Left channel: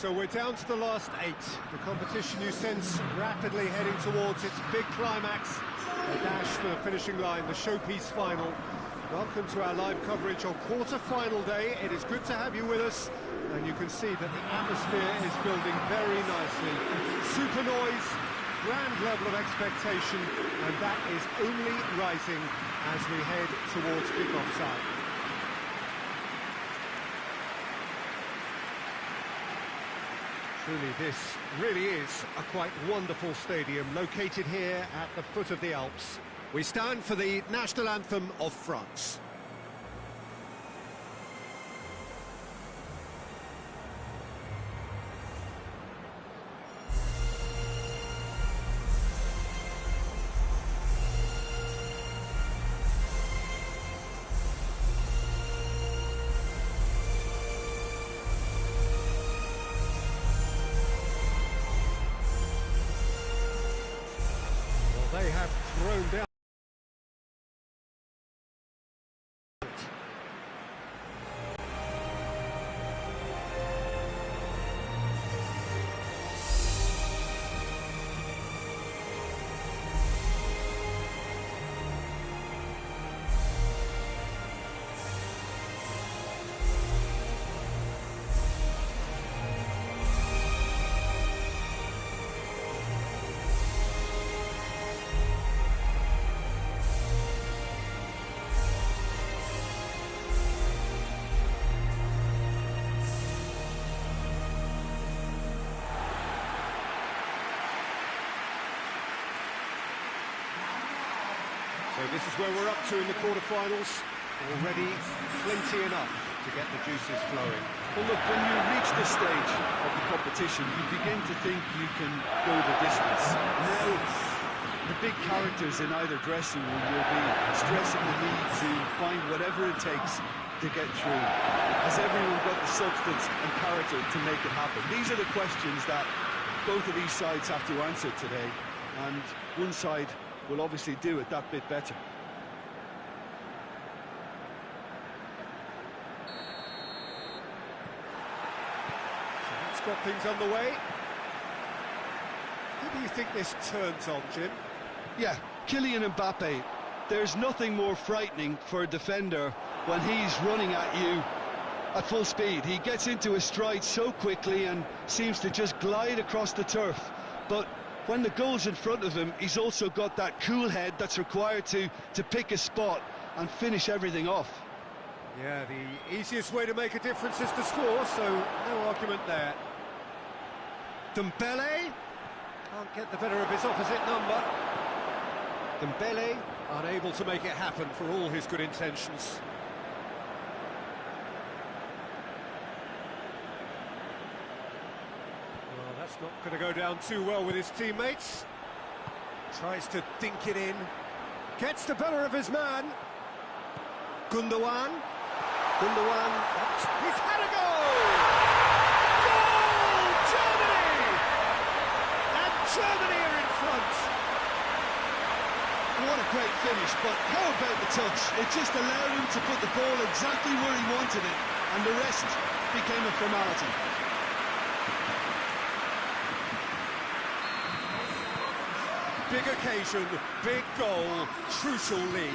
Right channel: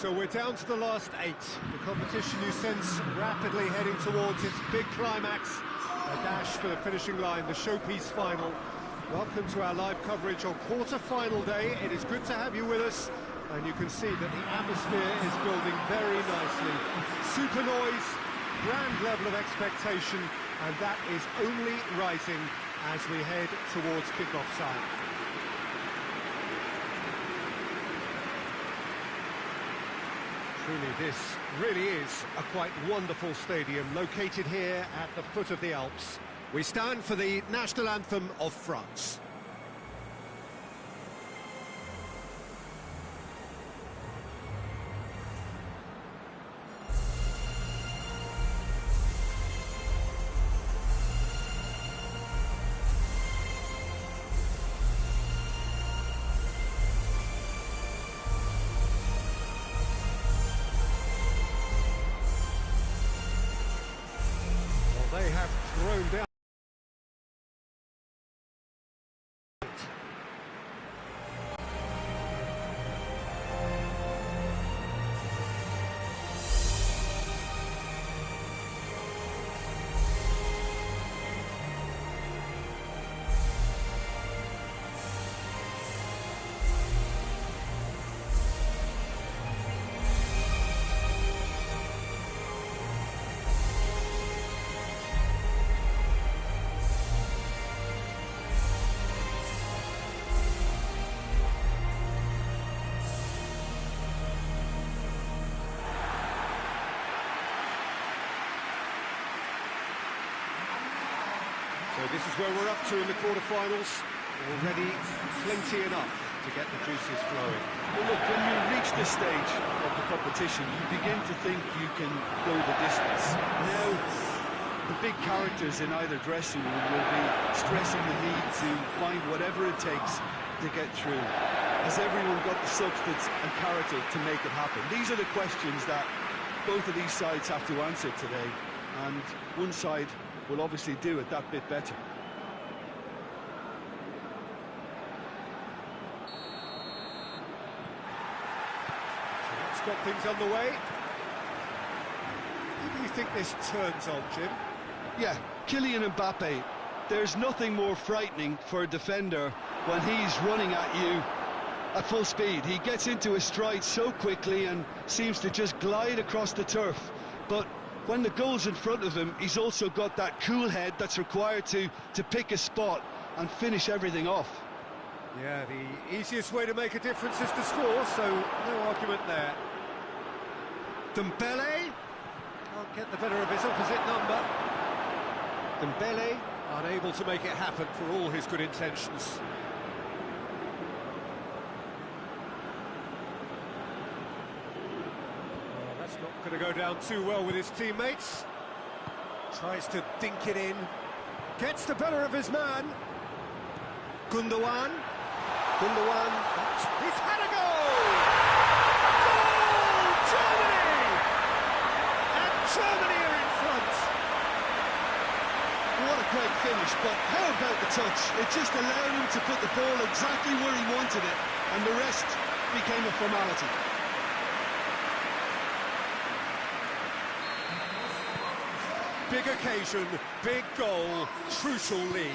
So we're down to the last 8. The competition you sense rapidly heading towards its big climax. A dash for the finishing line, the showpiece final. Welcome to our live coverage on quarter-final day. It is good to have you with us, and you can see that the atmosphere is building very nicely. Super noise, grand level of expectation, and that is only rising as we head towards kick-off time. Truly, this really is a quite wonderful stadium, located here at the foot of the Alps. We stand for the national anthem of France. They have thrown down. So this is where we're up to in the quarterfinals. Already plenty enough to get the juices flowing. Well, look, when you reach this stage of the competition, you begin to think you can go the distance. Now, the big characters in either dressing room will be stressing the need to find whatever it takes to get through. Has everyone got the substance and character to make it happen? These are the questions that both of these sides have to answer today, and one side will obviously do it that bit better. So that's got things underway. Who do you think this turns on, Jim? Yeah, Kylian Mbappe. There's nothing more frightening for a defender when he's running at you at full speed. He gets into his stride so quickly and seems to just glide across the turf. But when the goal's in front of him, he's also got that cool head that's required to pick a spot and finish everything off. Yeah, the easiest way to make a difference is to score, so no argument there. Dembele can't get the better of his opposite number. Dembele unable to make it happen for all his good intentions. That's not going to go down too well with his teammates. Tries to dink it in. Gets the better of his man. Gundogan. He's had a goal! Goal! Germany! And Germany are in front. What a great finish, but how about the touch? It just allowed him to put the ball exactly where he wanted it, and the rest became a formality. Big occasion, big goal, crucial lead.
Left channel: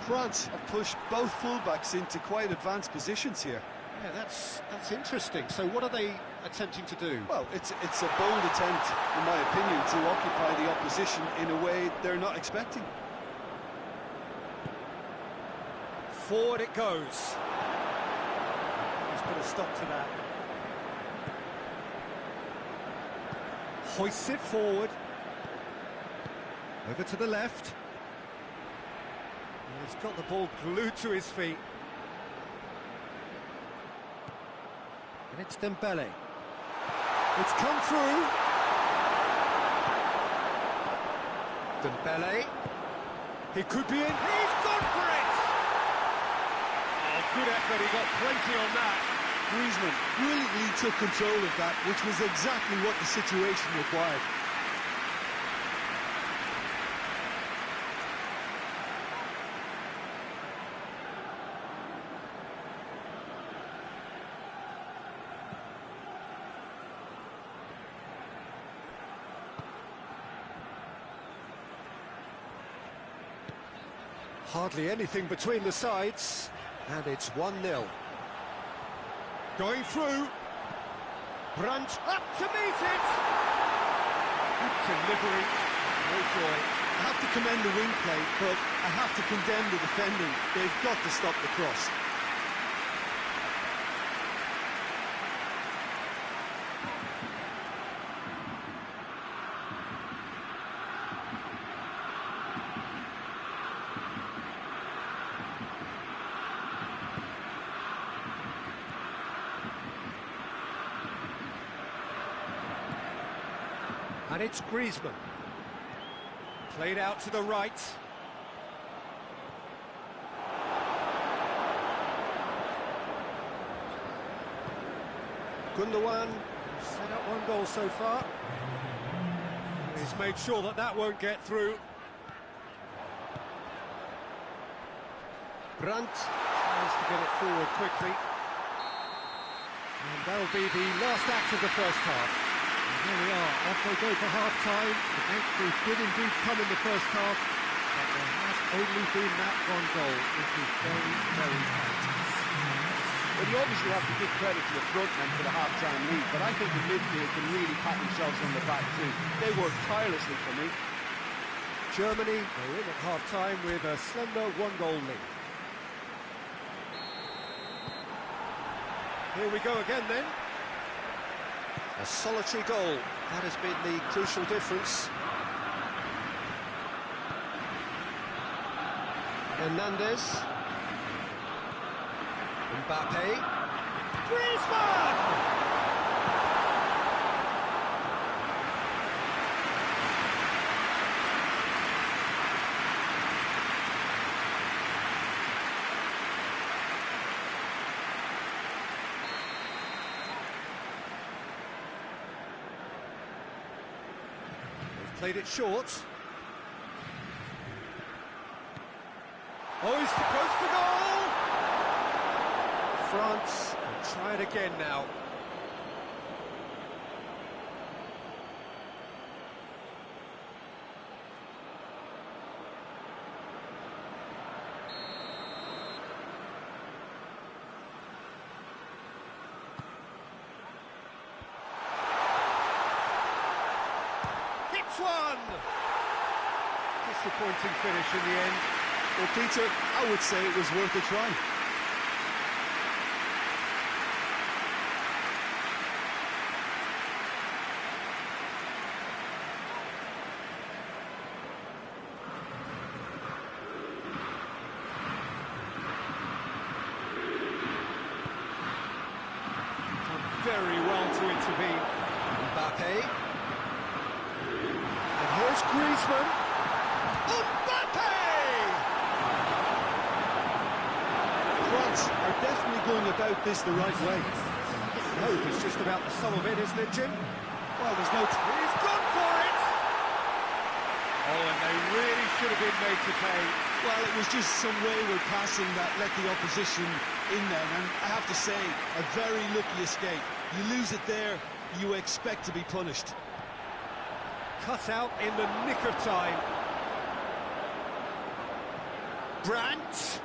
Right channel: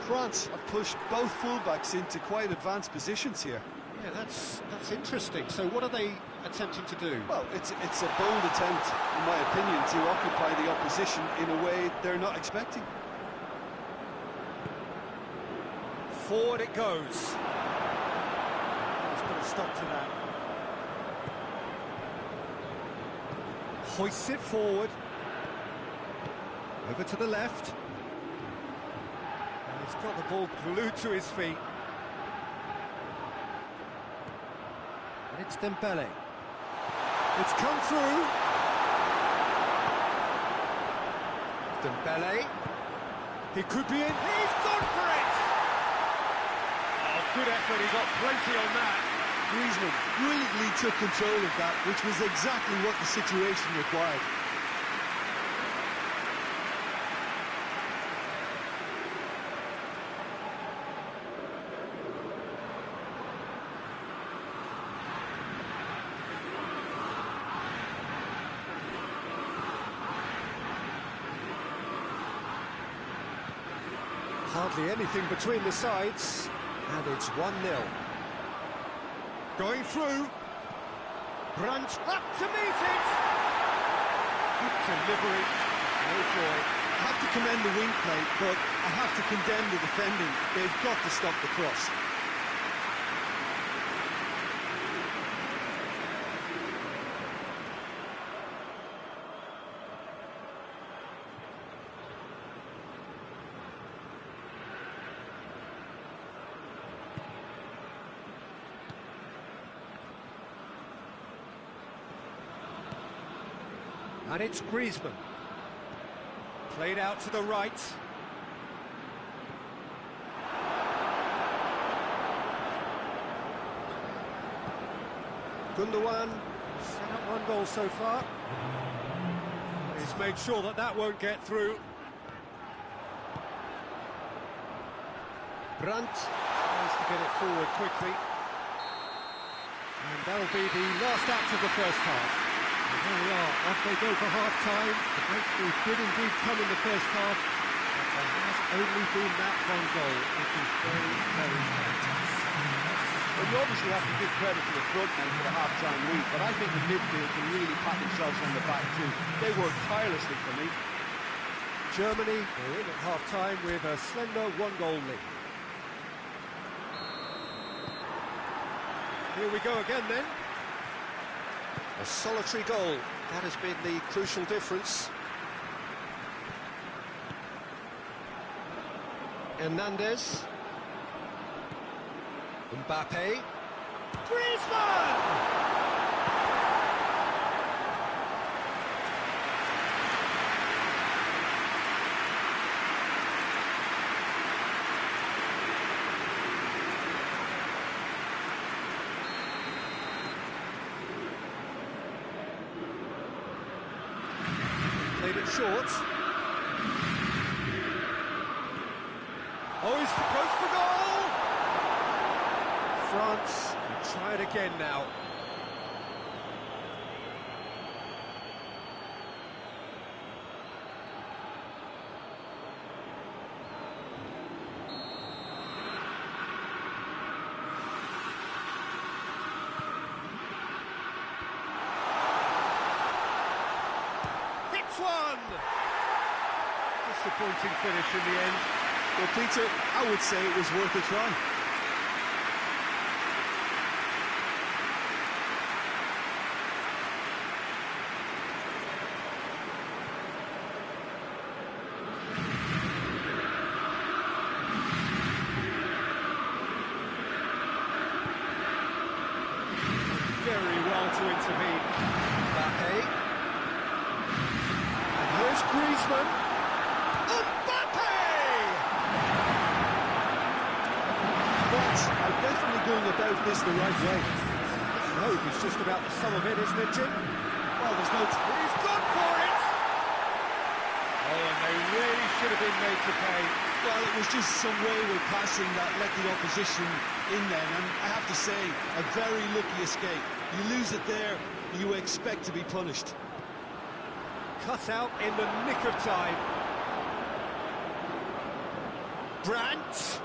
France have pushed both fullbacks into quite advanced positions here. Yeah, that's interesting. So what are they attempting to do? Well, it's a bold attempt, in my opinion, to occupy the opposition in a way they're not expecting. Forward it goes. Let's put a stop to that. Hoists it forward. Over to the left. And he's got the ball glued to his feet. And it's Dembele. It's come through. Dembele. He could be in. He's gone for it! Oh, good effort. He got plenty on that. Griezmann brilliantly took control of that, which was exactly what the situation required. Hardly anything between the sides, and it's 1-0. Going through. Brandt up to meet it. Good delivery, no joy. I have to commend the wing play, but I have to condemn the defending. They've got to stop the cross. And it's Griezmann. Played out to the right. Gundogan set up 1 goal so far. He's made sure that that won't get through. Brandt tries to get it forward quickly. And that'll be the last act of the first half. And there we are, off they go for half-time. The breakthrough did indeed come in the first half, but there has only been that 1 goal, which is very, very tight. Well, you obviously have to give credit to the front men for the half-time lead, but I think the midfield can really pat themselves on the back too. They worked tirelessly for me. Germany go in at half-time with a slender 1-goal lead. Here we go again then. A solitary goal, that has been the crucial difference. Hernandez. Mbappe. Griezmann! Played it short. Oh, he's close for goal! France can try it again now. One! Disappointing finish in the end. Well, Peter, I would say it was worth a try. Done very well to intervene. Mbappe. Here's Griezmann. Mbappe! France are definitely going about this the right way. Hope is just about the sum of it, isn't it, Jim? Well, there's no... He's gone for it! Oh, and they really should have been made to pay. Well, it was just some wayward passing that let the opposition in then, and I have to say, a very lucky escape. You lose it there, you expect to be punished. Cut out in the nick of time. Brandt.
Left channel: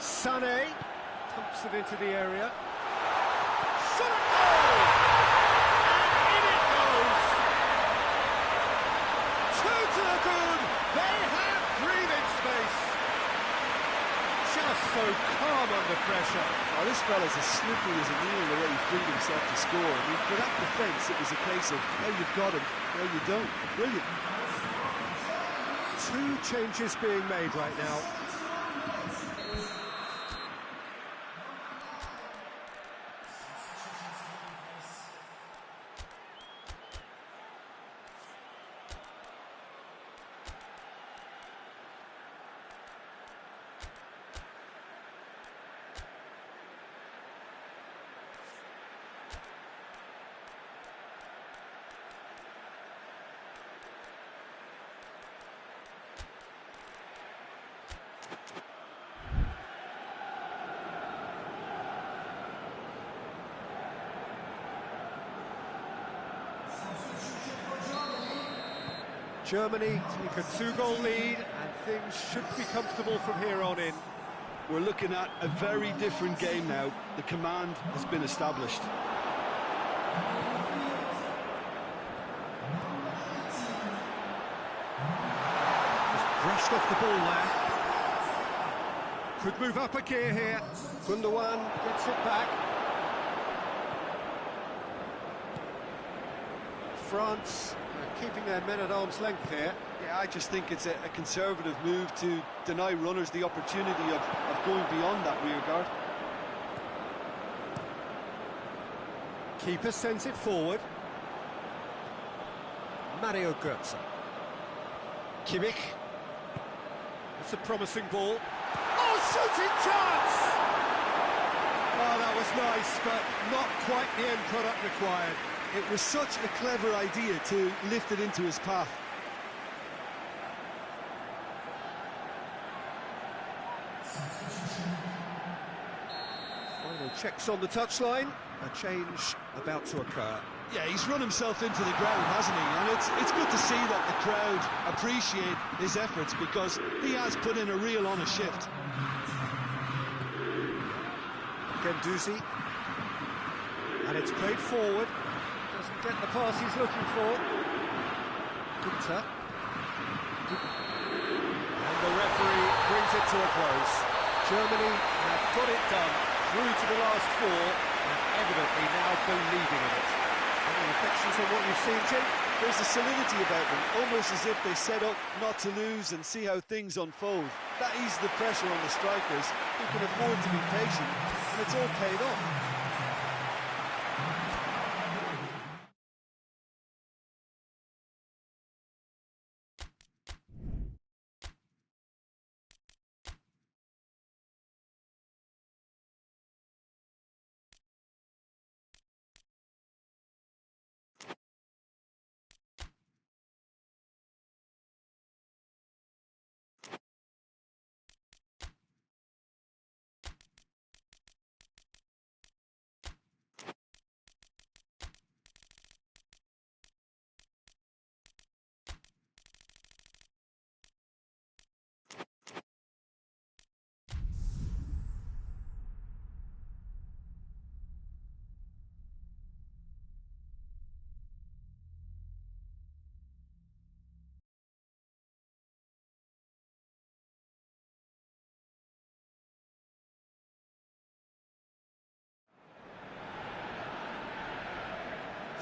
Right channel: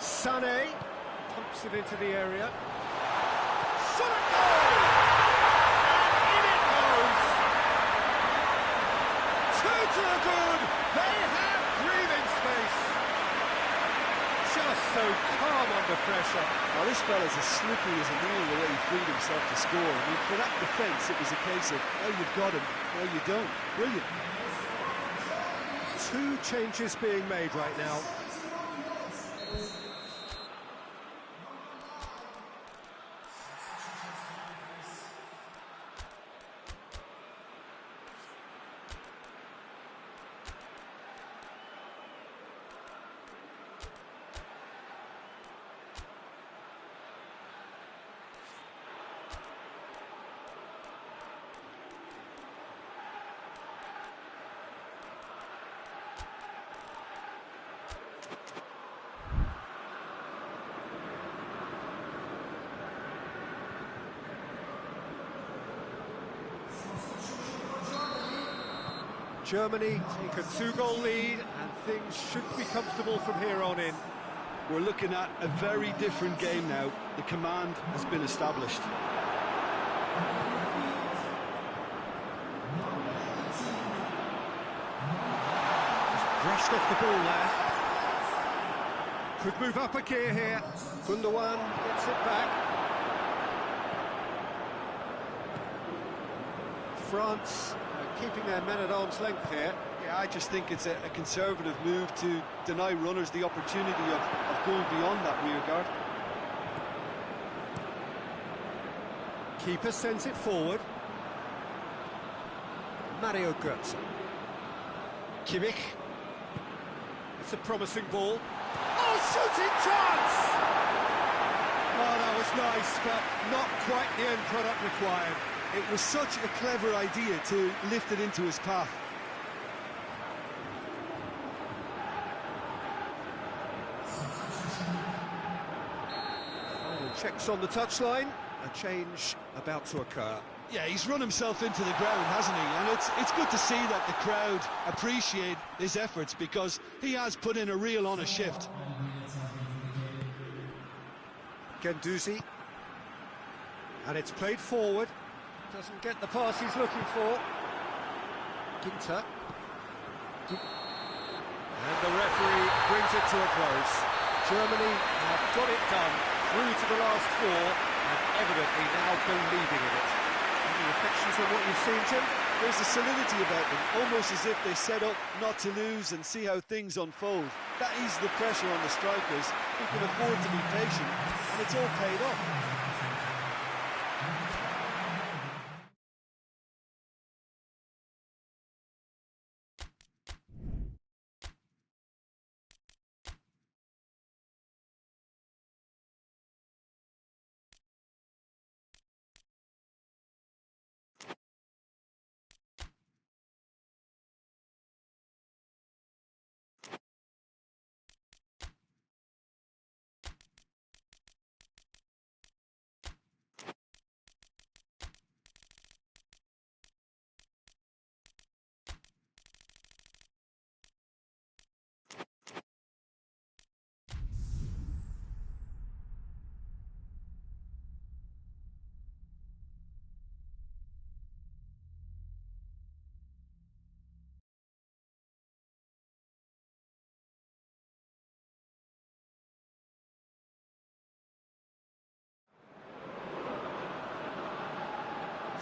Sané. Pumps it into the area. Shot a goal! And in it goes! 2 to the good! They have breathing space! Just so calm under pressure. Oh, this fella's as slippery as a needle the way he freed himself to score. I mean, for that defence, it was a case of, now you've got him, now you don't. Brilliant. 2 changes being made right now. Germany take a 2-goal lead, and things should be comfortable from here on in. We're looking at a very different game now. The command has been established. Just brushed off the ball there. Could move up a gear here. Gundogan gets it back. France keeping their men at arm's length here. Yeah, I just think it's a conservative move to deny runners the opportunity of going beyond that rear guard. Keeper sends it forward. Mario Götze. Kimmich. That's a promising ball. Oh, shooting chance! Oh, that was nice, but not quite the end product required. It was such a clever idea to lift it into his path. Final checks on the touchline. A change about to occur. Yeah, he's run himself into the ground, hasn't he? And it's good to see that the crowd appreciate his efforts, because he has put in a real honest shift. Guendouzi. And it's played forward. Doesn't get the pass he's looking for. Ginter. And the referee brings it to a close. Germany have got it done through to the last four, and evidently now believing in it. Any reflections on what you've seen, Jim? There's a solidity about them, almost as if they set up not to lose and see how things unfold. That eases the pressure on the strikers, who can afford to be patient, and it's all paid off.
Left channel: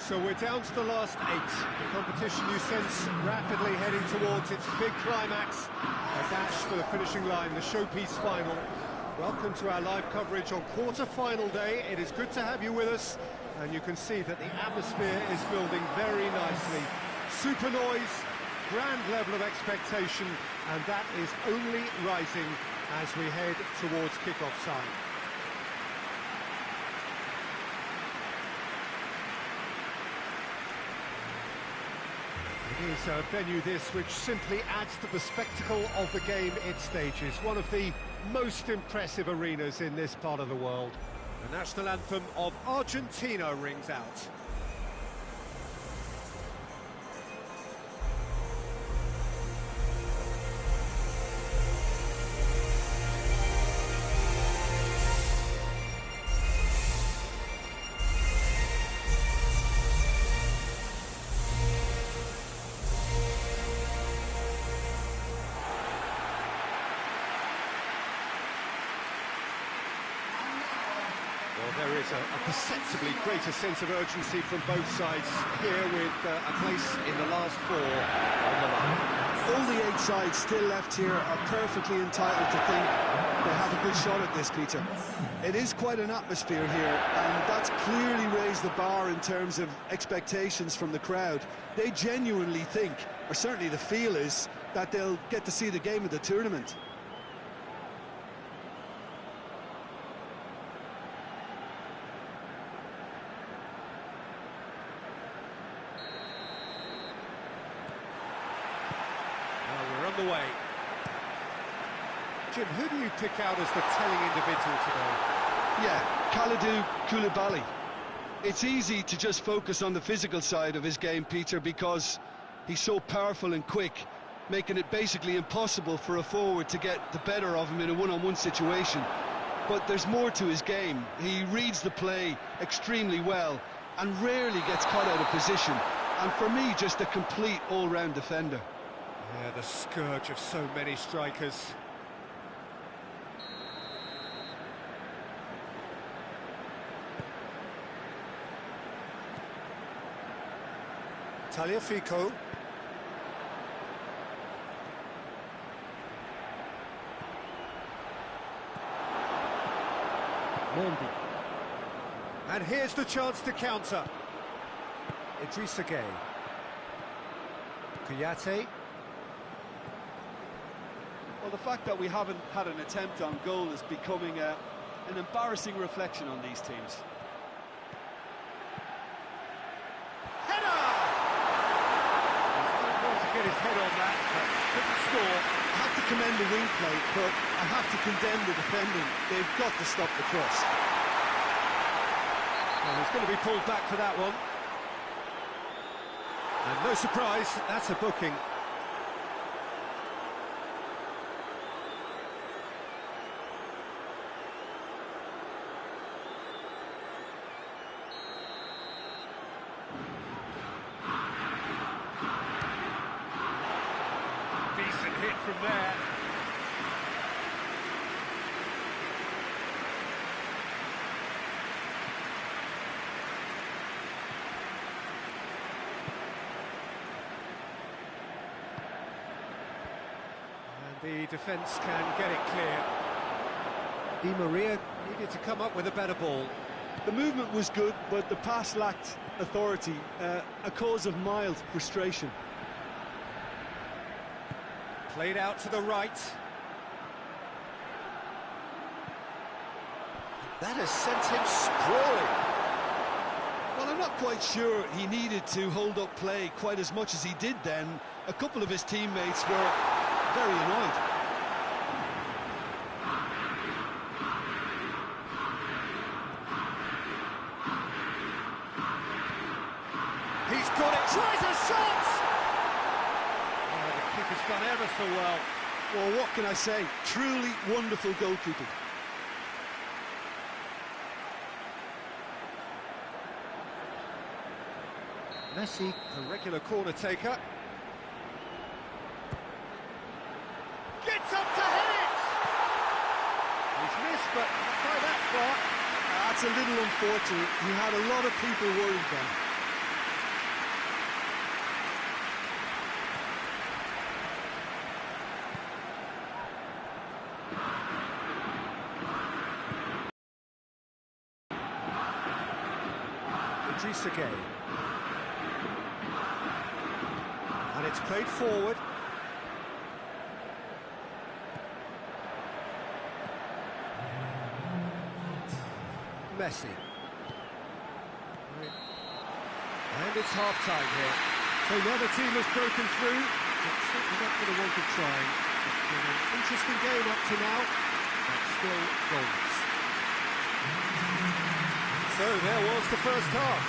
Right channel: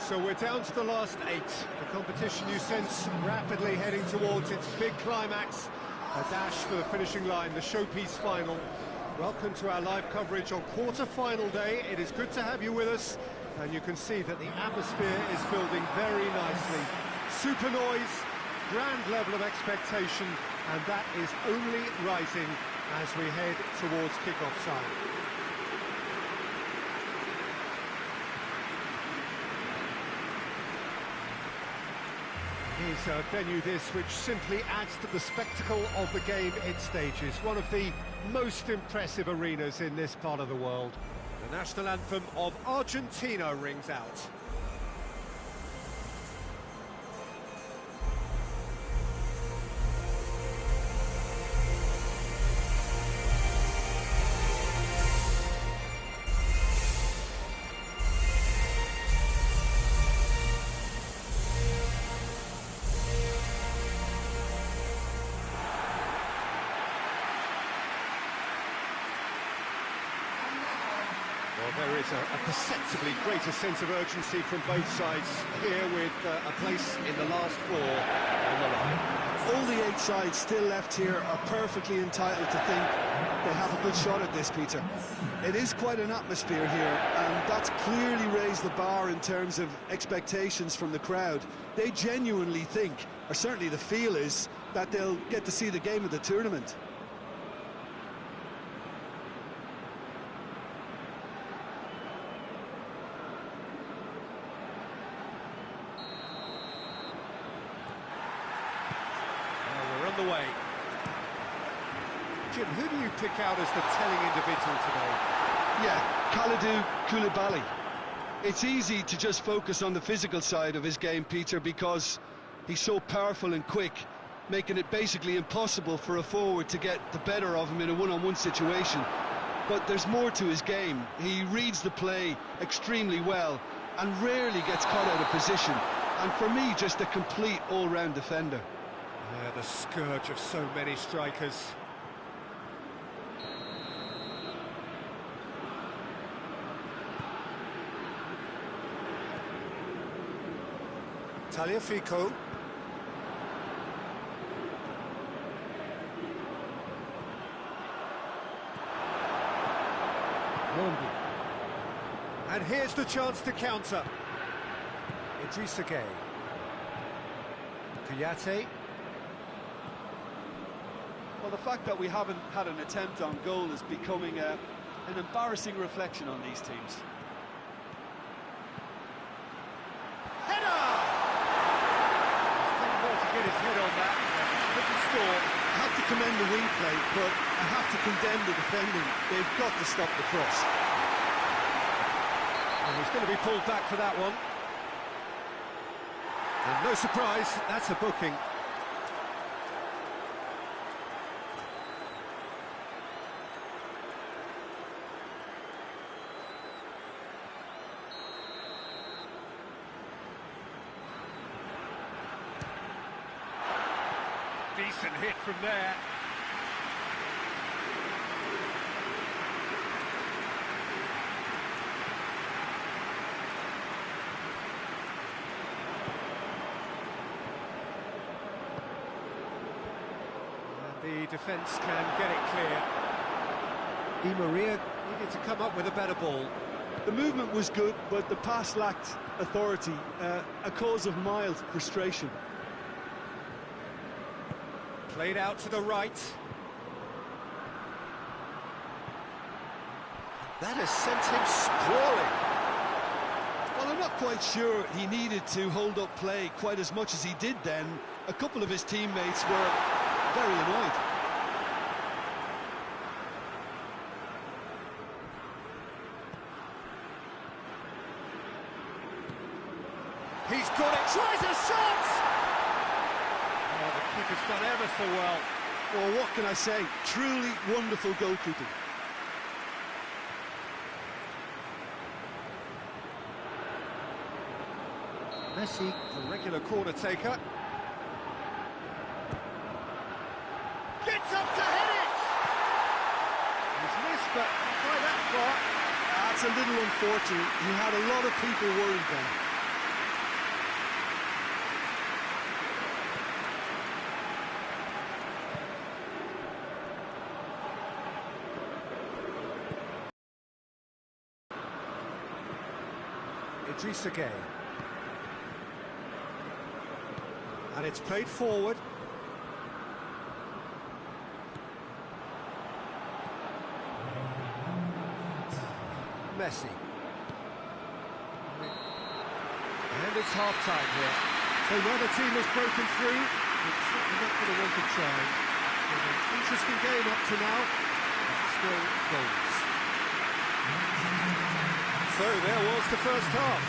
So we're down to the last 8. The competition you sense rapidly heading towards its big climax. A dash for the finishing line, the showpiece final. Welcome to our live coverage on quarter-final day. It is good to have you with us, and you can see that the atmosphere is building very nicely. Super noise, grand level of expectation, and that is only rising as we head towards kick-off time. It is a venue this which simply adds to the spectacle of the game it stages. One of the most impressive arenas in this part of the world. The national anthem of Argentina rings out. Well, there is a perceptibly greater sense of urgency from both sides here, with a place in the last 4 on the line. All the 8 sides still left here are perfectly entitled to think they have a good shot at this, Peter. It is quite an atmosphere here, and that's clearly raised the bar in terms of expectations from the crowd. They genuinely think, or certainly the feel is, that they'll get to see the game of the tournament. The way. Jim, who do you pick out as the telling individual today? Yeah, Kalidou Koulibaly. It's easy to just focus on the physical side of his game, Peter, because He's so powerful and quick, making it basically impossible for a forward to get the better of him in a one-on-one situation. But there's more to his game. He reads the play extremely well and rarely gets caught out of position. And for me, just a complete all-round defender. Yeah, the scourge of so many strikers. Tagliafico. Mondi. And here's the chance to counter. Idrissa Gueye. Kouyaté. Well, the fact that we haven't had an attempt on goal is becoming an embarrassing reflection on these teams. Header! He's done well to get his head on that, but couldn't score. I have to commend the wing play, but I have to condemn the defending. They've got to stop the cross. Well, he's going to be pulled back for that one. And no surprise, that's a booking. Decent hit from there. The defence can get it clear. Di Maria needed to come up with a better ball. The movement was good, but the pass lacked authority, a cause of mild frustration. Played out to the right. That has sent him sprawling. Well, I'm not quite sure he needed to hold up play quite as much as he did then. A couple of his teammates were very annoyed. He's got it, tries a shot! Oh, the keeper's done ever so well. Well, what can I say? Truly wonderful goalkeeping. Messi, the regular corner taker. Gets up to hit it! He's missed, but not by that far. That's a little unfortunate. He had a lot of people worried then. Idrissa Gueye. And it's played forward. Messi. And it's half-time here. So neither team has broken through, but certainly not going to want to try. It's been an interesting game up to now, but still goals. So there was the first half.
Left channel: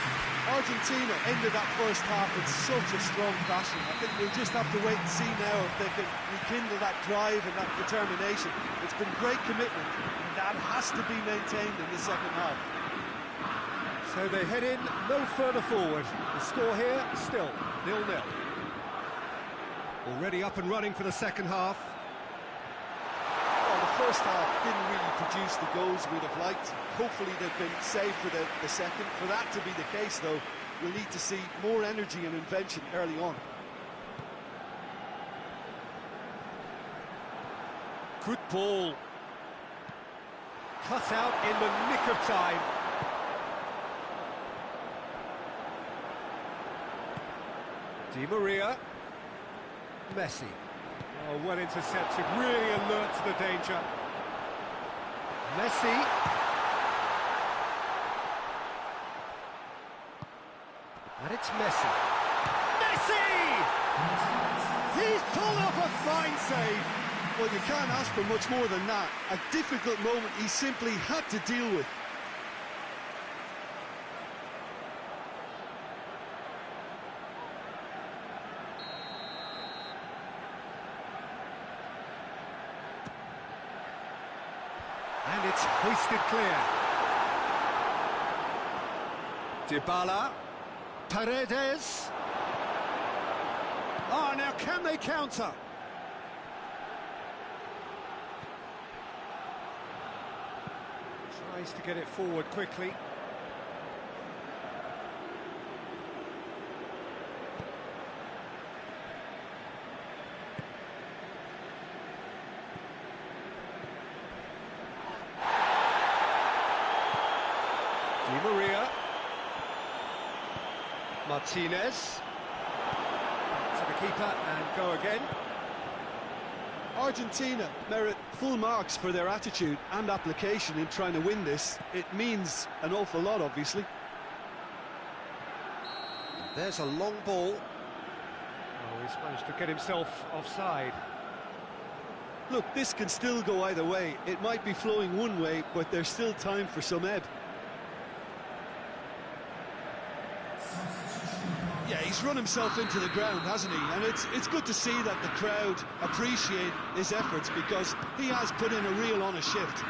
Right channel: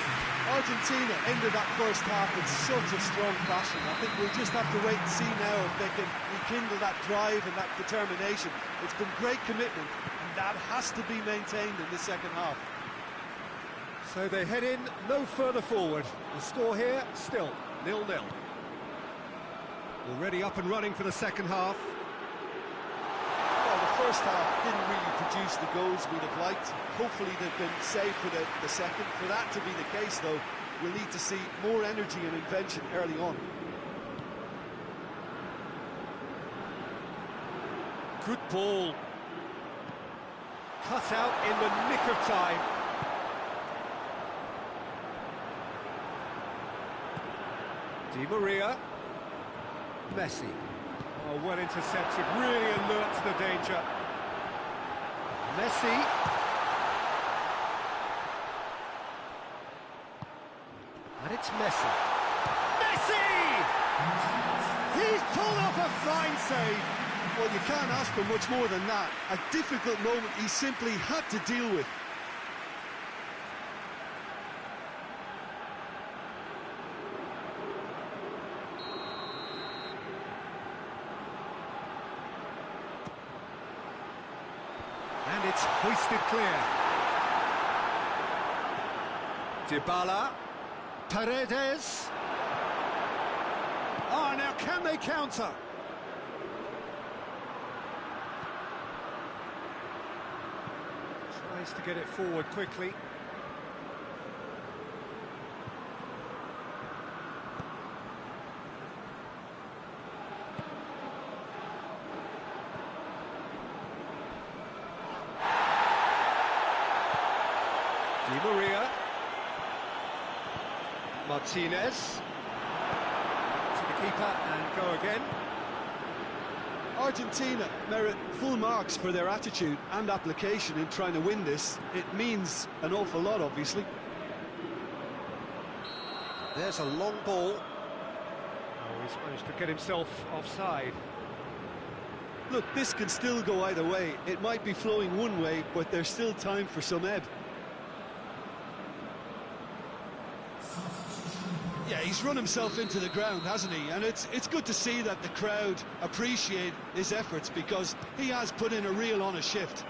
Argentina ended that first half in such a strong fashion. I think we'll just have to wait and see now if they can rekindle that drive and that determination. It's been great commitment, and that has to be maintained in the second half. So they head in no further forward. The score here, still 0-0. Already up and running for the second half. Well, the first half didn't really produce the goals we'd have liked. Hopefully they've been safe for the second. For that to be the case, though, we'll need to see more energy and invention early on. Good ball. Cut out in the nick of time. Di Maria. Messi. Oh, well intercepted, really alert to the danger. Messi. And it's Messi. Messi! He's pulled off a fine save. Well, you can't ask for much more than that. A difficult moment he simply had to deal with. It's hoisted clear. Dybala. Paredes. Ah, now can they counter? Tries to get it forward quickly. Di Maria. Martinez. To the keeper and go again. Argentina merit full marks for their attitude and application in trying to win this. It means an awful lot, obviously. There's a long ball. Oh, he's managed to get himself offside. Look, this can still go either way. It might be flowing one way, but there's still time for some ebb. Yeah, he's run himself into the ground, hasn't he? And it's good to see that the crowd appreciate his efforts, because he has put in a real honest shift.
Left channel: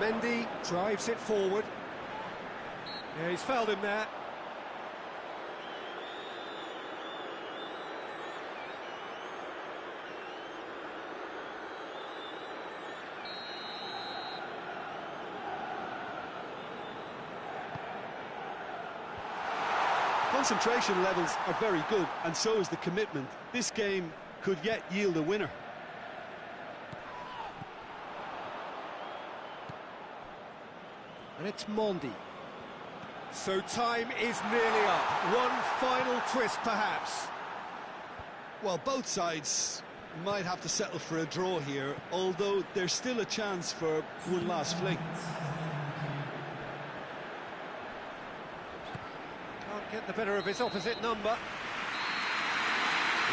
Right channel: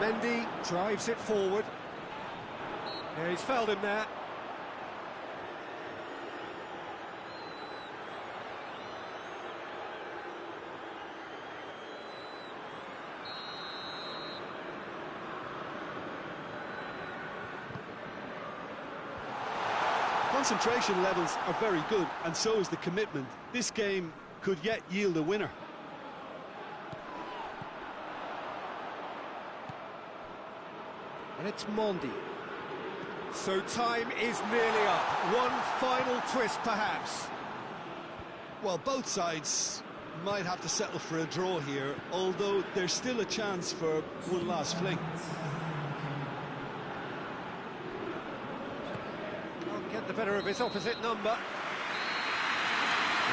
Mendy drives it forward. Yeah, he's fouled him there. Concentration levels are very good, and so is the commitment. This game could yet yield a winner. And it's Mondi. So time is nearly up. One final twist, perhaps. Well, both sides might have to settle for a draw here, although there's still a chance for one last fling. Can't get the better of his opposite number.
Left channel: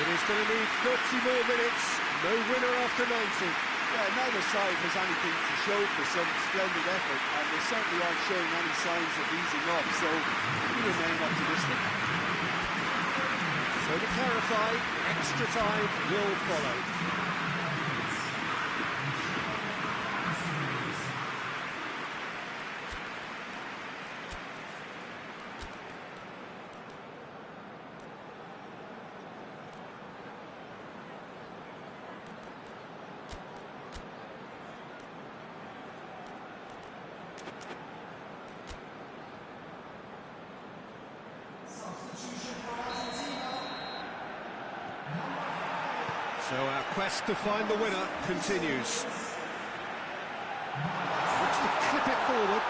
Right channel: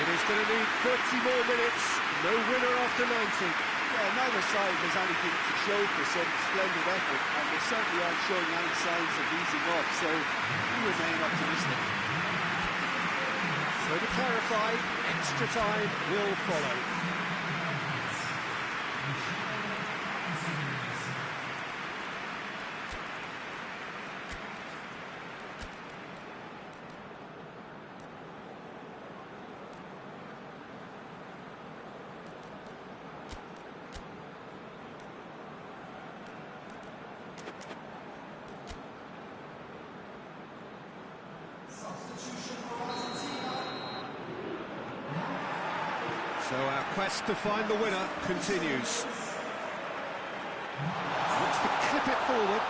It is going to need 30 more minutes. No winner after 90. Yeah, neither side has anything to show for some splendid effort, and they certainly aren't showing any signs of easing off, so we remain optimistic. So to clarify, extra time will follow. So our quest to find the winner continues. Looks to clip it forward.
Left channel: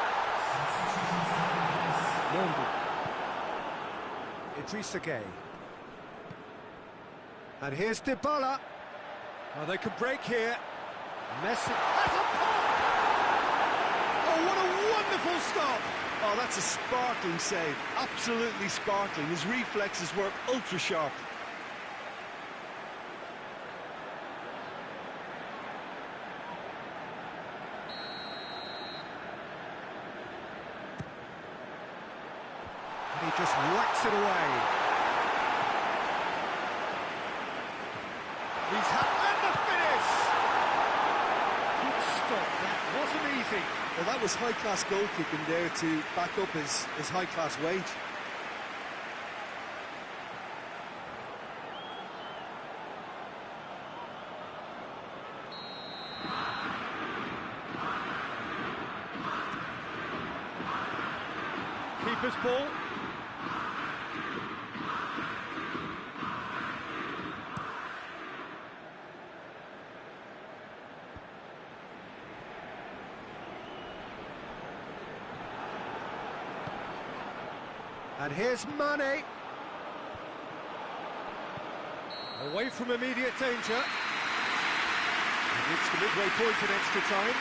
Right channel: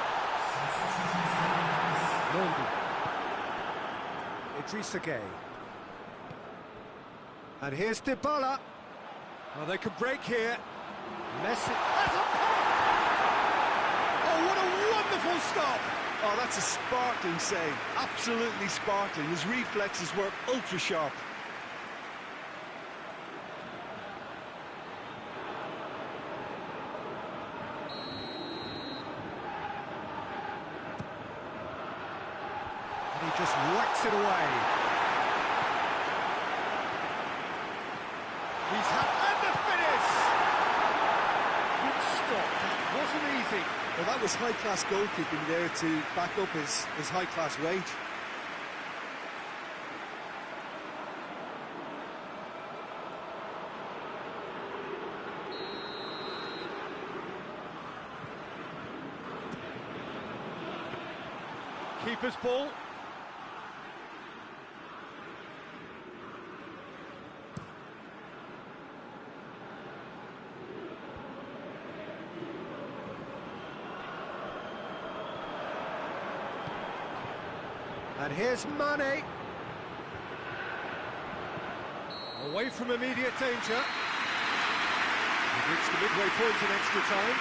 Mondi. Idrissa Gueye. And here's Dybala. Oh, they could break here. Messi has a pop! Oh, what a wonderful stop! Oh, that's a sparkling save. Absolutely sparkling. His reflexes were ultra sharp. He just whacks it away. He's had... and the finish! Good stop, that wasn't easy. Well, that was high-class goalkeeping there to back up his high-class wage. Keeper's ball. And here's Mane. Away from immediate danger. We've reached the midway point in extra time.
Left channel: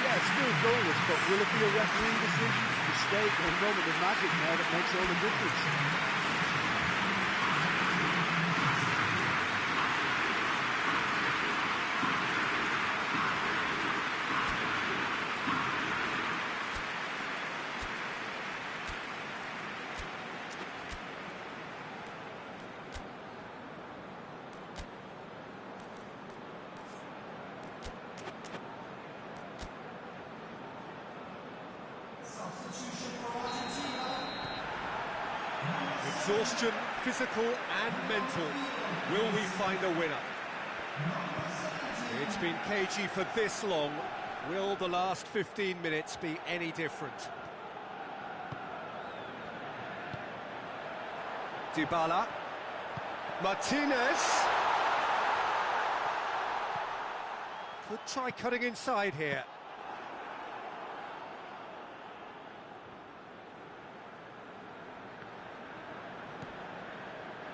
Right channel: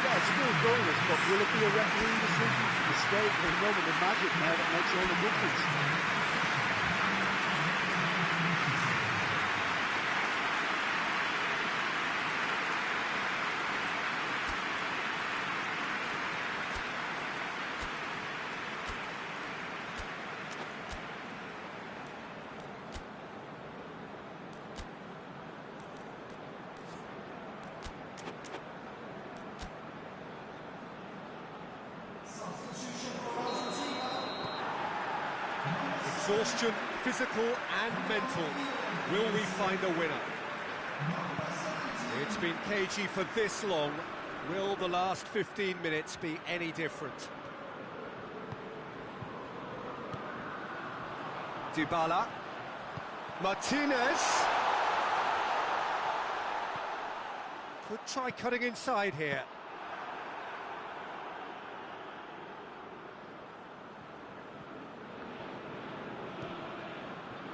Yeah, it's still goalless, but will it be a refereeing decision, a mistake, or a moment of magic now that makes all the difference? Exhaustion, physical and mental. Will we find a winner? It's been cagey for this long. Will the last 15 minutes be any different? Dybala. Martinez. Could try cutting inside here.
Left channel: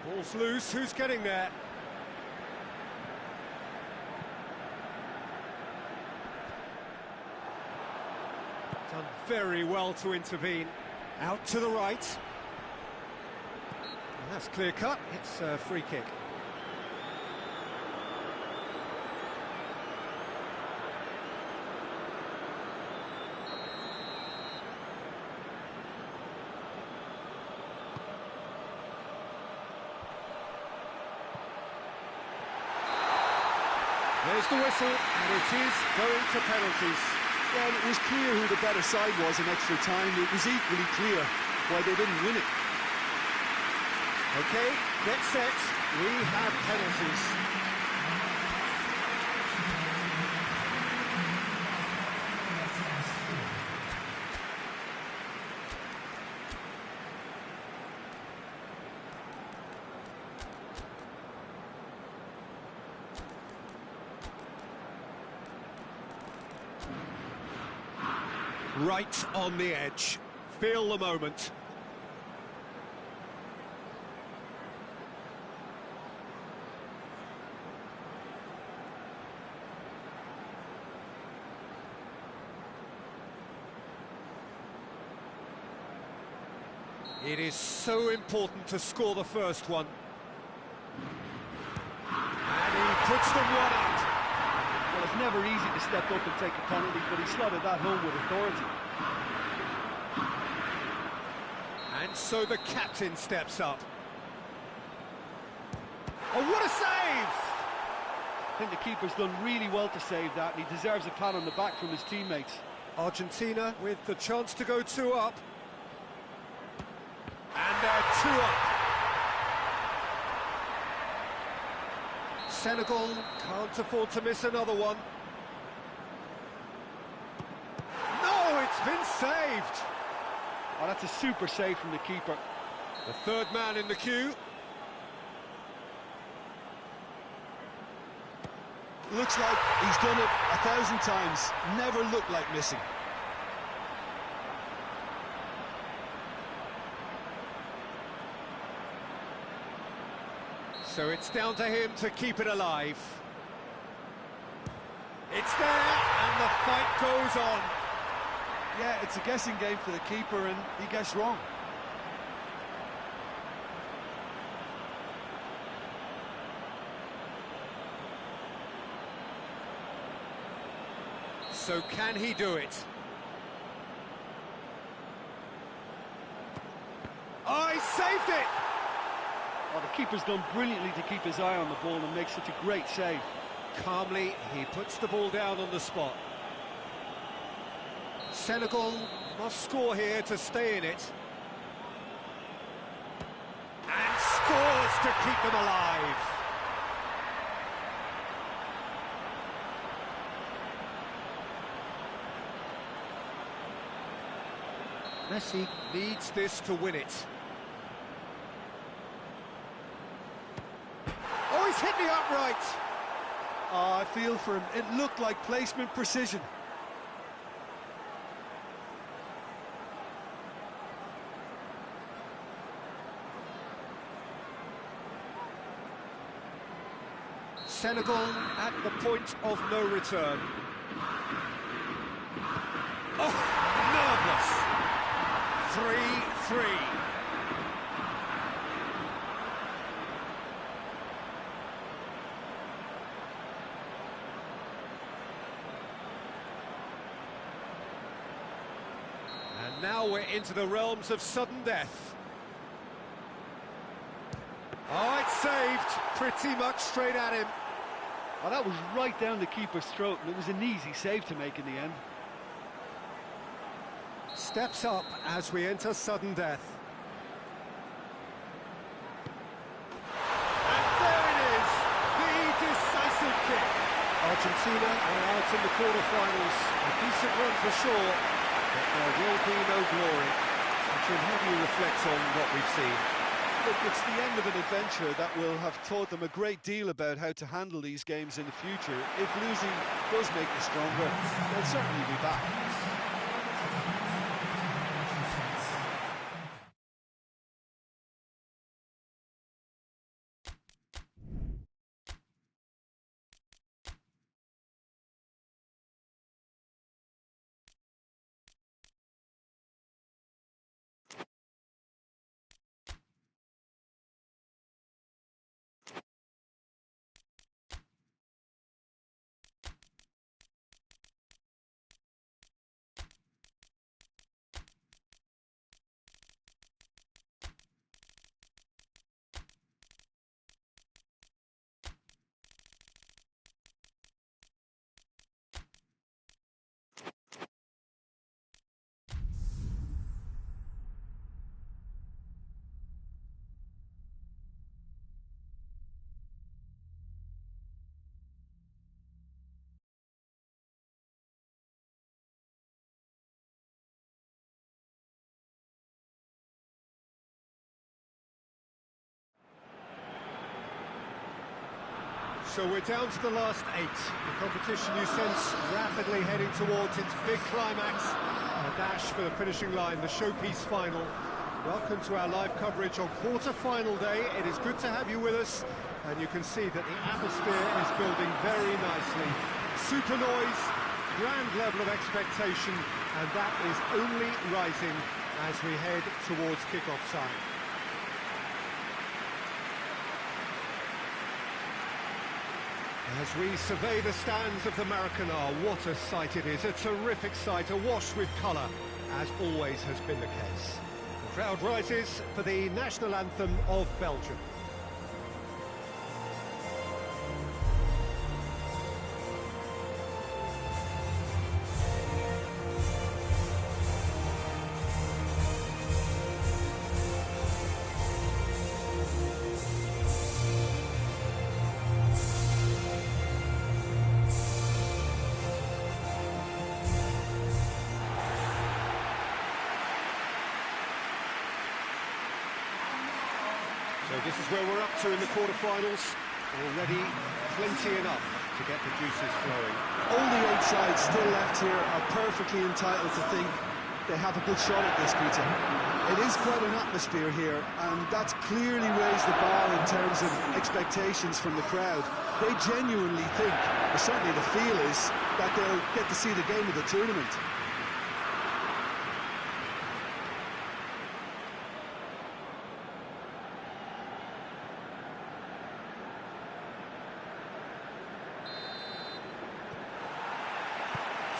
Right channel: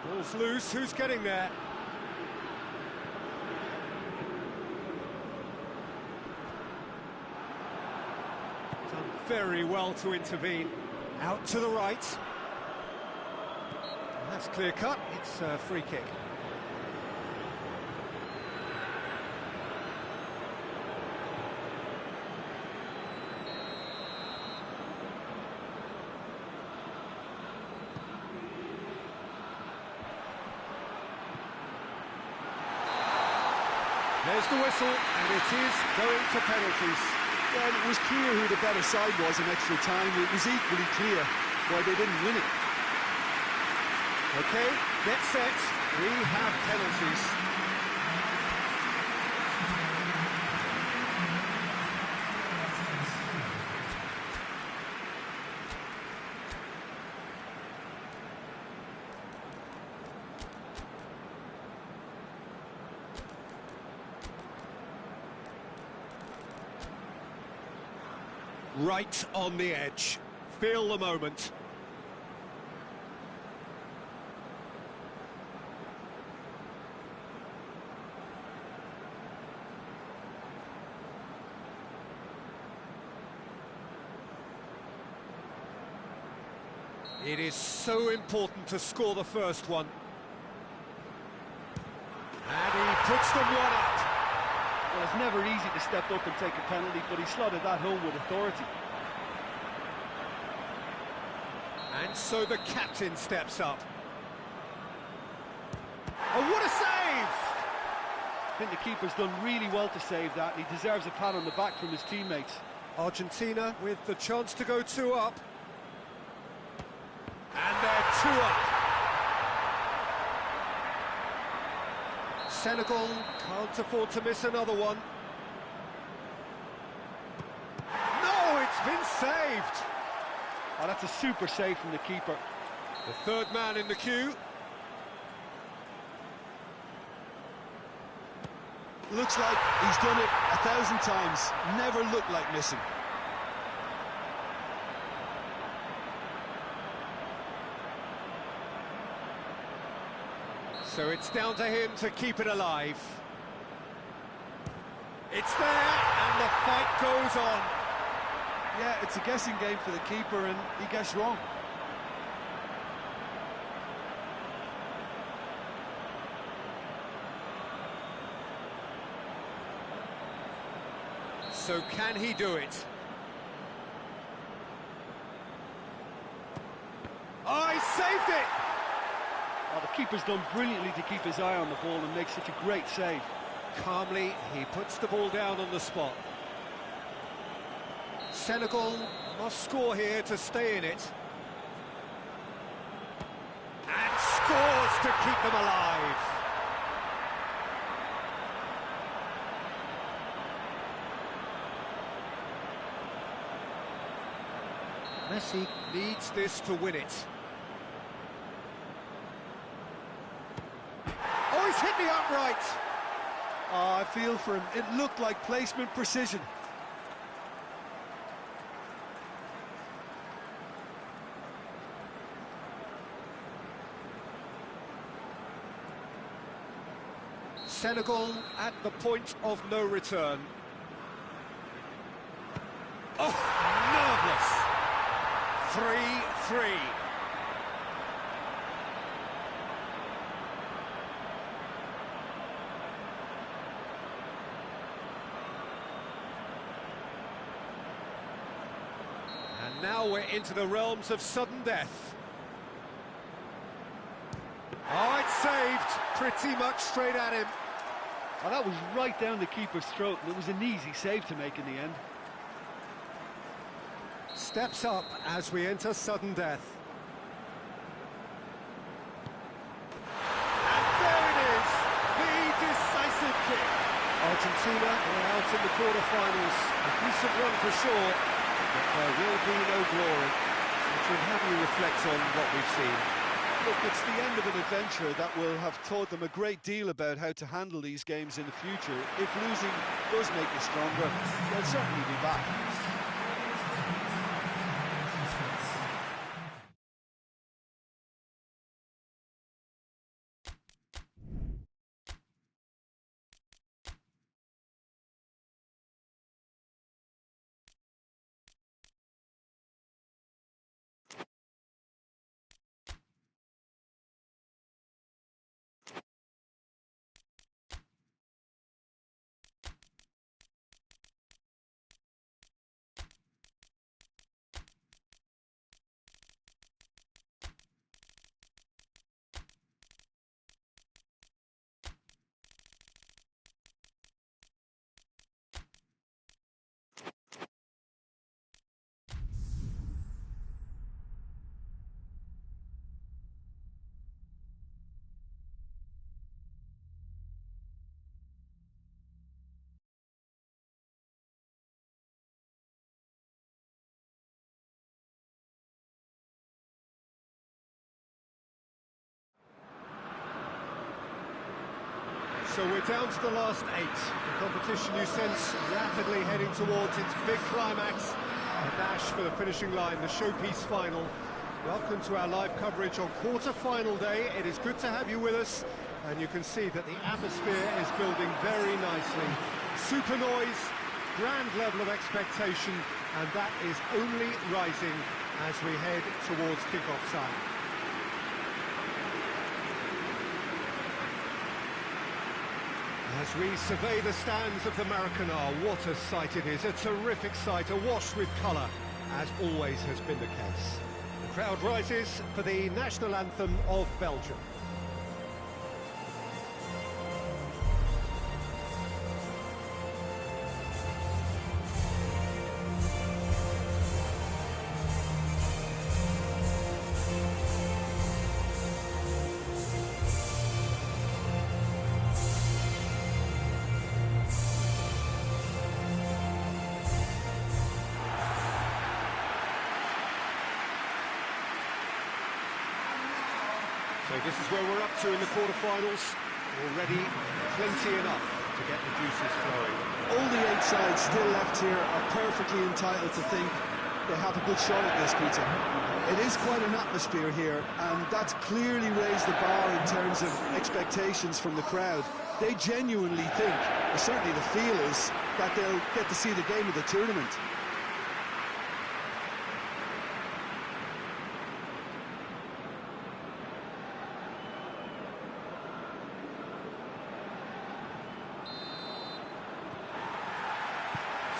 Ball's loose, who's getting there? Done very well to intervene. Out to the right. Well, that's clear cut, it's a free kick. There's the whistle, and it is going to penalties. Yeah, and it was clear who the better side was in extra time. It was equally clear why they didn't win it. OK, get set, we have penalties. Right on the edge. Feel the moment. It is so important to score the first one. And he puts them one up. Well, it's never easy to step up and take a penalty, but he slotted that home with authority. And so the captain steps up. Oh, what a save! I think the keeper's done really well to save that, and he deserves a pat on the back from his teammates. Argentina with the chance to go 2 up. And they're 2 up. Senegal can't afford to miss another one. No, it's been saved. Oh, that's a super save from the keeper. The third man in the queue. Looks like he's done it 1,000 times. Never looked like missing. So it's down to him to keep it alive. It's there, and the fight goes on. Yeah, it's a guessing game for the keeper, and he guessed wrong. So can he do it? Oh, he saved it! Oh, the keeper's done brilliantly to keep his eye on the ball and make such a great save. Calmly, he puts the ball down on the spot. Senegal must score here to stay in it. And scores to keep them alive. Messi needs this to win it. Oh, he's hit the upright. Oh, I feel for him. It looked like placement precision. Senegal at the point of no return. Oh, nerveless. 3-3. And now we're into the realms of sudden death. Oh, it's saved. Pretty much straight at him. Oh, that was right down the keeper's throat, and it was an easy save to make in the end. Steps up as we enter sudden death. Argentina are out in the quarter-finals. A decent run for sure, but there will be no glory. So, Jim, how do you reflect on what we've seen? Look, it's the end of an adventure that will have taught them a great deal about how to handle these games in the future. If losing does make you stronger, they'll certainly be back. So we're down to the last 8. The competition you sense rapidly heading towards its big climax. A dash for the finishing line, the showpiece final. Welcome to our live coverage on quarter-final day. It is good to have you with us, and you can see that the atmosphere is building very nicely. Super noise, grand level of expectation, and that is only rising as we head towards kick-off time. As we survey the stands of the Maracanã, what a sight it is, a terrific sight, awash with colour, as always has been the case. The crowd rises for the national anthem of Belgium. So this is where we're up to in the quarter-finals. Already plenty enough to get the juices flowing. All the 8 sides still left here are perfectly entitled to think they have a good shot at this, Peter. It is quite an atmosphere here, and that's clearly raised the bar in terms of expectations from the crowd. They genuinely think, or certainly the feel is, that they'll get to see the game of the tournament.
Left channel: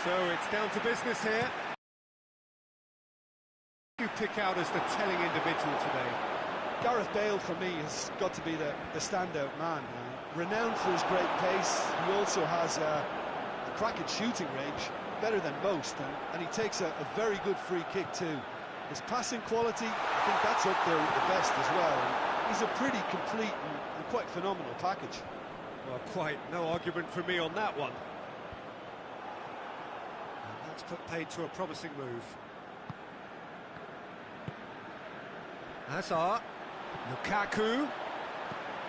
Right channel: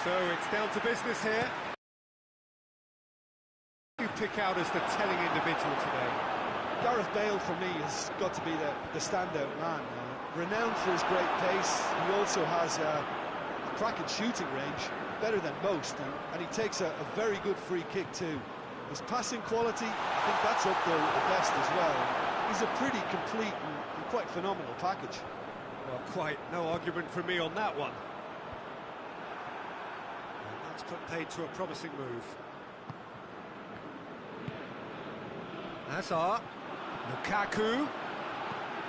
So it's down to business here. You pick out as the telling individual today. Gareth Bale, for me, has got to be the standout man. Renowned for his great pace, he also has a cracking shooting range, better than most, and he takes a very good free kick too. His passing quality, I think that's up there with the best as well. And he's a pretty complete and quite phenomenal package. Well, quite no argument from me on that one. That's put paid to a promising move. Hazard, Lukaku,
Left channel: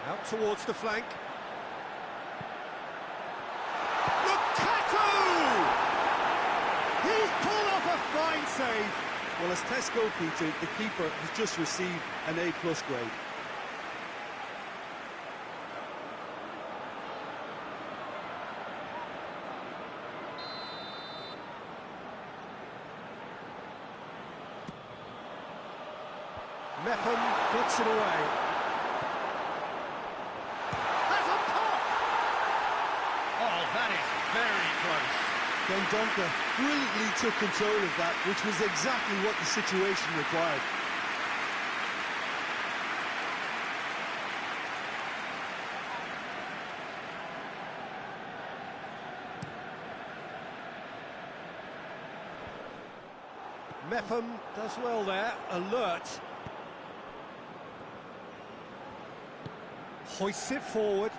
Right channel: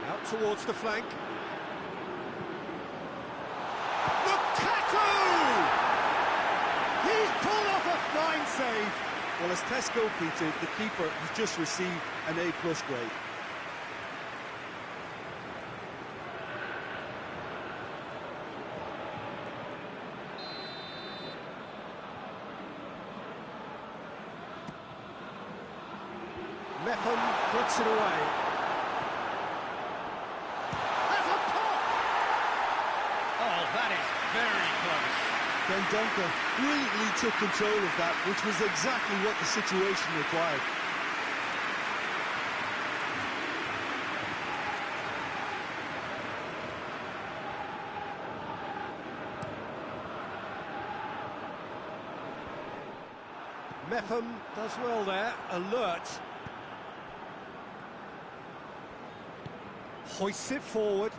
out towards the flank. Lukaku! He's pulled off a fine save. Well, as tests go, Peter, the keeper has just received an A+ grade. Mepham gets it away. Has a pop! Oh, that is very close. Dendoncker brilliantly took control of that, which was exactly what the situation required. Mepham does well there, alert. Hoists it forward.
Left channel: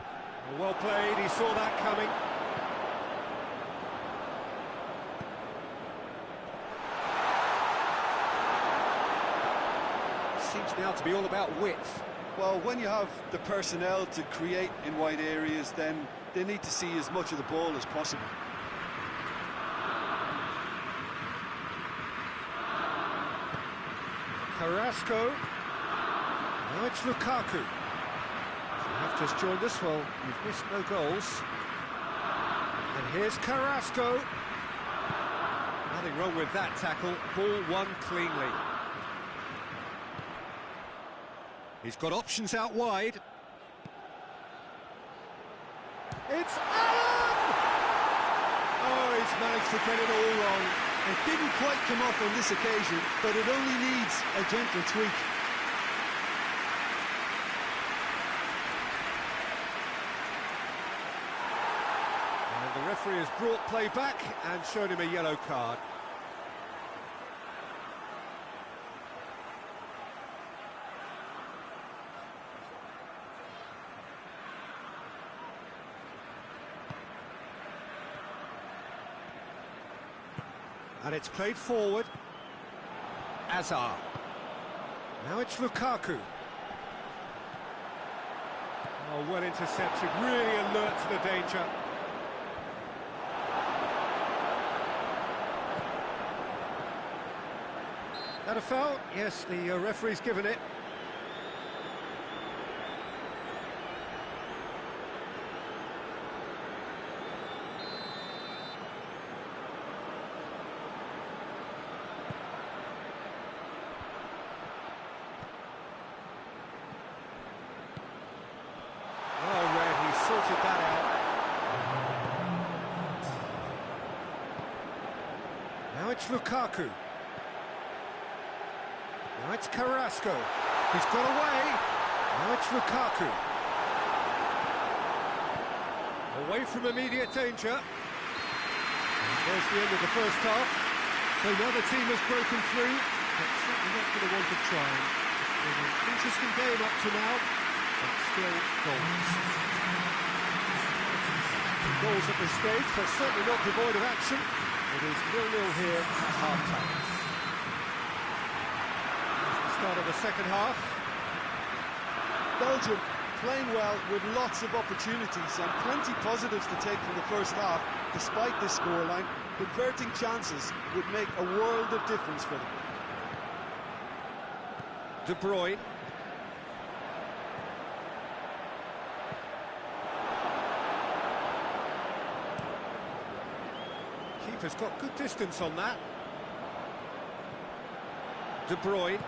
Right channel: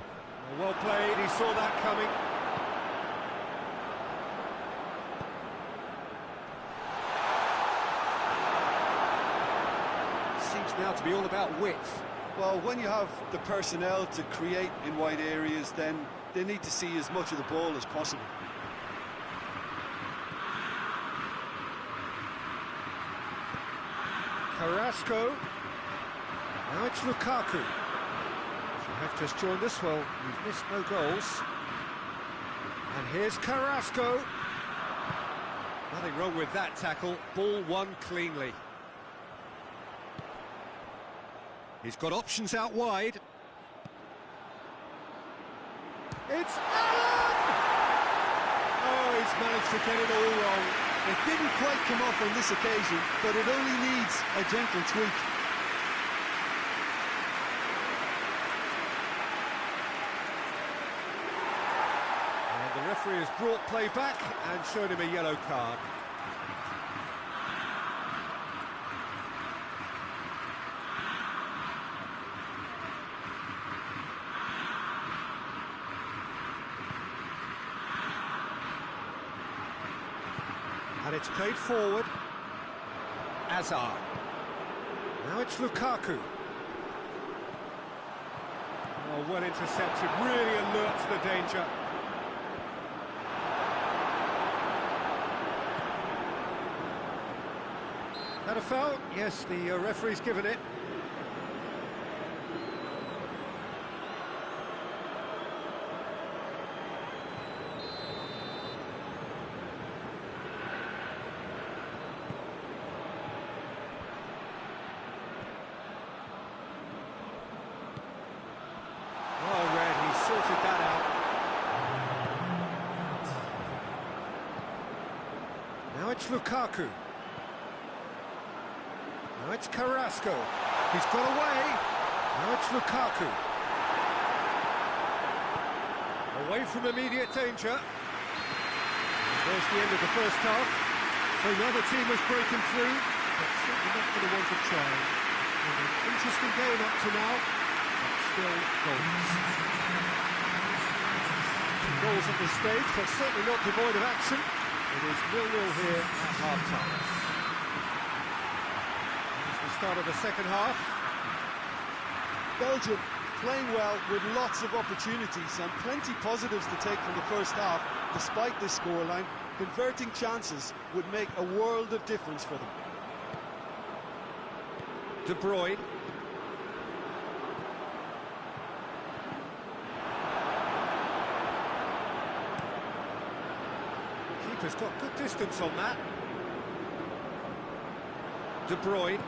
Well played, he saw that coming. seems now to be all about width. Well, when you have the personnel to create in wide areas, then they need to see as much of the ball as possible. Carrasco. Now it's Lukaku. If you have just joined us, well, you've missed no goals. And here's Carrasco. Nothing wrong with that tackle. Ball won cleanly. He's got options out wide. It's Allen! Oh, he's managed to get it all wrong. It didn't quite come off on this occasion, but it only needs a gentle tweak. And the referee has brought play back and shown him a yellow card. And it's played forward. Azar. Now it's Lukaku. Oh, well intercepted, really alert to the danger. That a foul? Yes, the referee's given it. Sorted that out. Now it's Lukaku. Now it's Carrasco. He's got away. Now it's Lukaku. Away from immediate danger. And there's the end of the first half. So neither team has broken through, but certainly not for the want of trying. It's been an interesting game up to now, but still goals. Goals at this stage, but certainly not devoid of action. It is 0-0 here at half-time. That's the start of the second half. Belgium playing well with lots of opportunities and plenty positives to take from the first half. Despite this scoreline, converting chances would make a world of difference for them. De Bruyne. Keeper's got good distance on that. De Bruyne.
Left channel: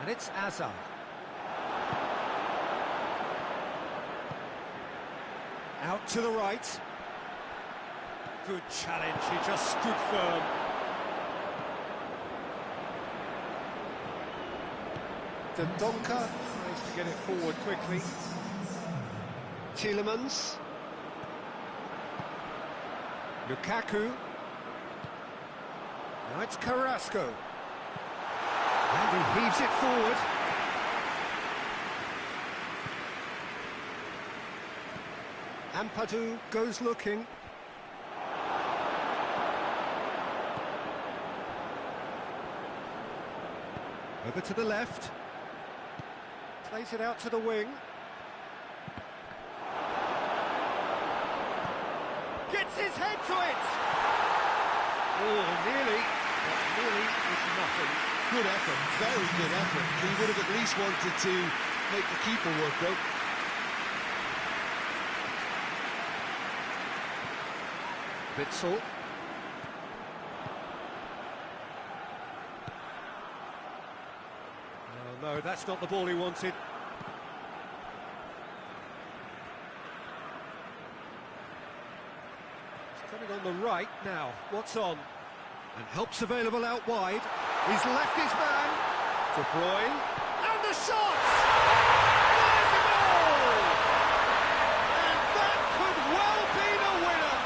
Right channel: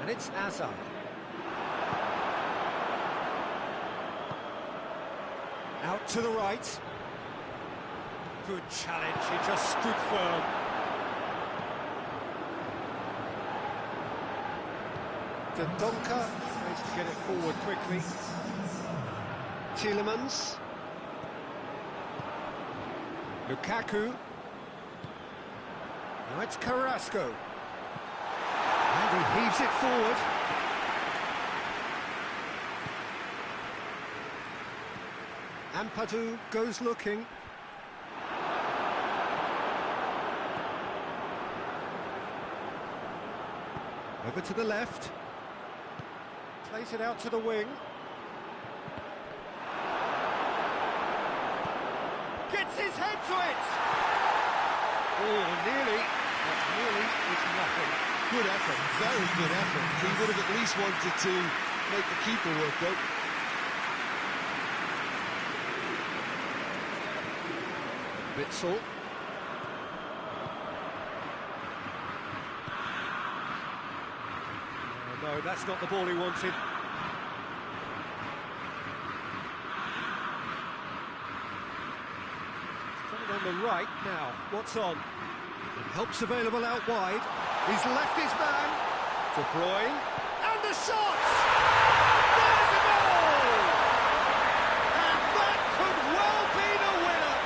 And it's Azar. Out to the right. Good challenge, he just stood firm. De Donker tries to get it forward quickly. Tielemans. Lukaku. Now it's Carrasco. And he heaves it forward. Ampadu goes looking. Over to the left. Plays it out to the wing. Gets his head to it! Oh, nearly, but nearly is nothing. Good effort, very good effort. He would have at least wanted to make the keeper work, though. Witsel. Oh, no, that's not the ball he wanted. Coming on the right now. What's on? And help's available out wide. He's left his man. De Bruyne. And the shot! There's a goal! And that could well be the winner!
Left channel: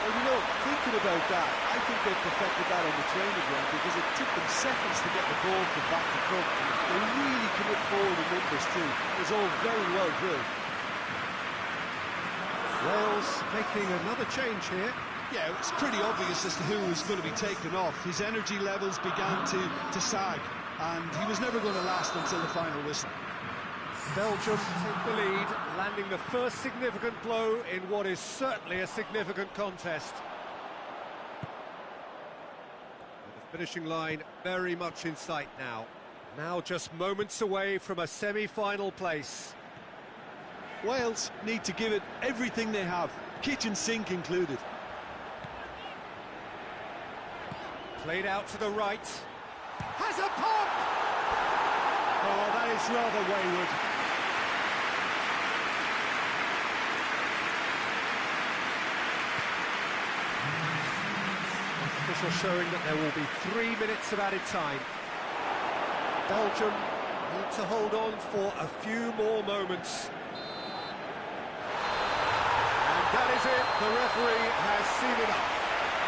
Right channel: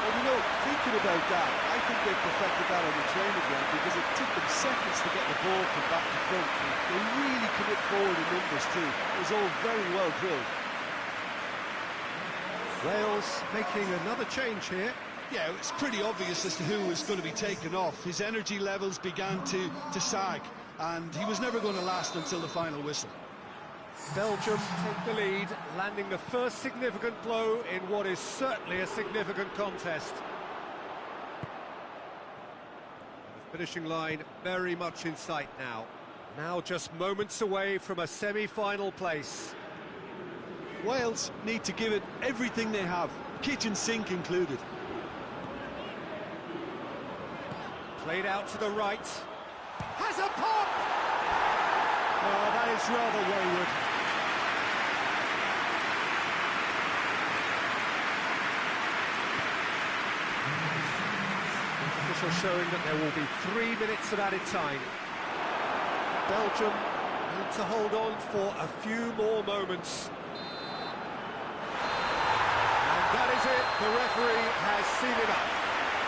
Well, you know, thinking about that, I think they perfected that on the training ground because it took them seconds to get the ball from back to front. They really commit forward in numbers too. It was all very well drilled. Wales making another change here. Yeah, it's pretty obvious as to who was going to be taken off. His energy levels began to sag, and he was never going to last until the final whistle. Belgium take the lead, landing the first significant blow in what is certainly a significant contest. The finishing line very much in sight now. Now just moments away from a semi-final place. Wales need to give it everything they have, kitchen sink included. Played out to the right. Has a pop! Oh, that is rather wayward. Official showing that there will be 3 minutes of added time. Belgium need to hold on for a few more moments. And that is it. The referee has seen enough.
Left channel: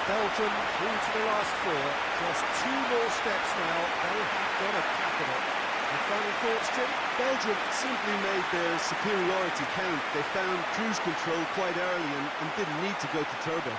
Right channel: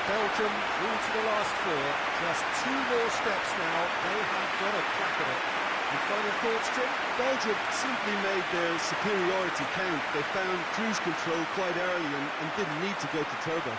Belgium through to the last 4. Just 2 more steps now. They have got a crack at it. Your final thoughts, Jim? Belgium simply made their superiority count. They found cruise control quite early and didn't need to go to turbo.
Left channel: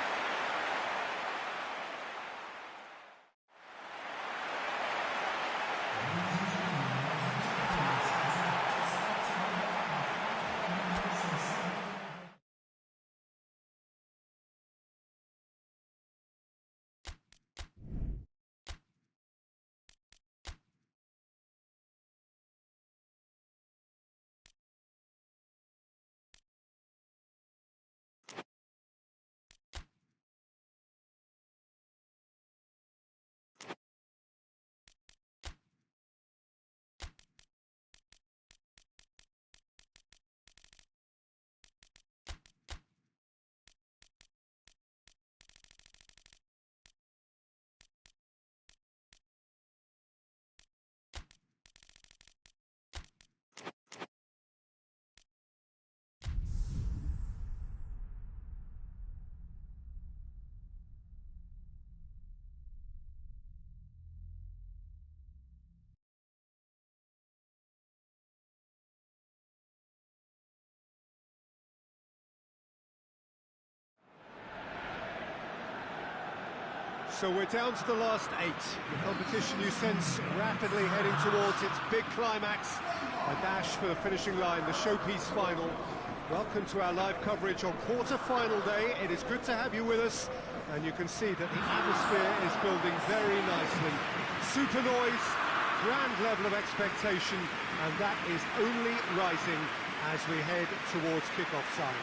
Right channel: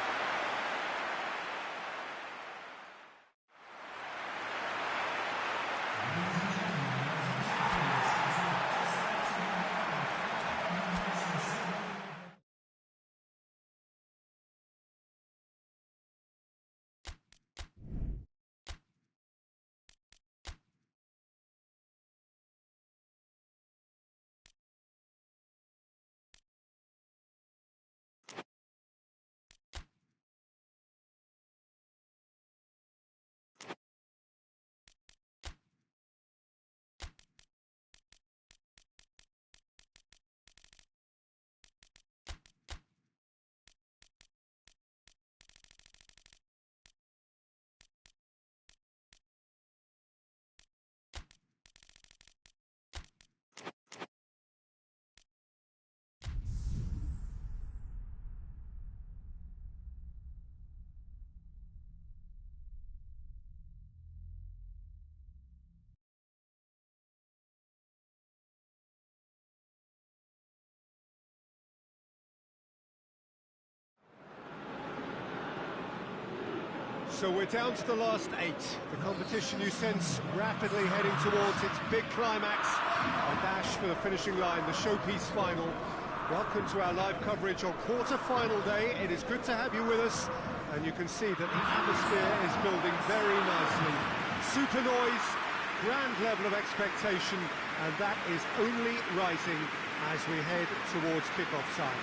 So we're down to the last 8. The competition you sense rapidly heading towards its big climax. A dash for the finishing line, the showpiece final. Welcome to our live coverage on quarter-final day. It is good to have you with us, and you can see that the atmosphere is building very nicely. Super noise, grand level of expectation, and that is only rising as we head towards kick-off time.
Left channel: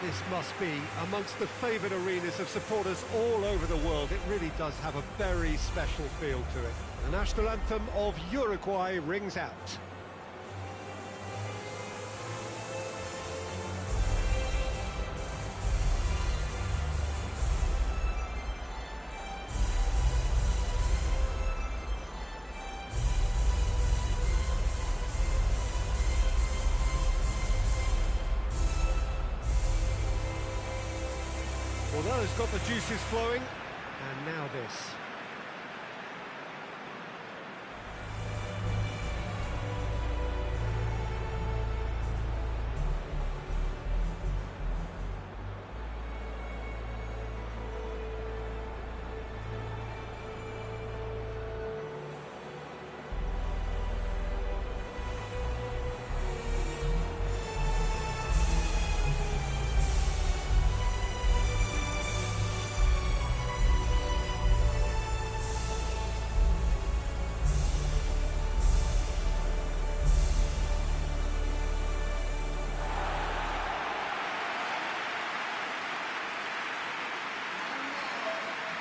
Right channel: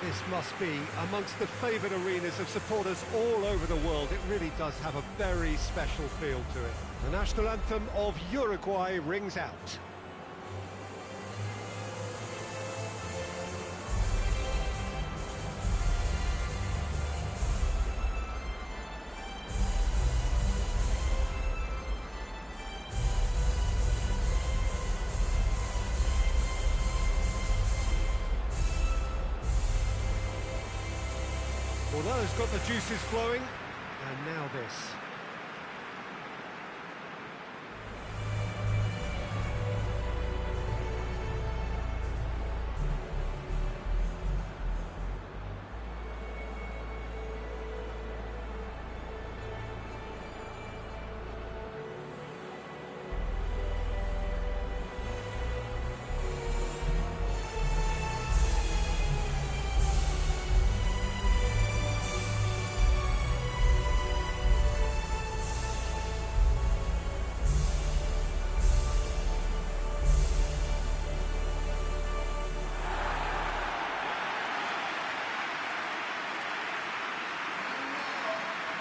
This must be amongst the favoured arenas of supporters all over the world. It really does have a very special feel to it. The national anthem of Uruguay rings out. Well, that has got the juices flowing, and now this.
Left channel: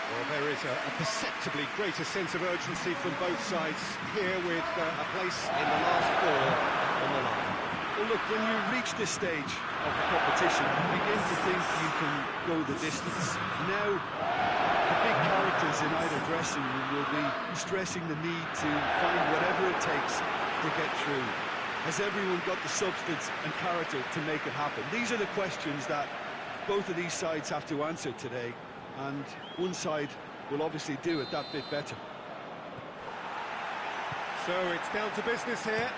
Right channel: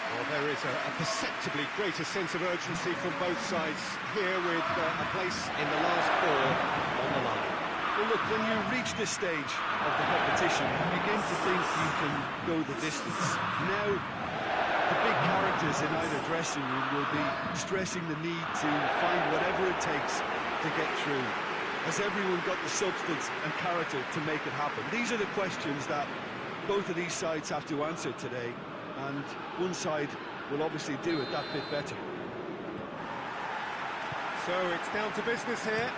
Well, there is a perceptibly greater sense of urgency from both sides here, with a place in the last 4 on the line. Well, look, when you reach this stage of the competition, you begin to think you can go the distance. Now, the big characters in either dressing room will be stressing the need to find whatever it takes to get through. Has everyone got the substance and character to make it happen? These are the questions that both of these sides have to answer today, and one side will obviously do it that bit better. So it's down to business here.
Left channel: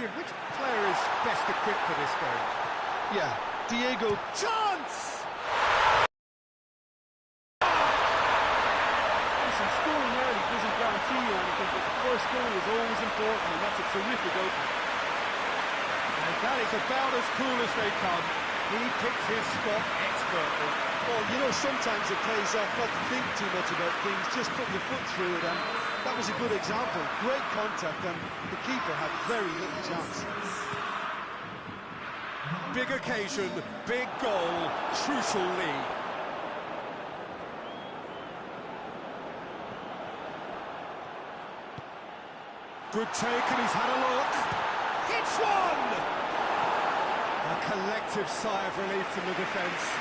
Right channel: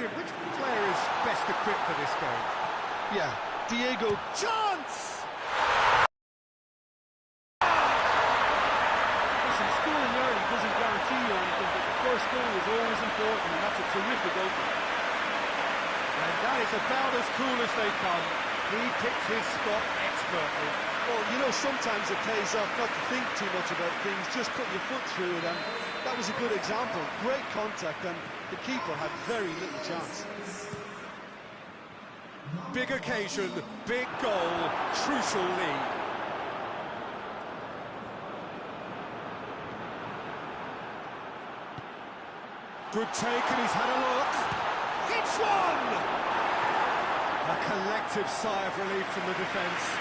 Jim, which player is best equipped for this game? Yeah, Diego. Chance! Listen, scoring early doesn't guarantee you anything, but the first goal is always important, and that's a terrific opener. And that is about as cool as they come. He picked his spot expertly. Well, you know, sometimes it pays off not to think too much about things, just put your foot through it, and that was a good example. Great contact, and the keeper had very little chance. Big occasion, big goal, crucial lead. Good take, and he's had a look. Hits one! A collective sigh of relief from the defence.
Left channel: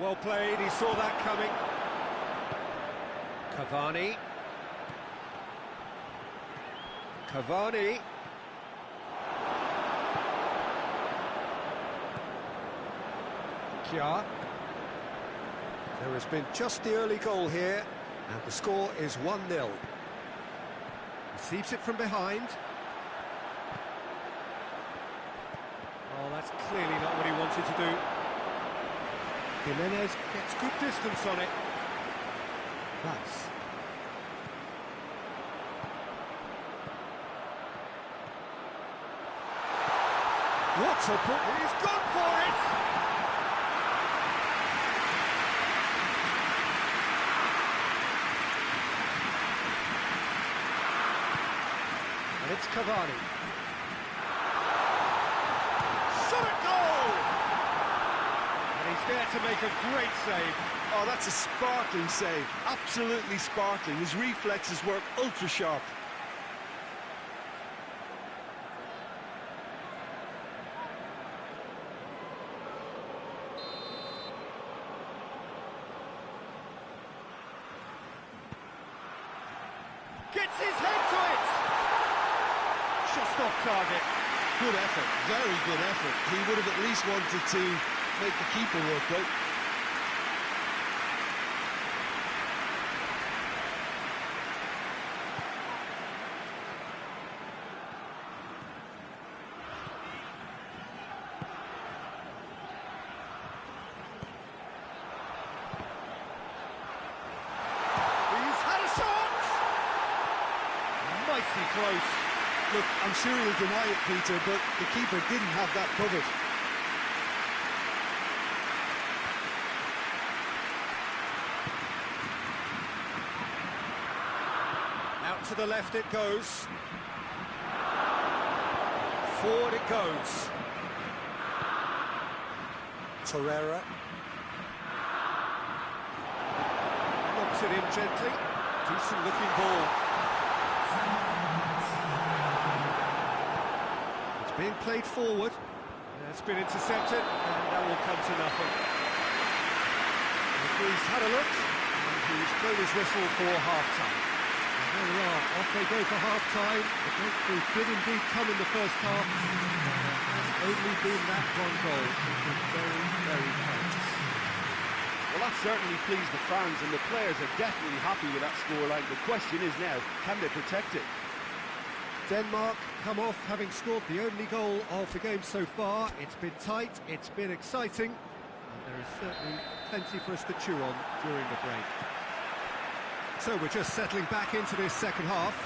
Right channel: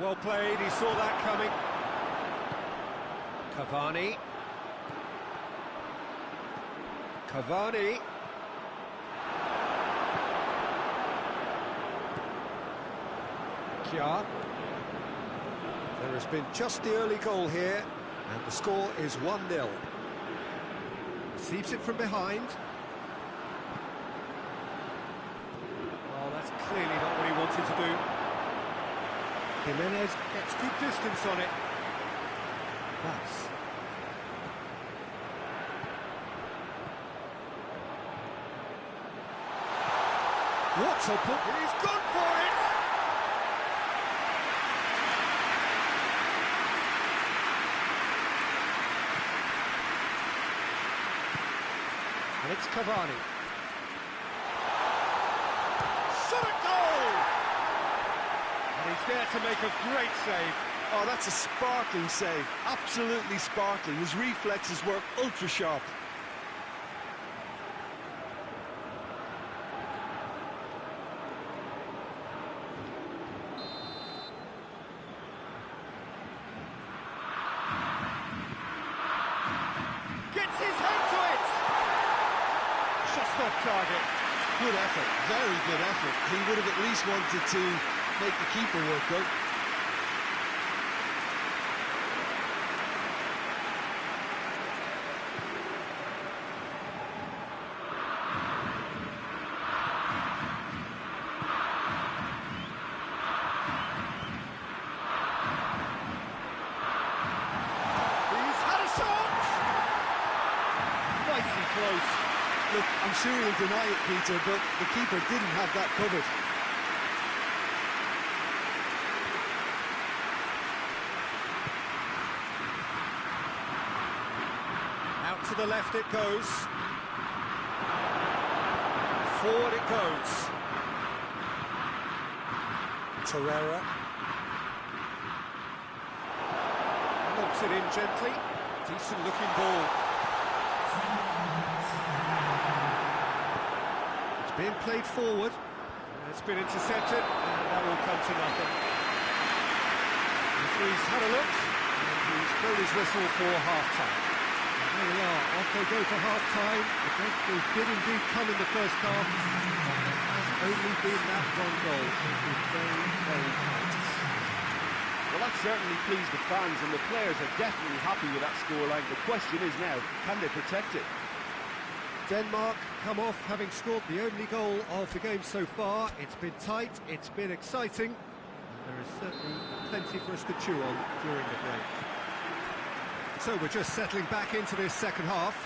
Well played, he saw that coming. Cavani. Cavani. Kia. There has been just the early goal here, and the score is 1-0. Receives it from behind. Oh, that's clearly not what he wanted to do. Jimenez gets good distance on it. That's... What a put! He's gone for it! And it's Cavani. Shot at goal! And he's there to make a great save. Oh, that's a sparkling save. Absolutely sparkling. His reflexes work ultra sharp. Gets his head to it! Just off target. Good effort, very good effort. He would have at least wanted to make the keeper work out. Mighty close. Look, I'm sure he'll deny it, Peter, but the keeper didn't have that covered. Out to the left it goes. Forward it goes. Torreira. Knocks it in gently. Decent looking ball. It's being played forward. It's been intercepted, and that will come to nothing. The referee's had a look, and he's blown his whistle for half-time. And there we are, off they go for half-time. The breakthrough did indeed come in the first half, but there has only been that one goal. It was very, very tight. Well, that certainly pleased the fans, and the players are definitely happy with that scoreline. The question is now, can they protect it? Denmark come off having scored the only goal of the game so far. It's been tight, it's been exciting, and there is certainly plenty for us to chew on during the break. So we're just settling back into this second half.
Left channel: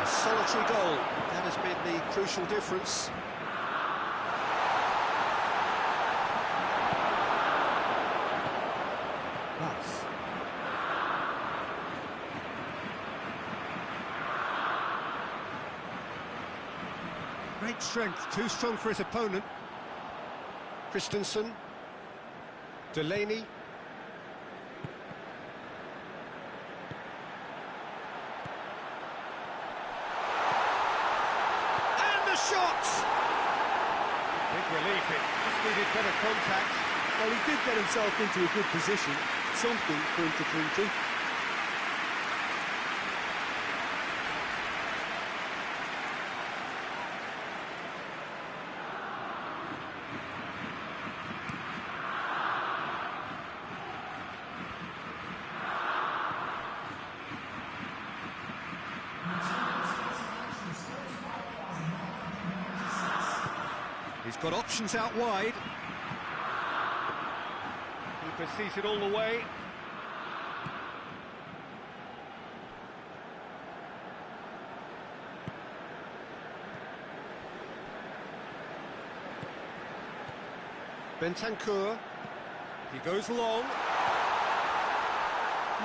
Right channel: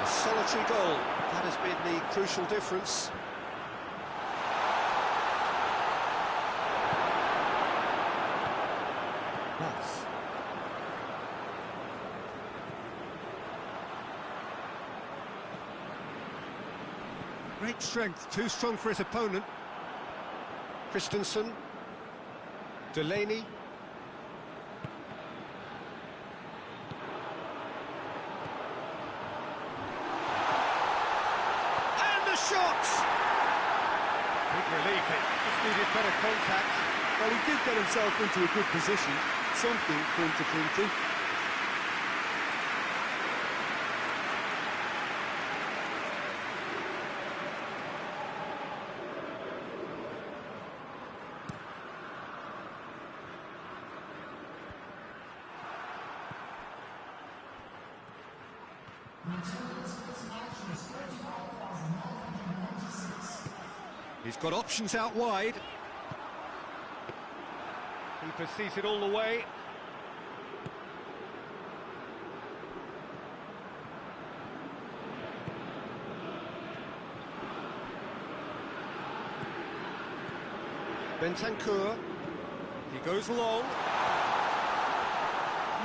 A solitary goal, that has been the crucial difference. That's... Great strength, too strong for his opponent. Christensen. Delaney. And the shot! Big relief, it just needed better contact. Well, he did get himself into a good position, something for him to cling to. He's got options out wide. Keeper sees it all the way. Bentancur. He goes long.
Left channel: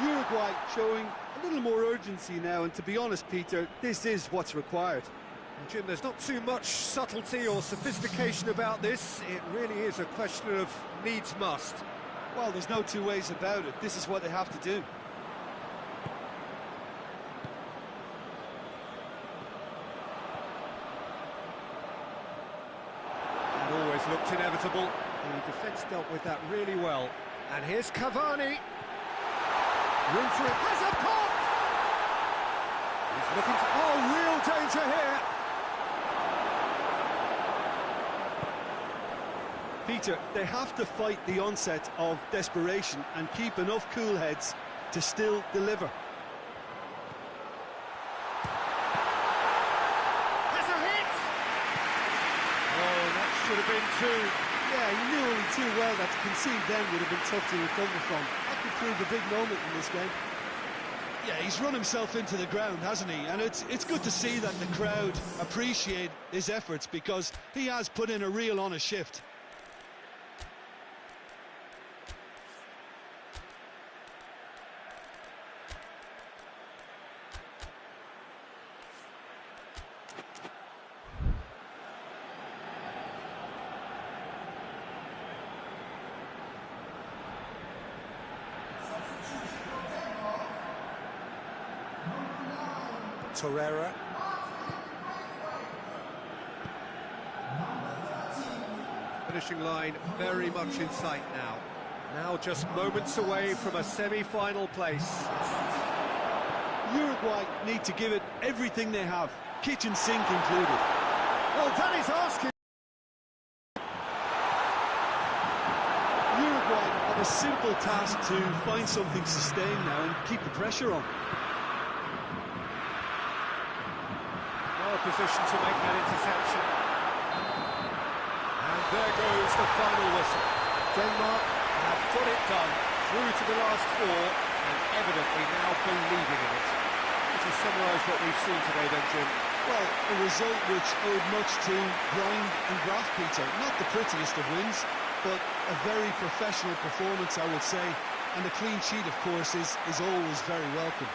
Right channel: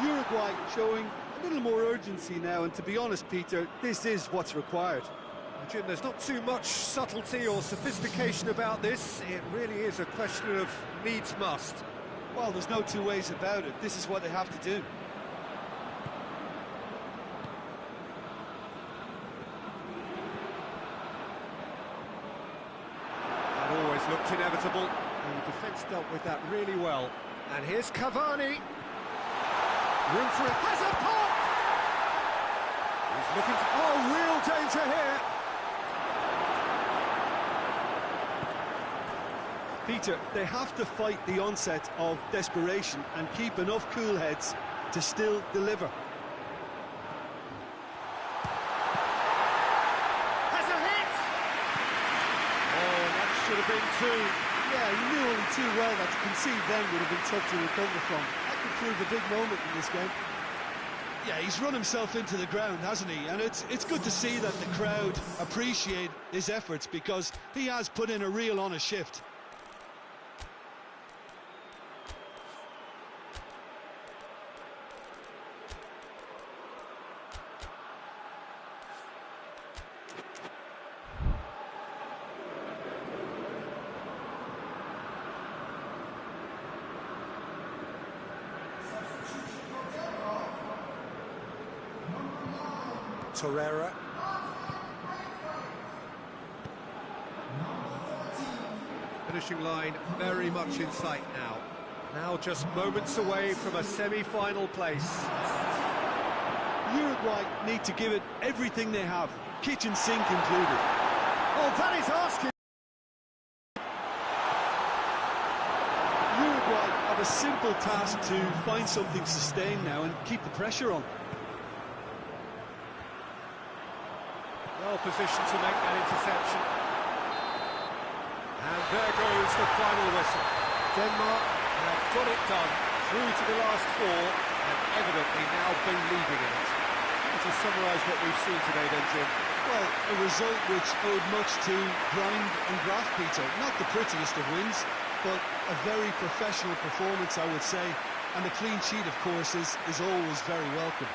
Uruguay showing a little more urgency now, and to be honest, Peter, this is what's required. Well, Jim, there's not too much subtlety or sophistication about this. It really is a question of needs must. Well, there's no two ways about it. This is what they have to do. That always looked inevitable. The defence dealt with that really well. And here's Cavani. Room for it. Has a pop! He's looking to... Oh, real danger here. Peter, they have to fight the onset of desperation and keep enough cool heads to still deliver. Has a hit! Oh, that should have been two. Yeah, he knew only too well that to concede then would have been tough to recover from. That could prove a big moment in this game. Yeah, he's run himself into the ground, hasn't he? And it's good to see that the crowd appreciate his efforts, because he has put in a real honest shift. Torreira. Finishing line very much in sight now. Now just moments away from a semi-final place. Uruguay need to give it everything they have, kitchen sink included. Oh, that is asking. Uruguay have a simple task to find something sustained now and keep the pressure on. Well positioned to make that interception. And there goes the final whistle. Denmark have got it done through to the last four, and evidently now believing in it. Would you summarise what we've seen today then, Jim? Well, a result which owed much to grind and graft, Peter. Not the prettiest of wins, but a very professional performance, I would say. And a clean sheet, of course, is always very welcome.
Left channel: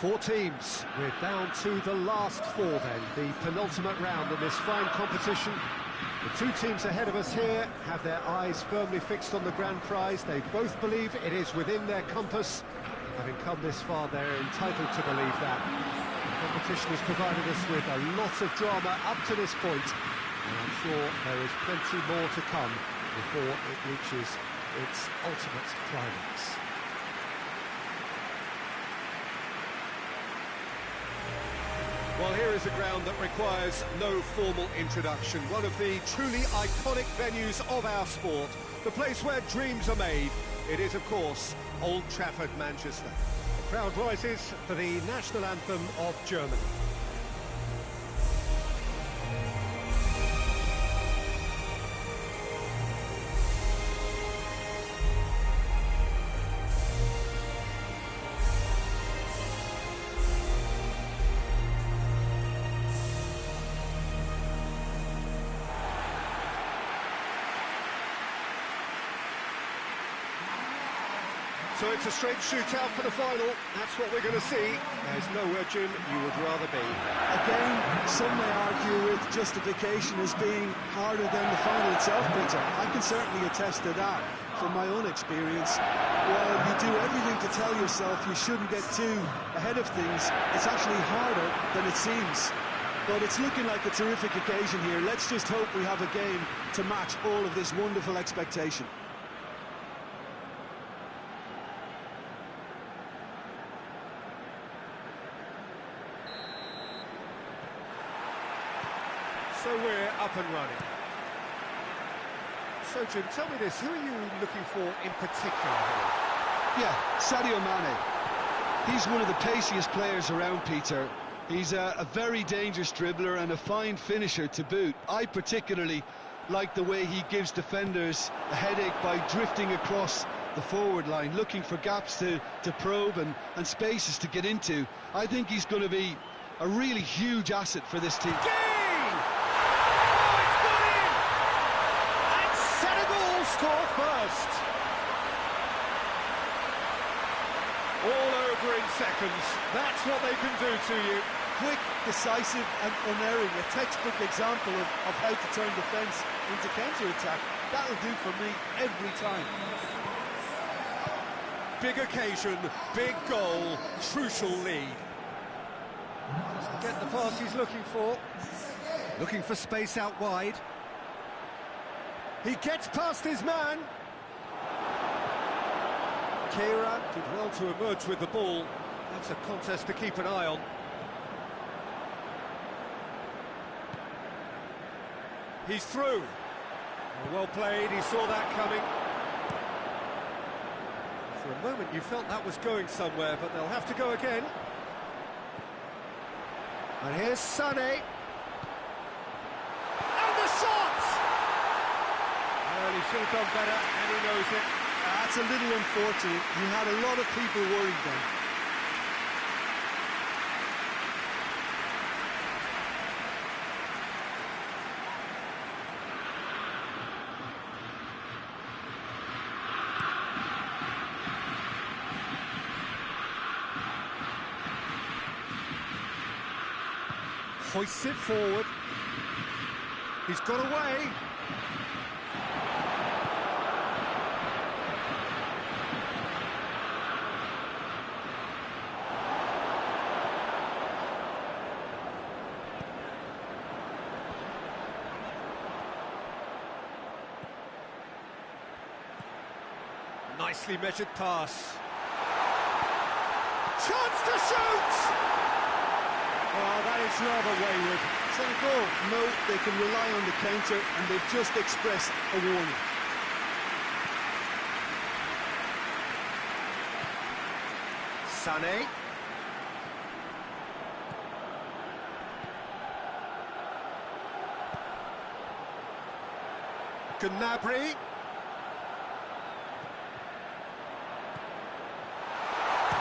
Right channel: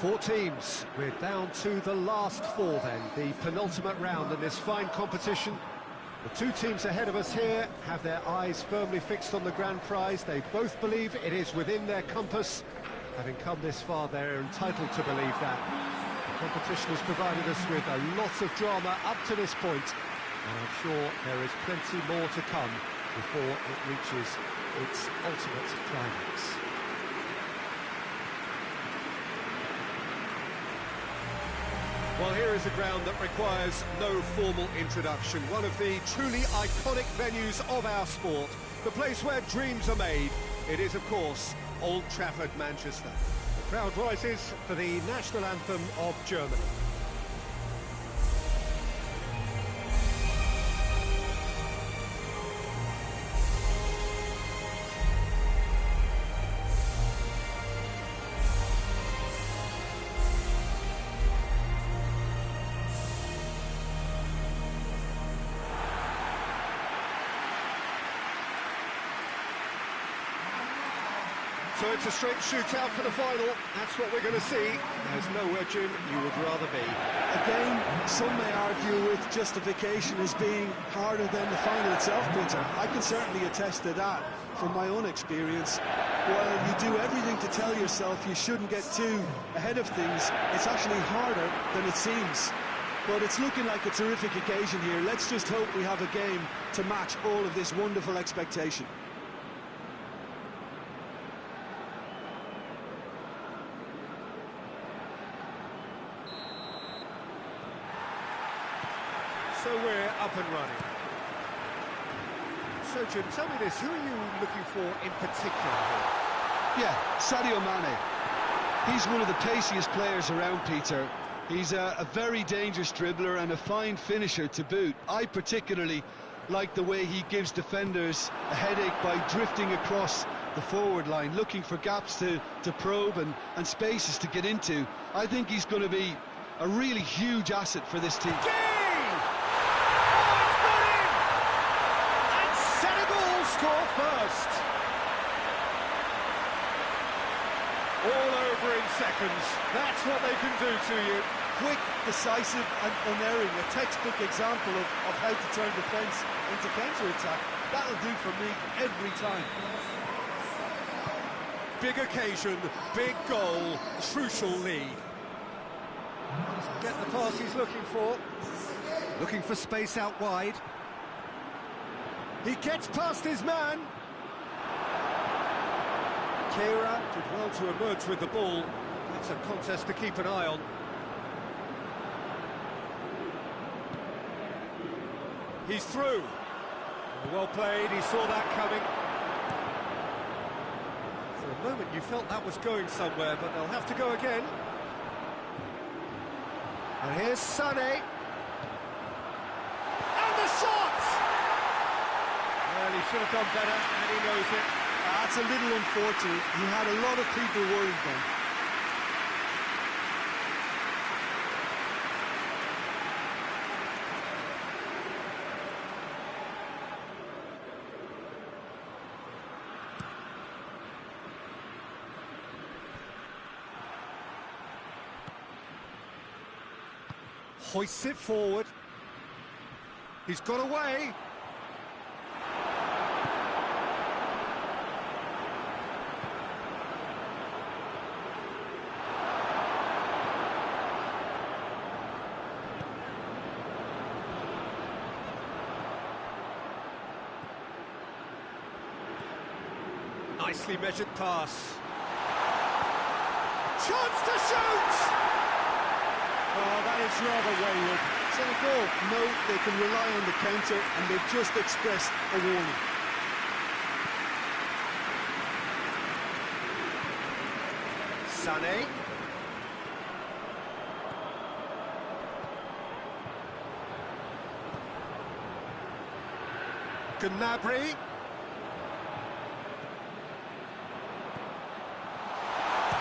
Four teams. We're down to the last four then, the penultimate round in this fine competition. The two teams ahead of us here have their eyes firmly fixed on the grand prize. They both believe it is within their compass. Having come this far, they're entitled to believe that. The competition has provided us with a lot of drama up to this point, and I'm sure there is plenty more to come before it reaches its ultimate climax. Well, here is a ground that requires no formal introduction. One of the truly iconic venues of our sport. The place where dreams are made. It is, of course, Old Trafford, Manchester. The crowd rises for the national anthem of Germany. So it's a straight shootout for the final. That's what we're going to see. There's nowhere, Jim, you would rather be. Again, some may argue with justification as being harder than the final itself, Peter. I can certainly attest to that from my own experience. While you do everything to tell yourself you shouldn't get too ahead of things, it's actually harder than it seems. But it's looking like a terrific occasion here. Let's just hope we have a game to match all of this wonderful expectation. So we're up and running. So, Jim, tell me this, who are you looking for in particular here? Yeah, Sadio Mane. He's one of the paciest players around, Peter. He's a very dangerous dribbler and a fine finisher to boot. I particularly like the way he gives defenders a headache by drifting across the forward line, looking for gaps to probe and spaces to get into. I think he's going to be a really huge asset for this team. Score first. All over in seconds. That's what they can do to you. Quick, decisive and unerring. A textbook example of how to turn defence into counter-attack. That'll do for me every time. Big occasion, big goal, crucial lead. Doesn't get the pass he's looking for. Looking for space out wide. He gets past his man. Keira did well to emerge with the ball. That's a contest to keep an eye on. He's through. Well played, he saw that coming. For a moment you felt that was going somewhere, but they'll have to go again. And here's Sané. And the shot! Well, he should have done better, and he knows it. That's a little unfortunate. He had a lot of people worried then. Hoists it forward. He's got away. Nicely measured pass. Chance to shoot! Oh, that is rather wayward. Senegal know they can rely on the counter, and they've just expressed a warning. Sané. Gnabry.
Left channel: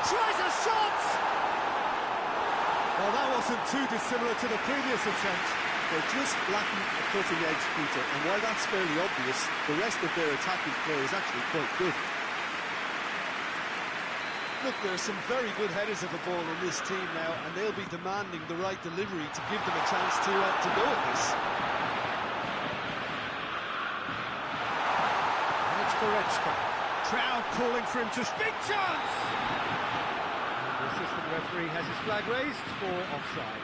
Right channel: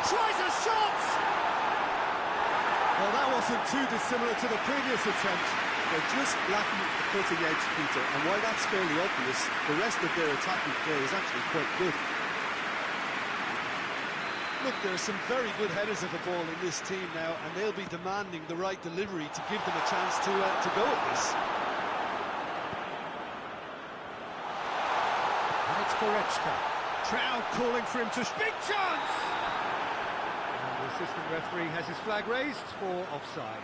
Tries a shot! Well, that wasn't too dissimilar to the previous attempt. They're just lacking a cutting edge, Peter, and while that's fairly obvious, the rest of their attacking play is actually quite good. Look, there are some very good headers of a ball in this team now, and they'll be demanding the right delivery to give them a chance to go at this. And it's Goretzka. Crowd calling for him to... Big chance! And the assistant referee has his flag raised for offside.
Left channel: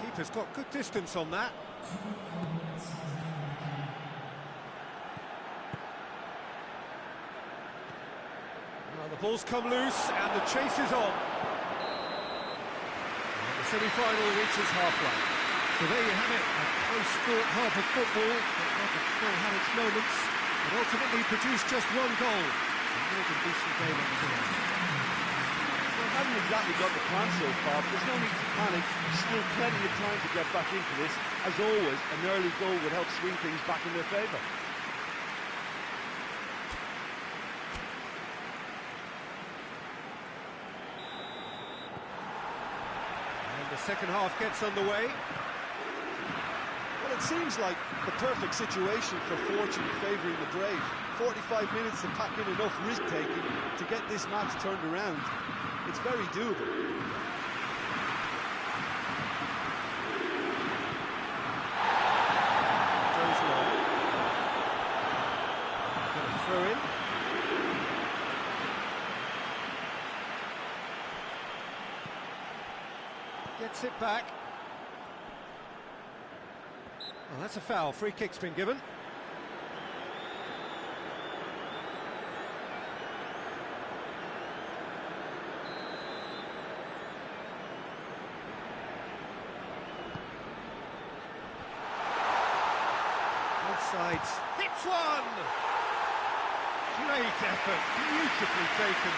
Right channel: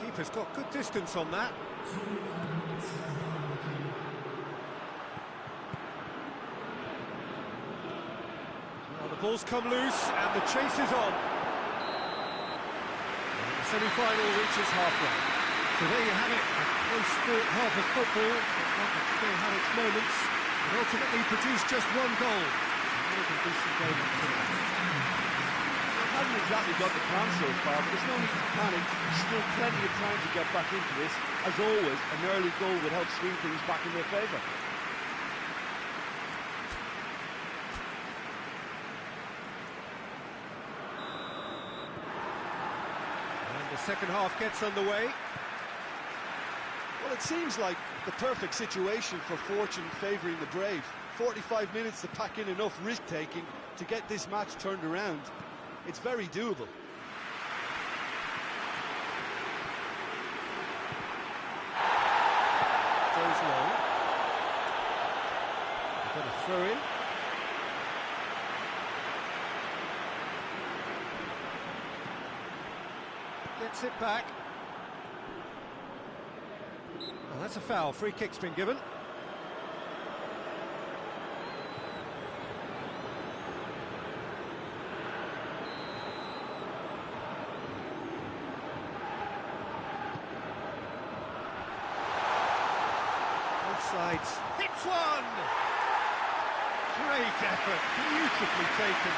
Keeper's got good distance on that. Well, the ball's come loose and the chase is on. And the semi-final reaches halfway. So there you have it, a close-fought half of football, but one that still had its moments, but ultimately produced just one goal. A more than decent game up to now. Well, hasn't exactly got the plan so far, but there's no need to panic. There's still plenty of time to get back into this. As always, an early goal would help swing things back in their favour. And the second half gets underway. Well, it seems like the perfect situation for fortune favouring the brave. 45 minutes to pack in enough risk-taking to get this match turned around. It's very doable. Goes long. Going to throw in. Gets it back. Oh, that's a foul. Free kick's been given. Sides hits one. Great effort, beautifully taken.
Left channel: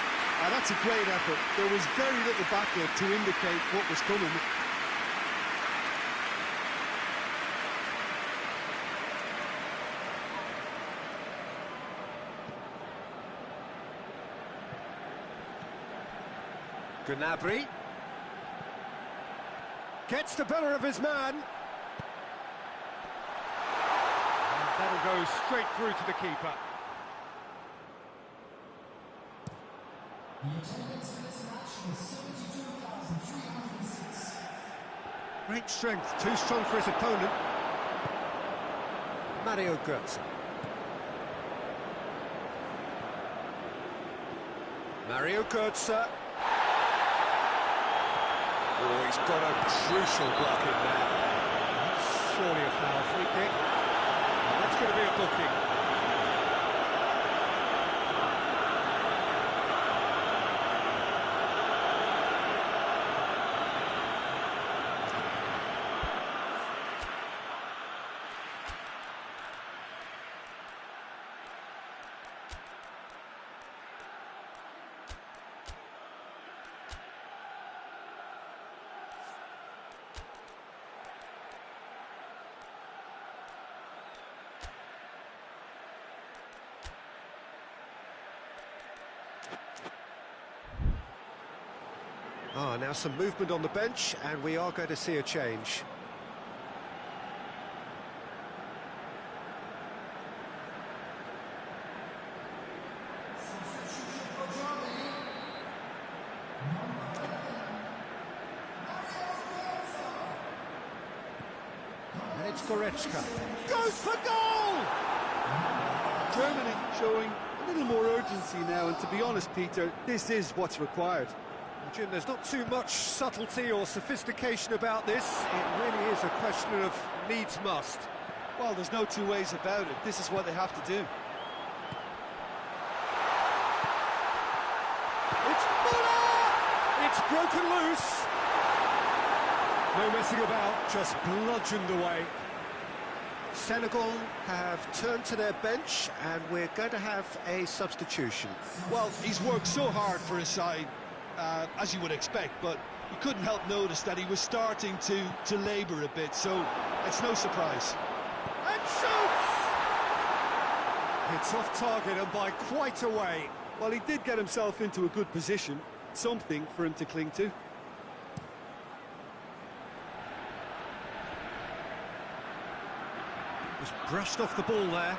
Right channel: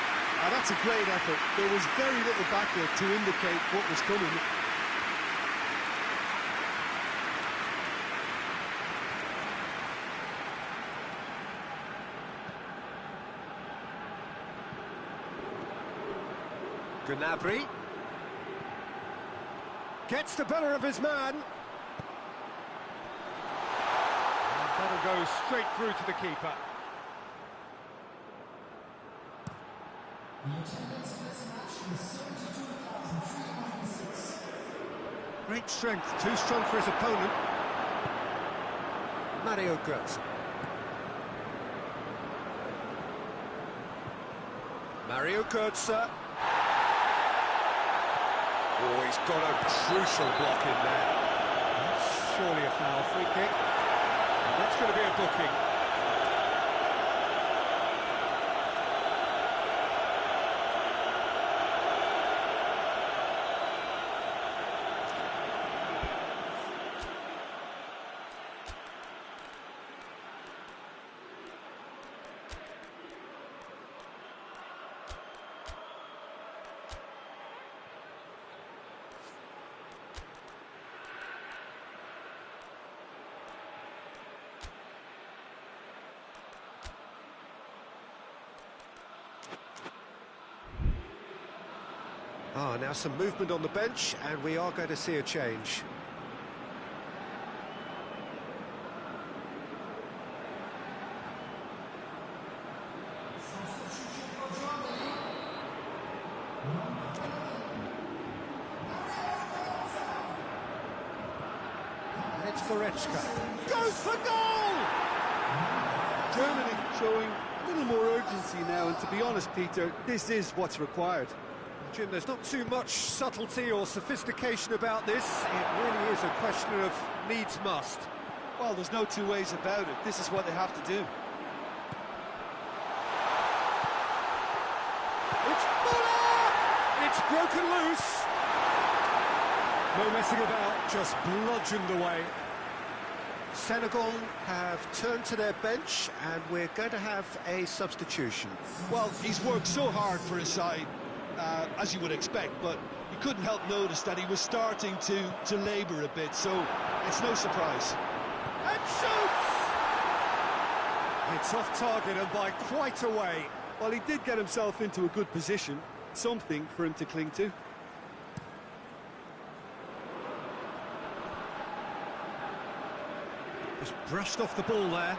That's a great effort. There was very little backlift to indicate what was coming. Gnabry gets the better of his man. That'll go straight through to the keeper. Great strength, too strong for his opponent. Mario Götze. Mario Götze. Oh, he's got a crucial block in there. That's surely a foul. Free kick. That's going to be a booking. Now some movement on the bench, and we are going to see a change. And it's Goretzka. Goes for goal! Germany showing a little more urgency now, and to be honest, Peter, this is what's required. Jim, there's not too much subtlety or sophistication about this. It really is a question of needs must. Well, there's no two ways about it. This is what they have to do. It's Muller! It's broken loose. No messing about, just bludgeoned away. Senegal have turned to their bench, and we're going to have a substitution. Well, he's worked so hard for his side, as you would expect, but you couldn't help notice that he was starting to labour a bit, so it's no surprise. And shoots! It's off target and by quite a way. Well, he did get himself into a good position, something for him to cling to. Just brushed off the ball there.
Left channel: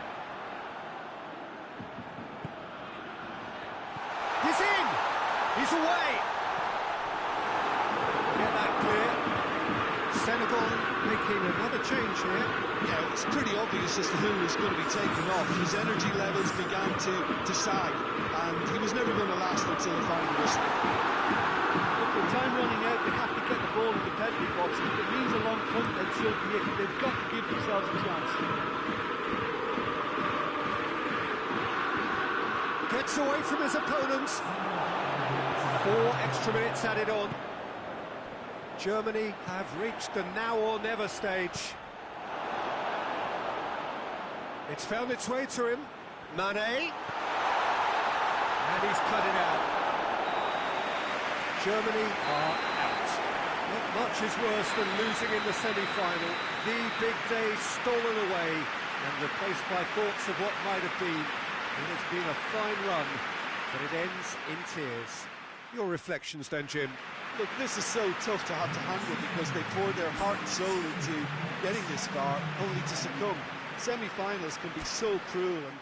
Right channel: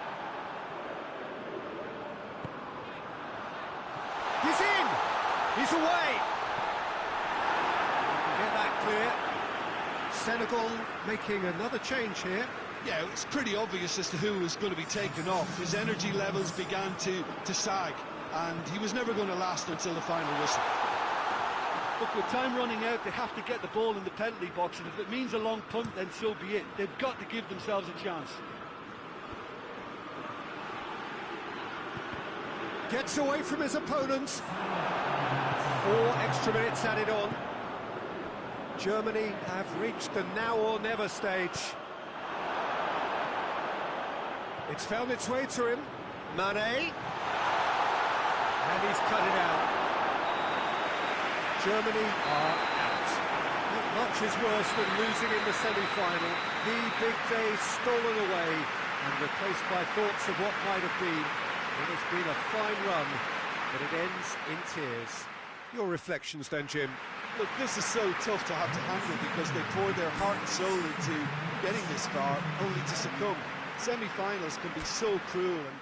He's in! He's away! Get that clear. Senegal making another change here. Yeah, it's pretty obvious as to who was going to be taken off. His energy levels began to sag, and he was never going to last until the final whistle. Look, with time running out, they have to get the ball in the penalty box, and if it means a long punt, then so be it. They've got to give themselves a chance. Gets away from his opponents. 4 extra minutes added on. Germany have reached the now or never stage. It's found its way to him. Mane. And he's cut it out. Germany are out. Not much is worse than losing in the semi-final. The big day stolen away and replaced by thoughts of what might have been. It has been a fine run, but it ends in tears. Your reflections then, Jim? Look, this is so tough to have to handle because they poured their heart and soul into getting this far, only to succumb. Semi-finals can be so cruel, and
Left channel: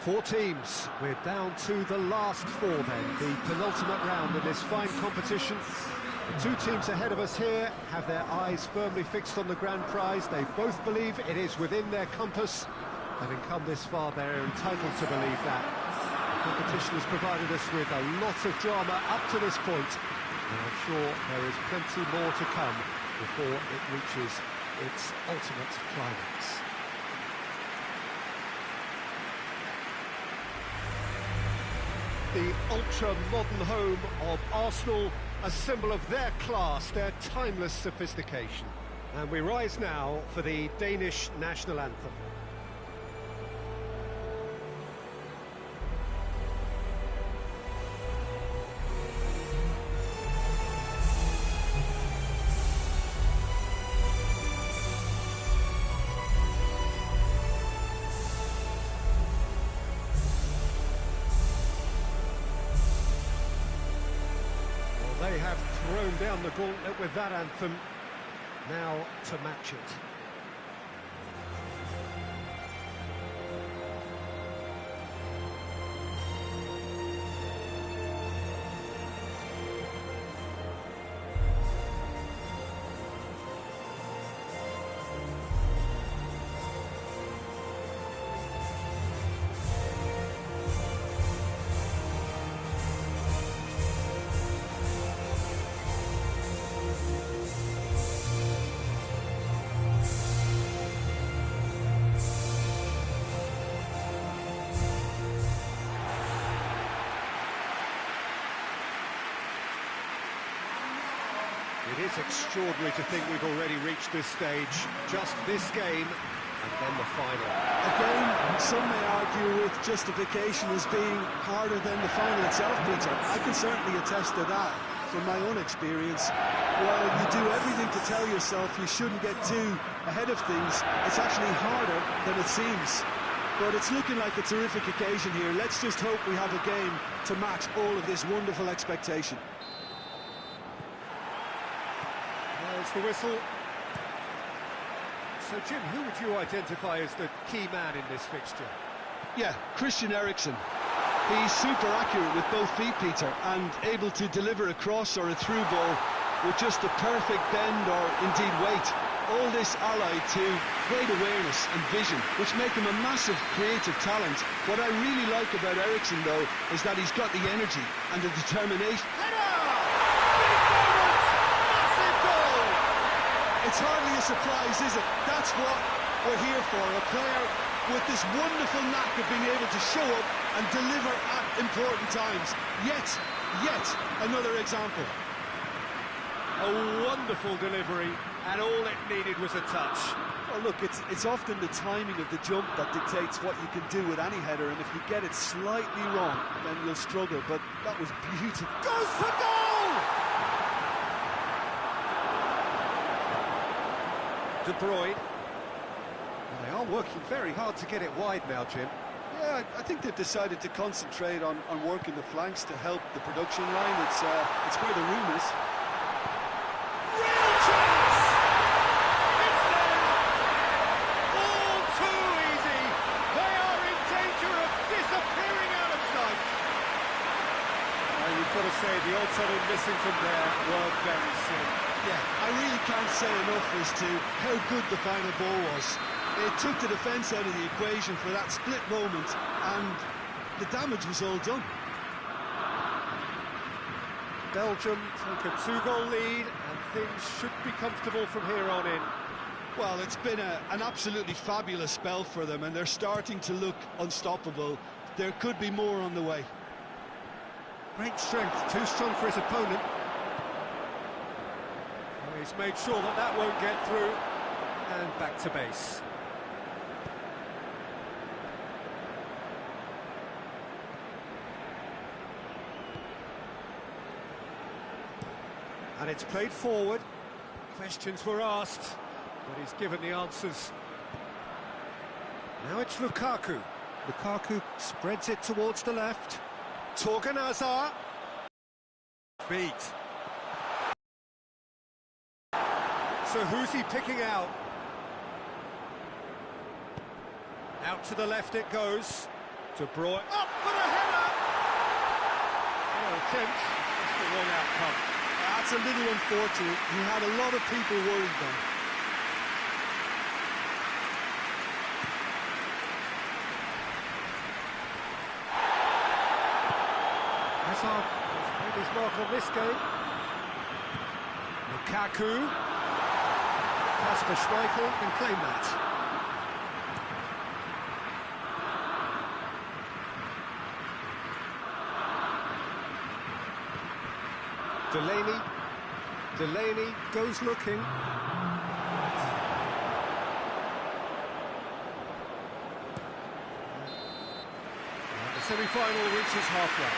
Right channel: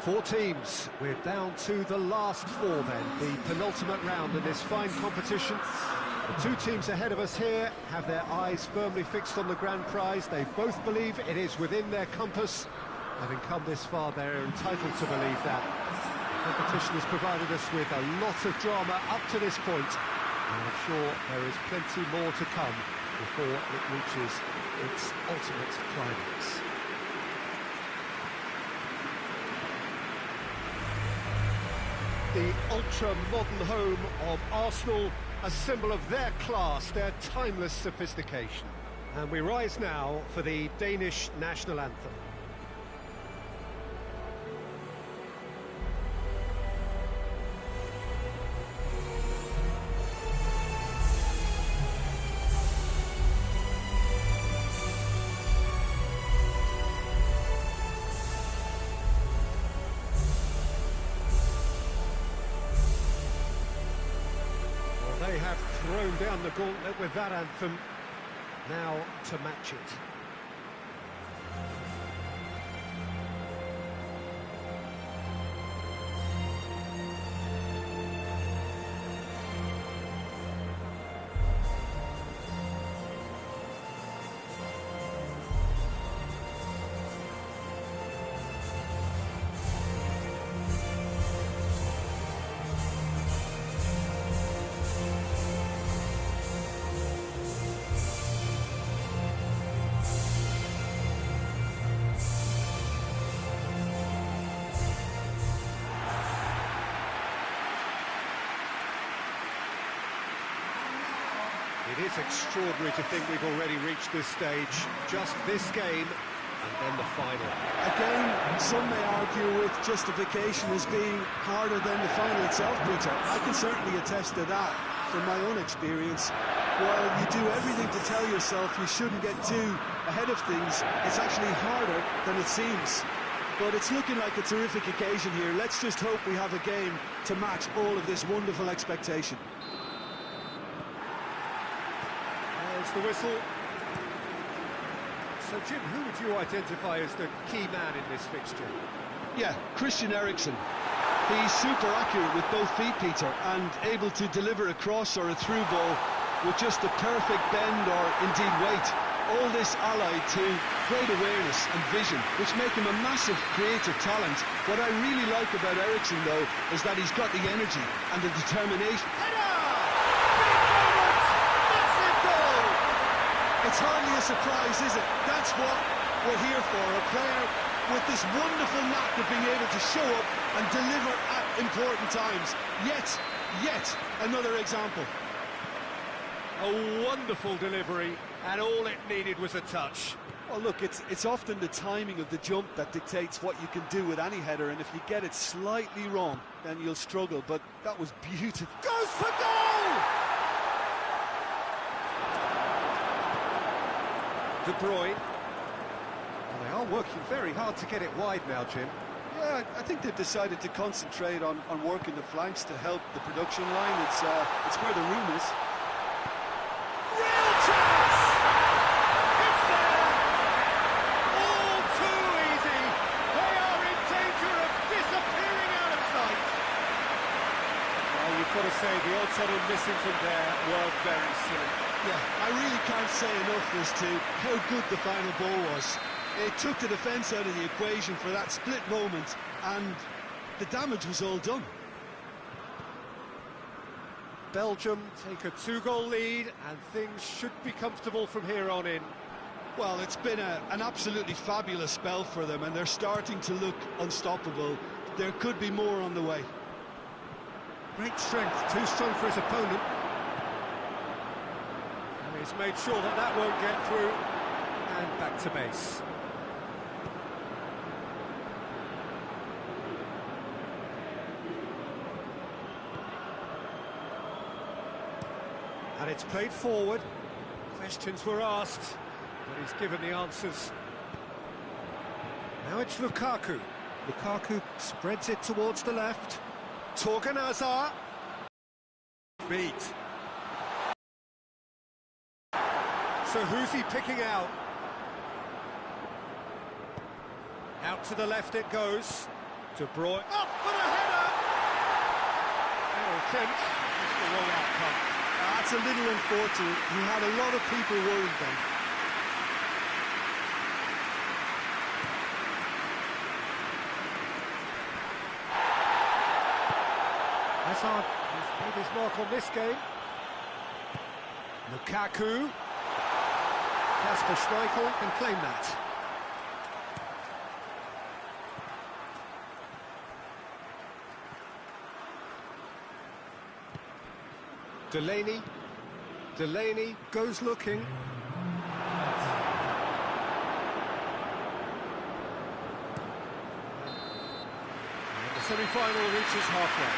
Four teams. We're down to the last 4 then, the penultimate round in this fine competition. The 2 teams ahead of us here have their eyes firmly fixed on the grand prize. They both believe it is within their compass. Having come this far, they're entitled to believe that. The competition has provided us with a lot of drama up to this point, and I'm sure there is plenty more to come before it reaches its ultimate climax. The ultra-modern home of Arsenal, a symbol of their class, their timeless sophistication. And we rise now for the Danish national anthem. They have thrown down the gauntlet with that anthem, now to match it. It is extraordinary to think we've already reached this stage. Just this game, and then the final. a game some may argue with justification as being harder than the final itself, Peter. I can certainly attest to that. from my own experience, while you do everything to tell yourself you shouldn't get too ahead of things, it's actually harder than it seems. But it's looking like a terrific occasion here. Let's just hope we have a game to match all of this wonderful expectation. There's the whistle. So, Jim, who would you identify as the key man in this fixture? Yeah, Christian Eriksen. He's super accurate with both feet, Peter, and able to deliver a cross or a through ball with just the perfect bend or indeed weight. All this allied to great awareness and vision, which make him a massive creative talent. What I really like about Eriksen, though, is that he's got the energy and the determination. Header! Big moment! Massive goal! It's hardly a surprise, is it? That's what we're here for, a player with this wonderful knack of being able to show up and deliver at important times. Yet another example. A wonderful delivery, and all it needed was a touch. Well, look, it's often the timing of the jump that dictates what you can do with any header, and if you get it slightly wrong, then you'll struggle, but that was beautiful. Goes for goal! De Bruyne. Well, they are working very hard to get it wide now, Jim. Yeah, I think they've decided to concentrate on working the flanks to help the production line. It's where the room is. Real chance! It's there! All too easy! They are in danger of disappearing out of sight! Well, you've got to say, the odds on him missing from there were very slim. Yeah, I really can't say enough as to how good the final ball was. It took the defence out of the equation for that split moment, and the damage was all done. Belgium take a 2-goal lead, and things should be comfortable from here on in. Well, it's been an absolutely fabulous spell for them, and they're starting to look unstoppable. There could be more on the way. Great strength, too strong for his opponent. And he's made sure that that won't get through, and back to base. And it's played forward. Questions were asked, but he's given the answers. Now it's Lukaku. Lukaku spreads it towards the left. Torgan Hazard. Beat. So who's he picking out? Out to the left it goes. De Bruyne. Up for the header! Fair attempt, just the wrong outcome. That's a little unfortunate. He had a lot of people worried then. Hazard has made his mark on this game. Lukaku. Kasper Schmeichel can claim that. Delaney goes looking. And the semi-final reaches halfway.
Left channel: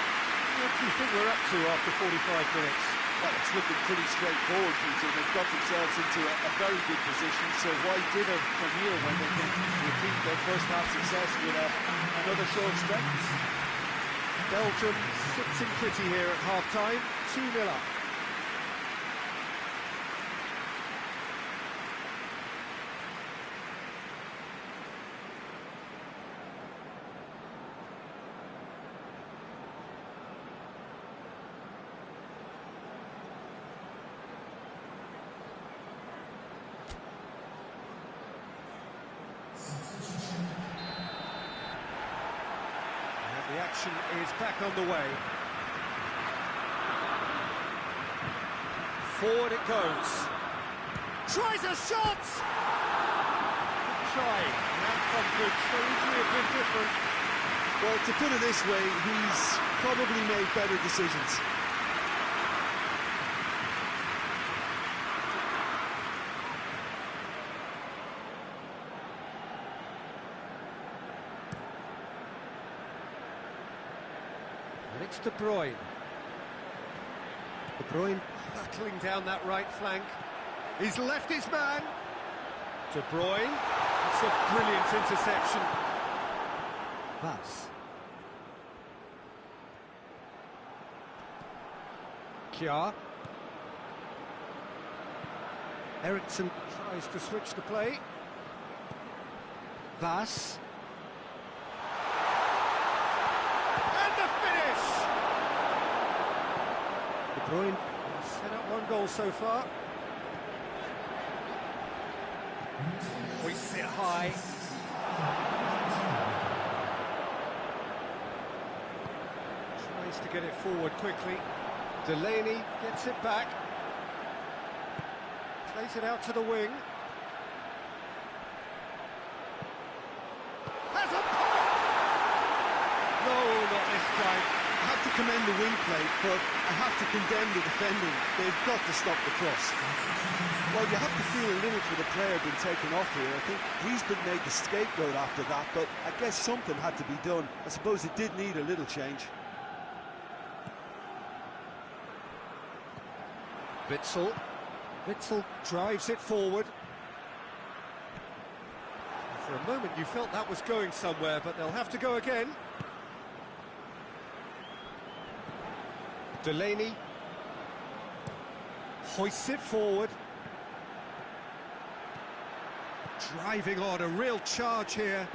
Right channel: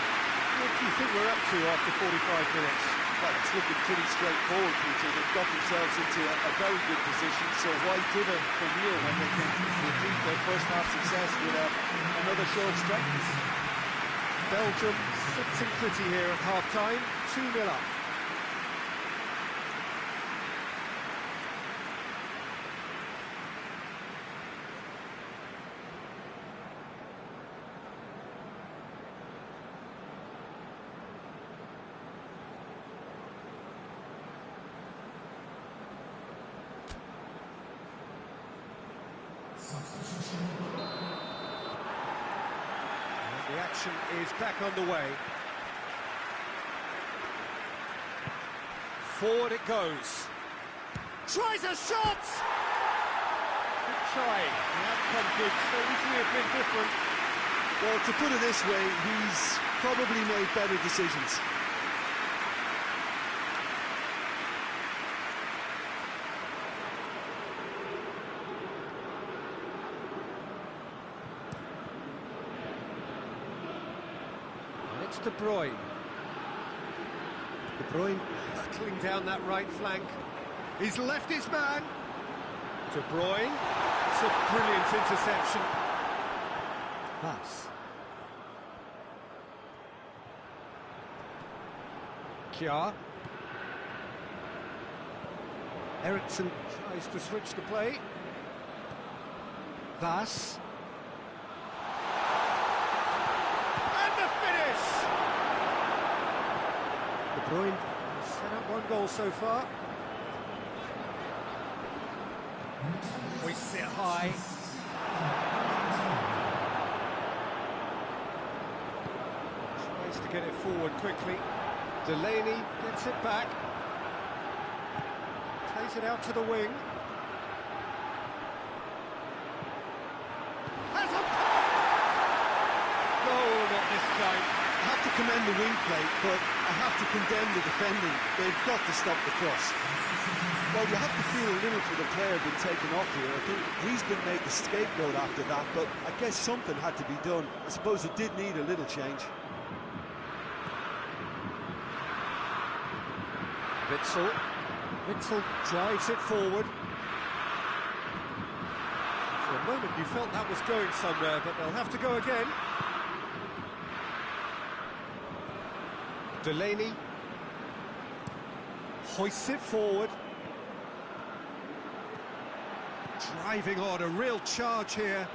What do you think we're up to after 45 minutes? Well, it's looking pretty straightforward, Peter. They've got themselves into a very good position, so why dither from here when they can repeat their first half success with another show of strength? Belgium sitting pretty here at half-time, 2-0 up. The action is back underway. Forward it goes. Tries a shot! Good try. The outcome could so easily have been different. Well, to put it this way, he's probably made better decisions. And it's De Bruyne. De Bruyne hurtling down that right flank. He's left his man. De Bruyne. It's a brilliant interception. Vaz. Kjaer. Eriksson tries to switch the play. Vaz. And the finish! De Bruyne has set up one goal so far. Hoists it high. Tries to get it forward quickly. Delaney gets it back. Plays it out to the wing. Has a pop! No, not this time. I have to commend the wing play, but I have to condemn the defending. They've got to stop the cross. Well, you have to feel a little for the player being taken off here. I think he's been made the scapegoat after that, but I guess something had to be done. I suppose it did need a little change. Witsel. Witsel drives it forward. For a moment you felt that was going somewhere, but they'll have to go again. Delaney hoists it forward. Driving on, a real charge here.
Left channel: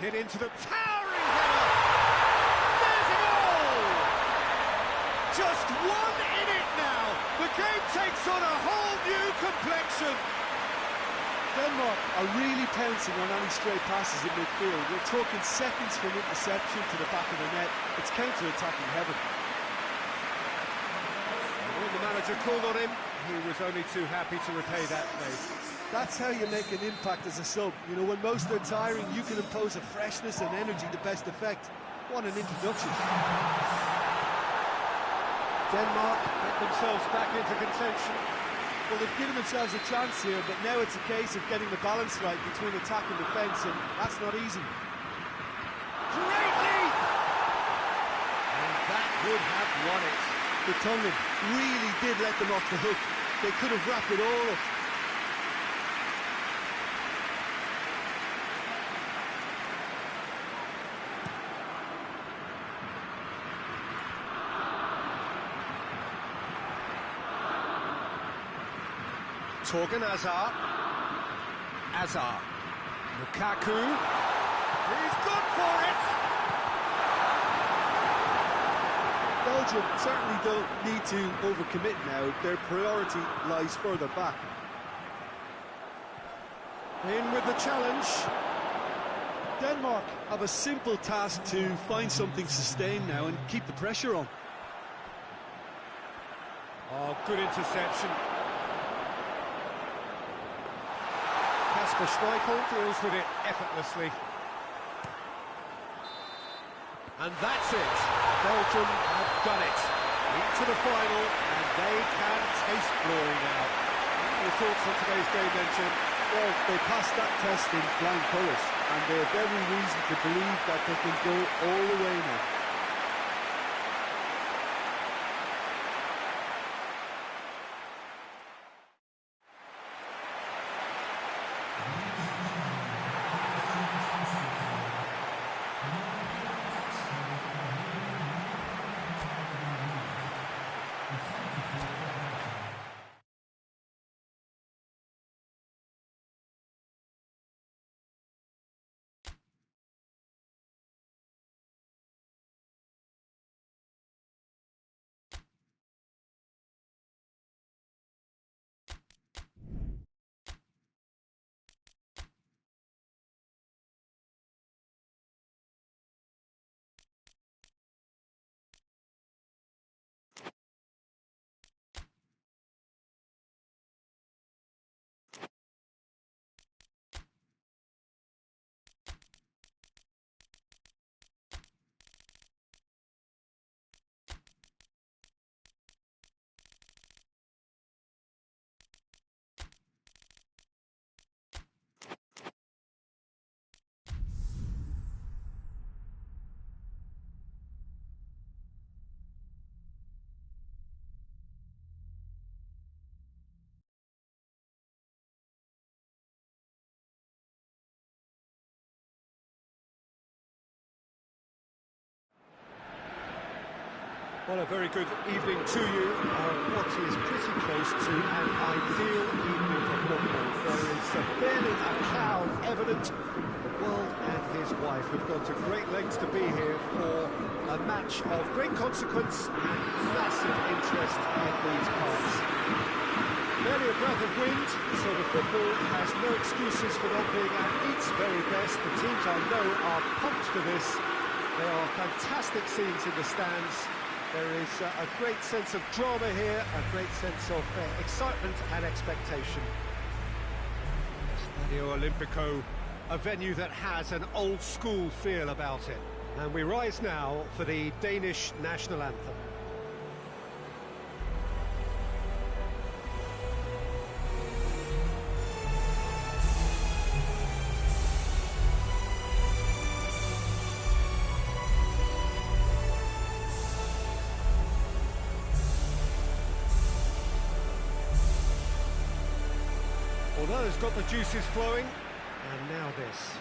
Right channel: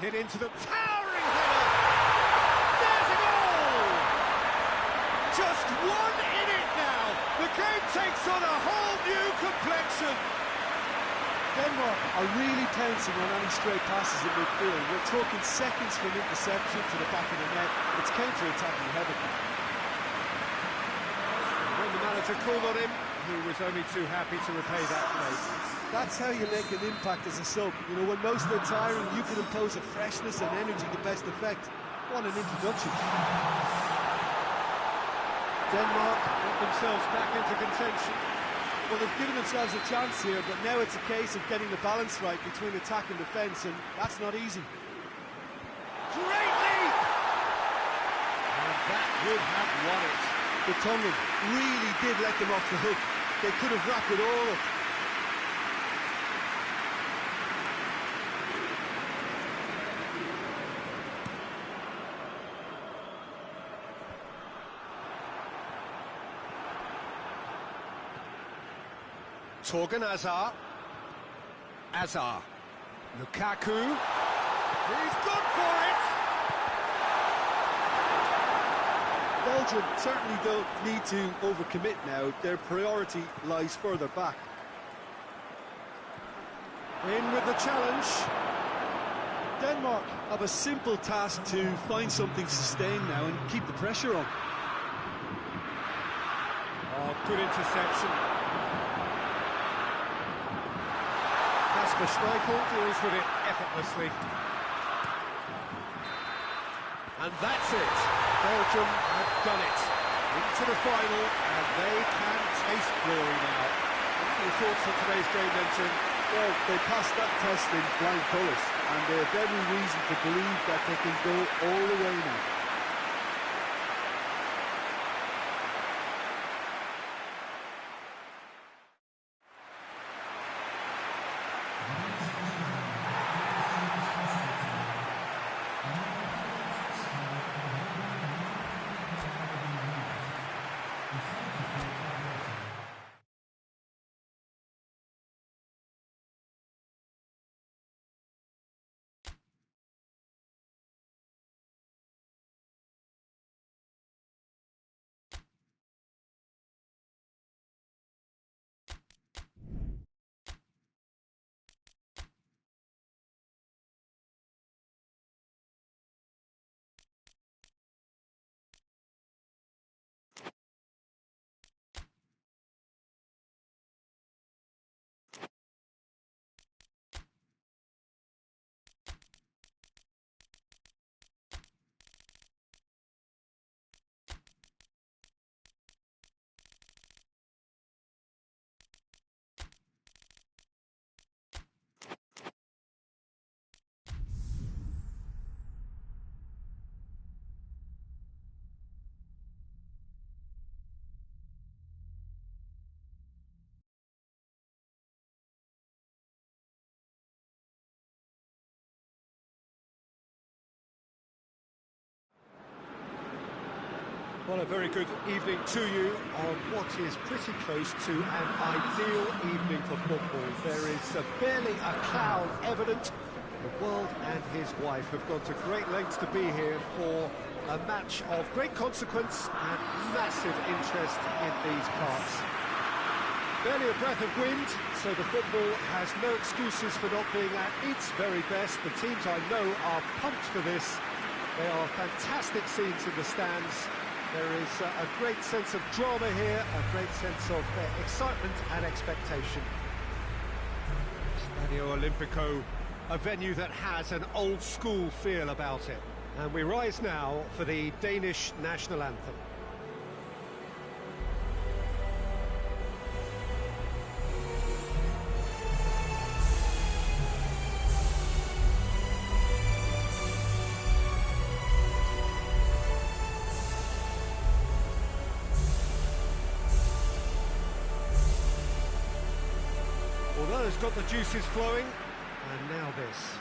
Hit into the towering header. There's a goal! Just one in it now. The game takes on a whole new complexion. Denmark are really pouncing on any stray passes in midfield. We're talking seconds from interception to the back of the net. It's counter-attacking heaven. When the manager called on him, he was only too happy to repay that favour. That's how you make an impact as a sub. You know, when most are tiring, you can impose a freshness and energy to best effect. What an introduction. Denmark get themselves back into contention. Well, they've given themselves a chance here, but now it's a case of getting the balance right between attack and defence, and that's not easy. Great leap! And that would have won it. The Tongan really did let them off the hook. They could have wrapped it all up. Torgan Hazard. Hazard. Lukaku. He's gone for it! Belgium certainly don't need to overcommit now. Their priority lies further back. In with the challenge. Denmark have a simple task to find something sustained now and keep the pressure on. Oh, good interception. Kasper Schmeichel deals with it effortlessly. And that's it. Belgium have done it. Into the final, and they can taste glory now. What are your thoughts on today's game then, Jim? Well, they passed that test in flying colours, and they have every reason to believe that they can go all the way now. Well, a very good evening to you on what is pretty close to an ideal evening for football. There is barely a cloud evident. The world and his wife have gone to great lengths to be here for a match of great consequence and massive interest in these parts. Barely a breath of wind, so the football has no excuses for not being at its very best. The teams I know are pumped for this. There are fantastic scenes in the stands. There is a great sense of drama here, a great sense of excitement and expectation. Stadio Olimpico, a venue that has an old-school feel about it. And we rise now for the Danish national anthem. Well, that has got the juices flowing, and now this.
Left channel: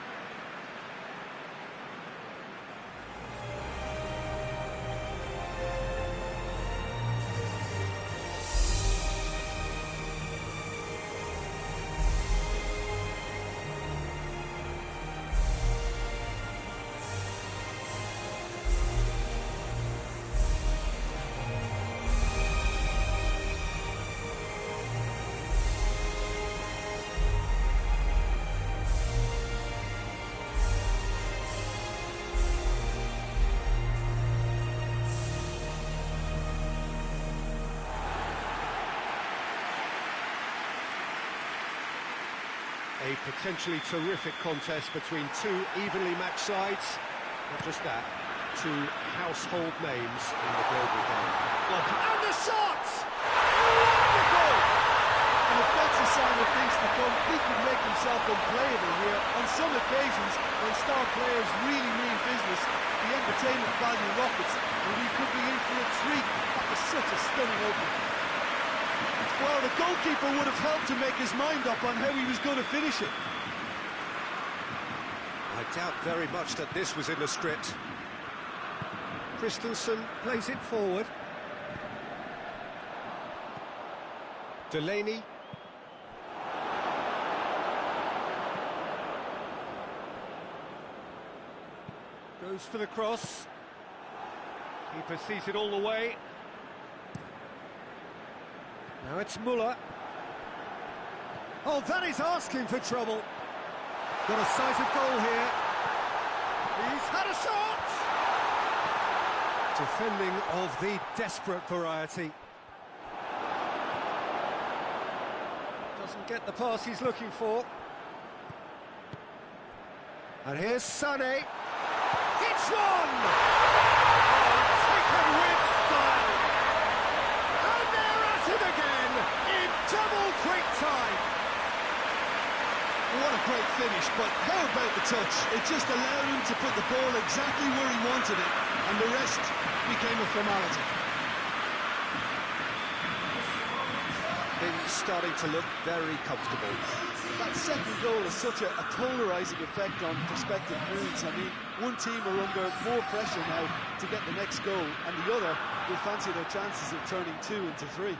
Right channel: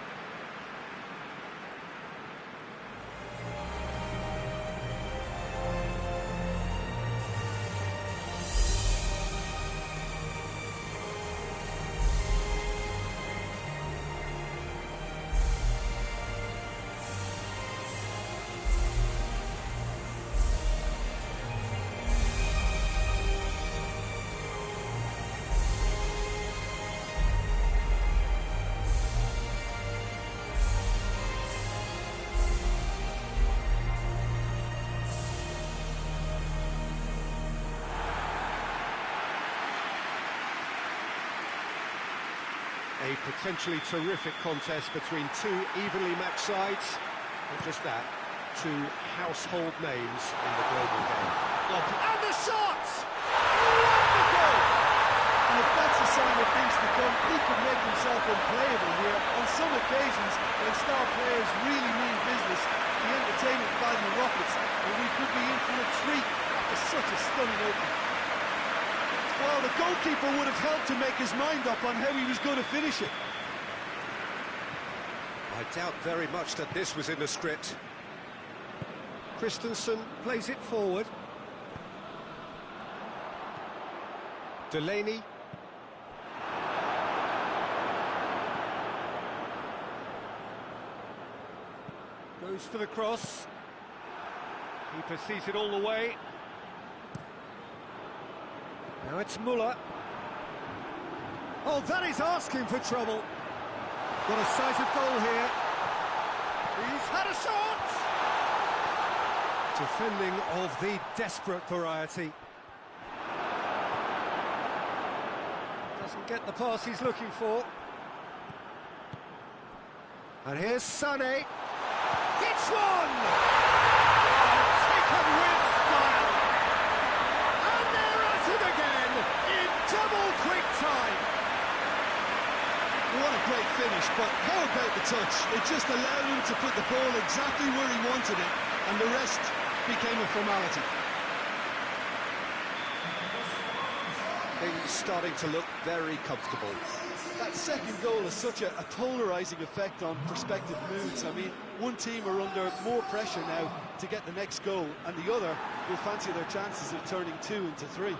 A potentially terrific contest between two evenly matched sides. Not just that, two household names in the global game. And the shots! Wonderful! And if that's a sign of things to come, he could make himself unplayable here. On some occasions, when star players really mean business, the entertainment value rockets, and we could be in for a treat after such a stunning opening. Well, the goalkeeper would have helped to make his mind up on how he was going to finish it. I doubt very much that this was in the script. Christensen plays it forward. Delaney. Goes for the cross. Keeper sees it all the way. Now it's Muller. Oh, that is asking for trouble. Got a decisive goal here. He's had a shot! Defending of the desperate variety. Doesn't get the pass he's looking for. And here's Sané. Hits one! Oh, taken with style. And they're at it again in double quick time. What a great finish, but how about the touch? It just allowed him to put the ball exactly where he wanted it, and the rest became a formality. Things starting to look very comfortable. That second goal has such a polarising effect on prospective moods. I mean, one team are under more pressure now to get the next goal, and the other will fancy their chances of turning 2 into 3.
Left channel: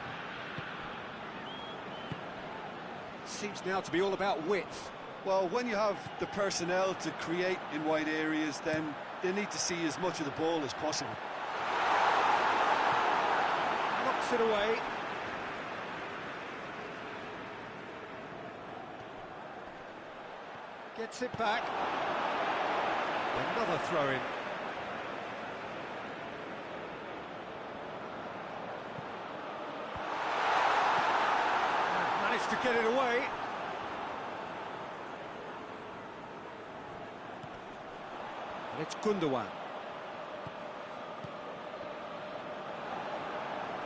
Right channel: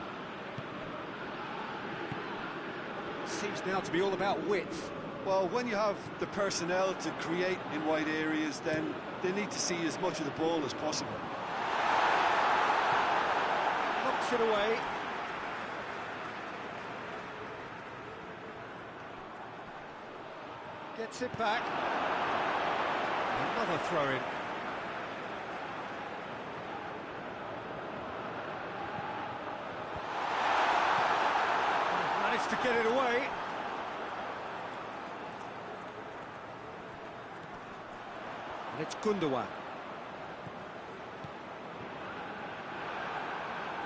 Seems now to be all about width. Well, when you have the personnel to create in wide areas, then they need to see as much of the ball as possible. Knocks it away. Gets it back. Another throw-in. Managed to get it away. And it's Gundogan.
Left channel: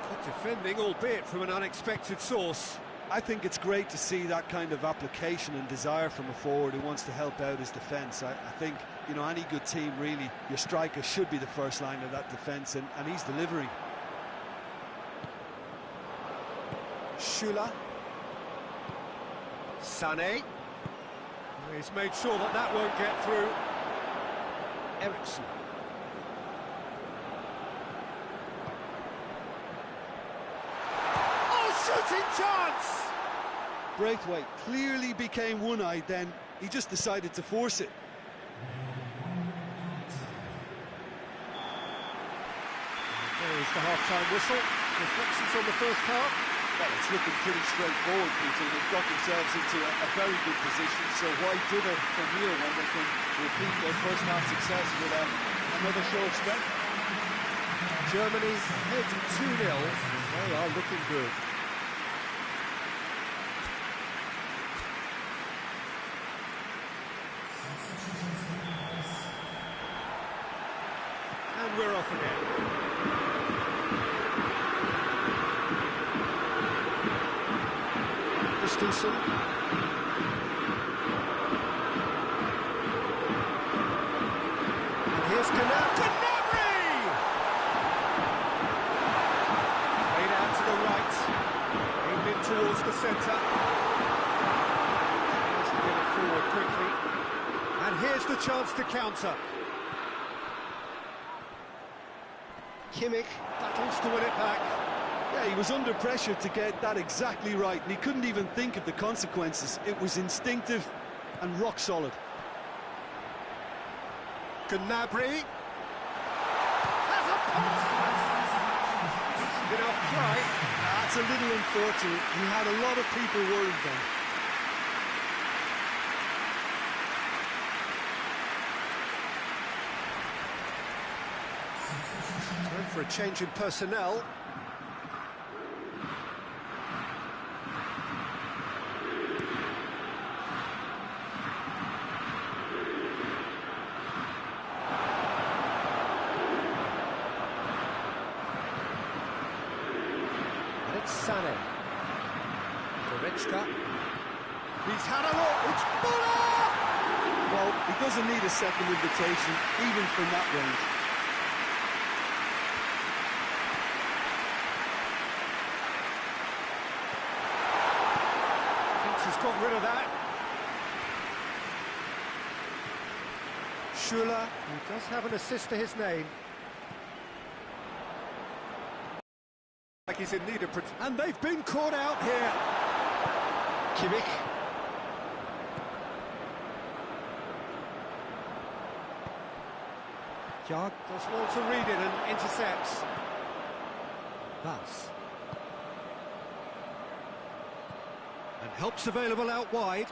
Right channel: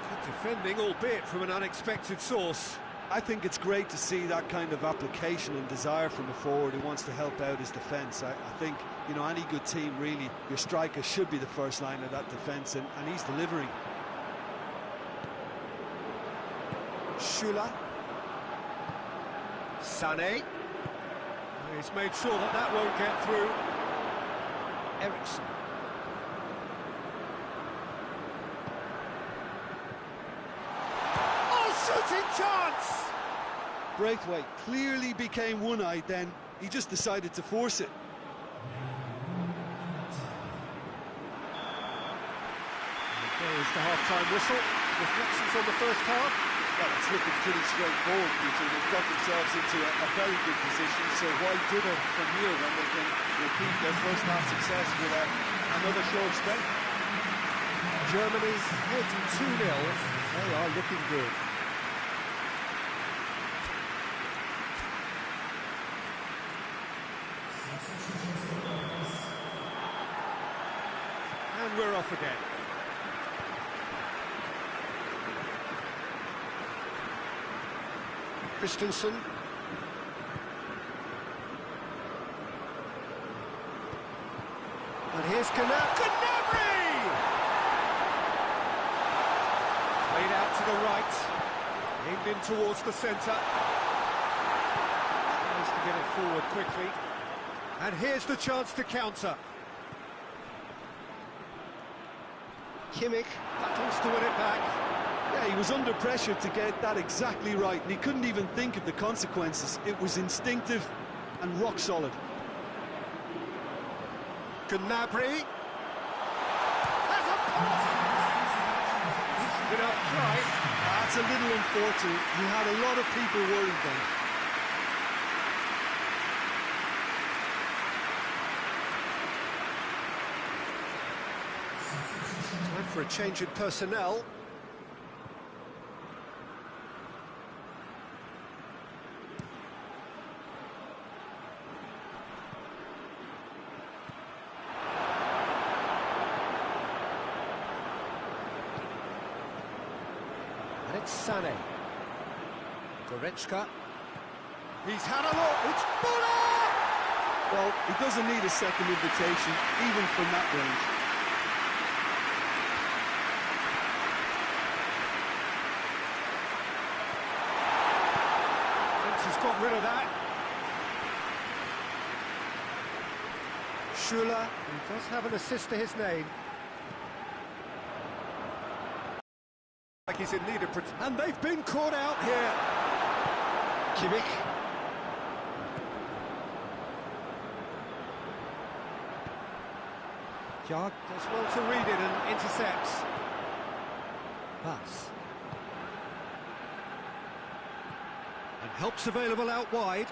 Good defending, albeit from an unexpected source. I think it's great to see that kind of application and desire from a forward who wants to help out his defence. I think, you know, any good team, really, your striker should be the first line of that defence, and he's delivering. Schüller. Sané. He's made sure that that won't get through. Eriksson. shooting chance! Braithwaite clearly became one-eyed then. He just decided to force it. There is the half-time whistle. Reflections on the first half? Well, it's looking pretty straightforward, Peter. They've got themselves into a very good position, so why dither from here when they can repeat their first half success with another show of strength? Germany ahead 2-0, and they are looking good. And we're off again. Christensen. And here's Gnabry! Played out to the right. Aimed in towards the centre. Tries to get it forward quickly. And here's the chance to counter. Kimmich battles to win it back. Yeah, he was under pressure to get that exactly right, and he couldn't even think of the consequences. It was instinctive and rock solid. Gnabry has a pop! Decent enough try. That's a little unfortunate. He had a lot of people worried then. Time for a change in personnel. And it's Sané. Goretzka. He's had a look. It's Muller! Well, he doesn't need a second invitation, even from that range. Thinks he's got rid of that. Schuller, who does have an assist to his name. Like he's in need of protection. And they've been caught out here. Kimmich. Jarg does well to read it and intercepts. Pass. And help's available out wide.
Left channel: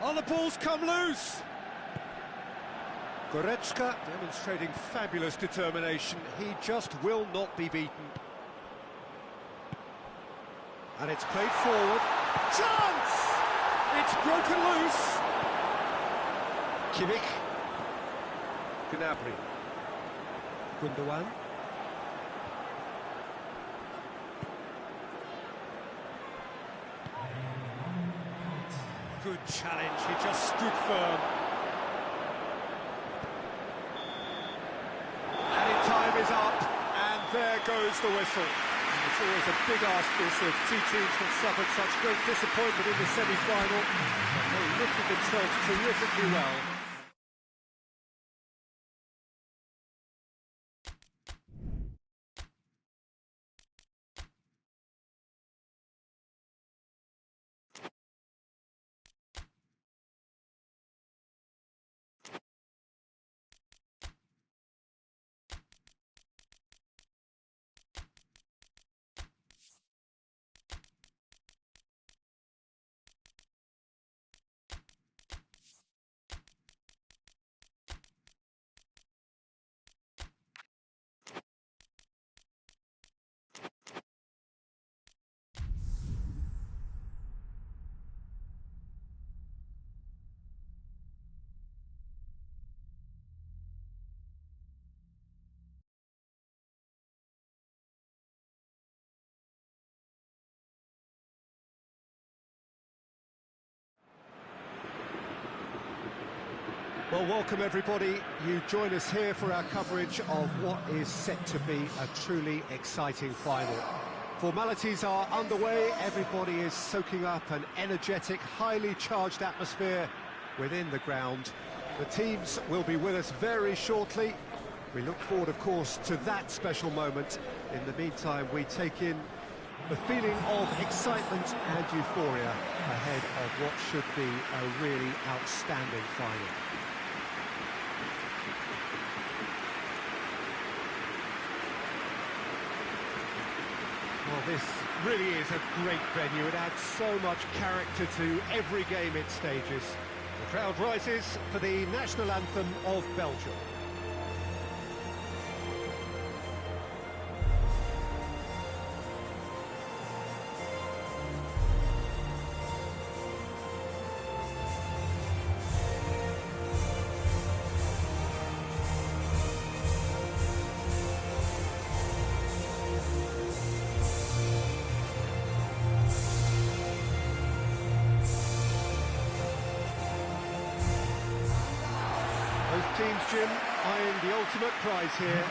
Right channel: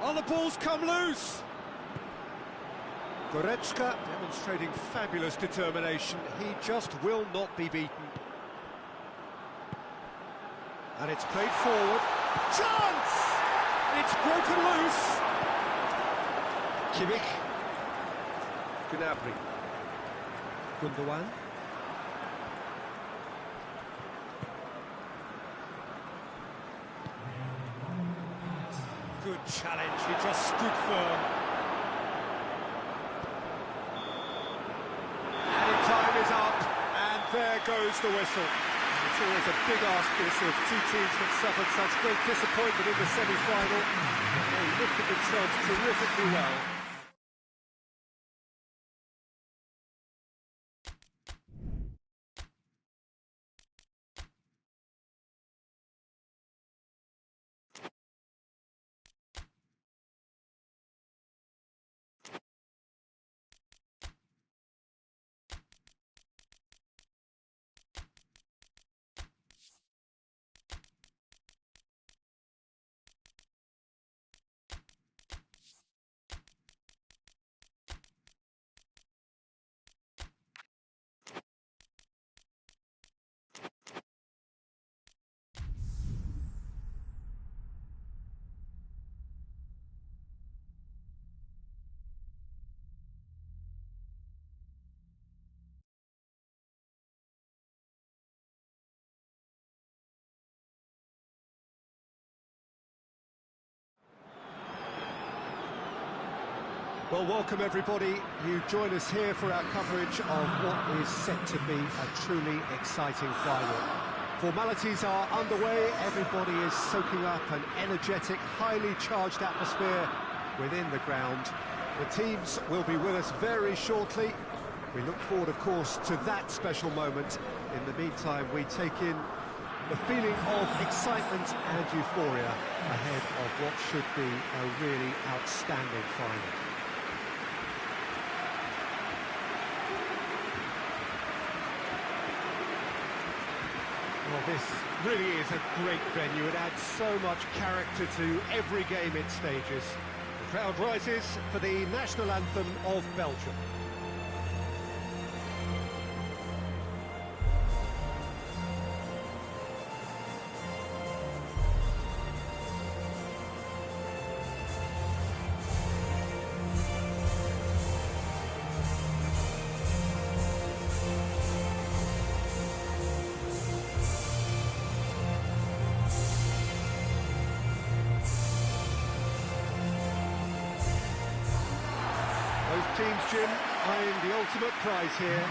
Oh, the ball's come loose. Goretzka demonstrating fabulous determination. He just will not be beaten. And it's played forward. Chance! It's broken loose. Kimmich. Gnabry. Gundogan. Good challenge, he just stood firm. Added time is up, and there goes the whistle. And it's always a big ask, this, of two teams that suffered such great disappointment in the semi-final. But they lifted themselves terrifically well. Well, welcome everybody. You join us here for our coverage of what is set to be a truly exciting final. Formalities are underway, everybody is soaking up an energetic, highly charged atmosphere within the ground. The teams will be with us very shortly. We look forward, of course, to that special moment. In the meantime, we take in the feeling of excitement and euphoria ahead of what should be a really outstanding final. Well, this really is a great venue. It adds so much character to every game it stages. The crowd rises for the national anthem of Belgium. Both teams, Jim, eyeing the ultimate prize here,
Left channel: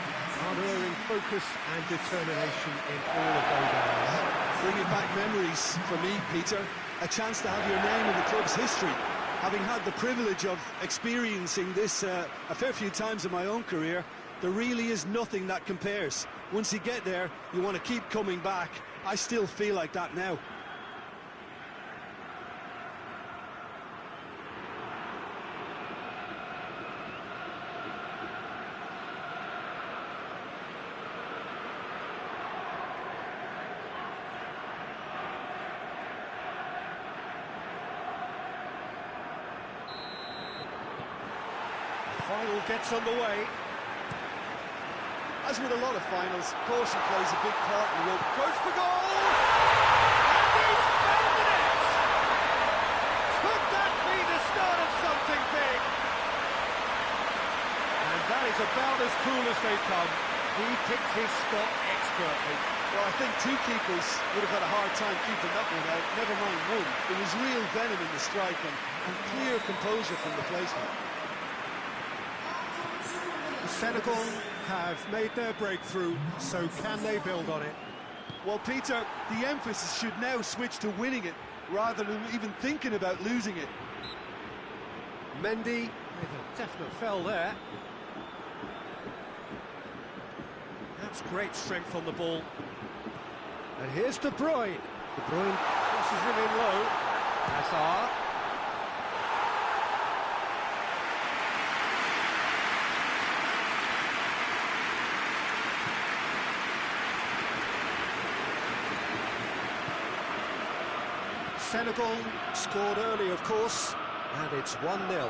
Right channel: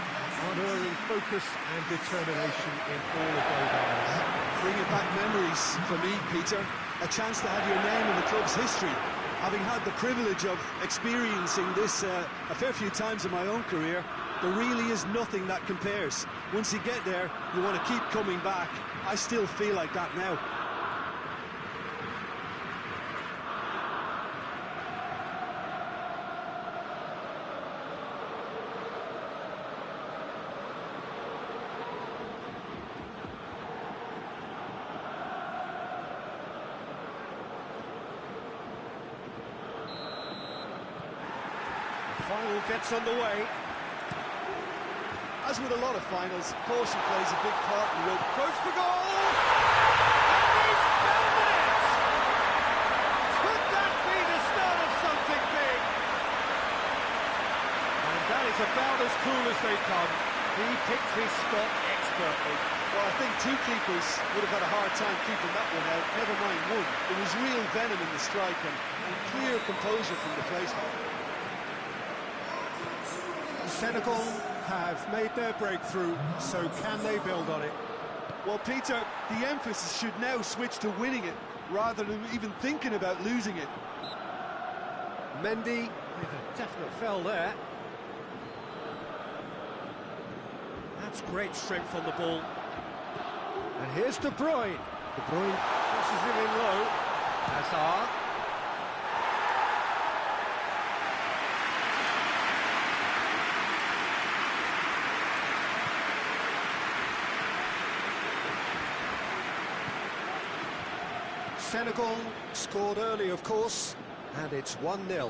unerring focus and determination in all of those eyes. Bringing back memories for me, Peter. A chance to have your name in the club's history. Having had the privilege of experiencing this a fair few times in my own career, there really is nothing that compares. Once you get there, you want to keep coming back. I still feel like that now. Final gets underway. As with a lot of finals, caution plays a big part in the road. Goes for goal! And he's found the net! Could that be the start of something big? And that is about as cool as they come. He picked his spot expertly. Well, I think two keepers would have had a hard time keeping that one out, never mind one. There was real venom in the strike and clear composure from the placement. Senegal have made their breakthrough, so can they build on it? Well, Peter, the emphasis should now switch to winning it, rather than even thinking about losing it. Mendy with a definite fell there. That's great strength on the ball. And here's De Bruyne. De Bruyne crosses him in low. Hazard. Senegal scored early, of course, and it's 1-0.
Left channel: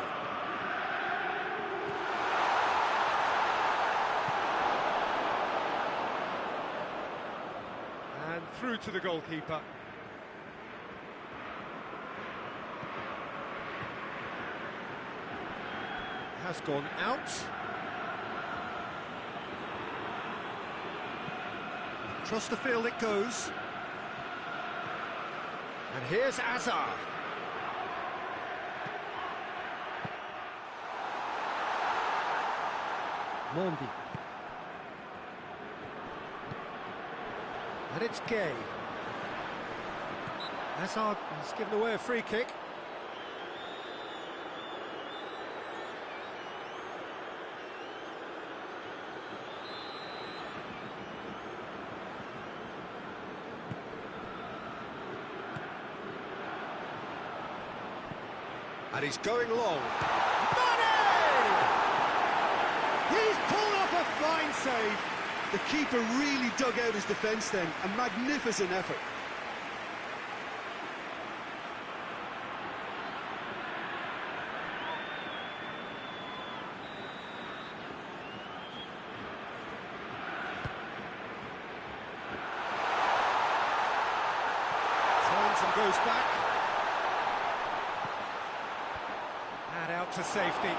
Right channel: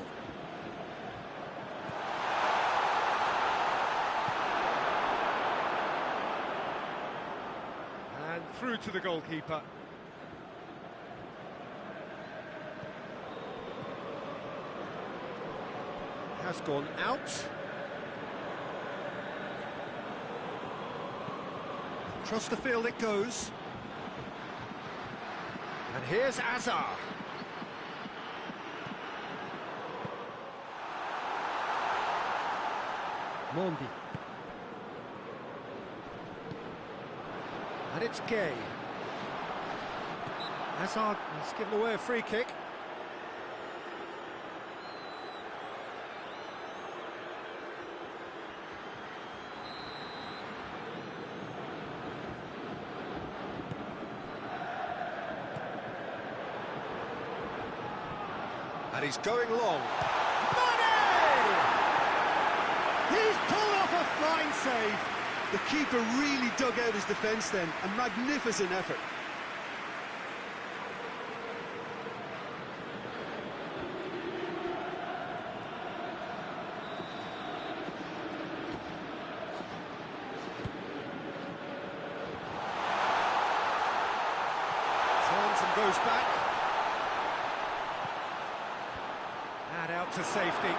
And through to the goalkeeper. Has gone out. Across the field it goes. And here's Hazard. Mondi. And it's Gay. Hazard has given away a free kick. And he's going long. Money! He's pulled off a fine save. The keeper really dug out his defence then. A magnificent effort. Turns and goes back. And out to safety.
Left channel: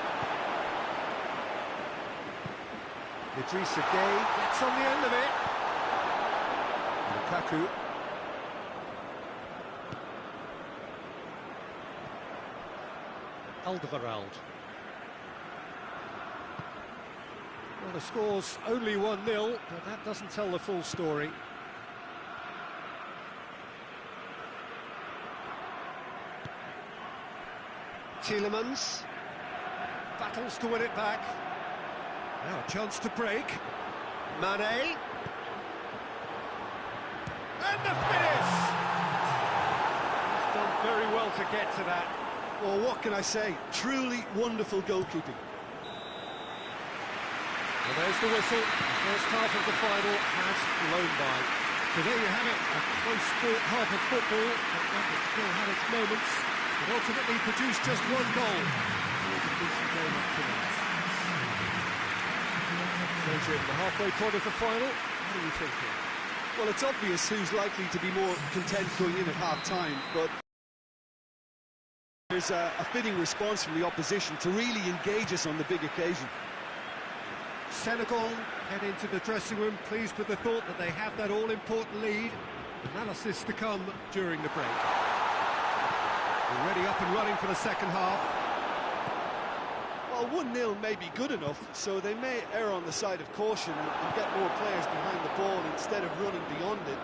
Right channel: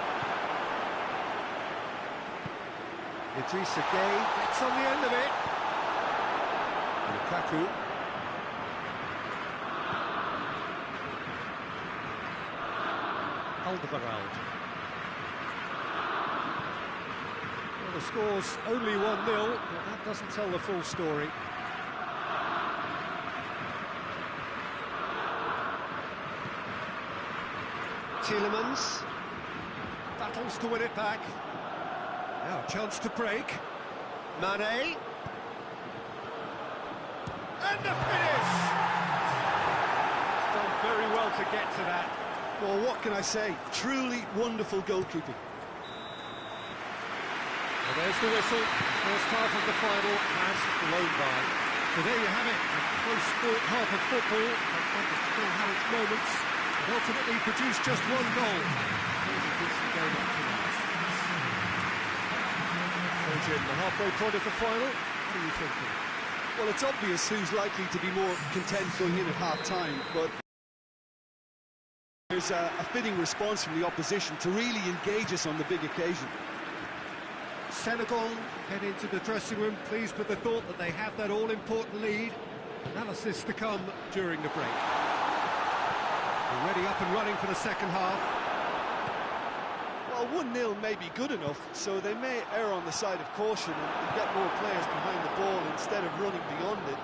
Idrissa Gay gets on the end of it. Lukaku. Alderweireld. Well, the score's only 1-0, but that doesn't tell the full story. Tielemans battles to win it back. Now a chance to break. Mane. And the finish! He's done very well to get to that. Well, what can I say? Truly wonderful goalkeeping. Well, there's the whistle. The first half of the final has flown by. So there you have it, a close-fought half of football, but one that still had its moments, but ultimately produced just one goal. It was a decent game up to now. So, Jim, the halfway point of the final, what are you thinking? Well, it's obvious who's likely to be more content going in at half-time, but there's a fitting response from the opposition to really engage us on the big occasion. Senegal head into the dressing room, pleased with the thought that they have that all-important lead. Analysis to come during the break. Already up and running for the second half. Well, 1-0 may be good enough, so they may err on the side of caution and get more players behind the ball instead of running beyond it.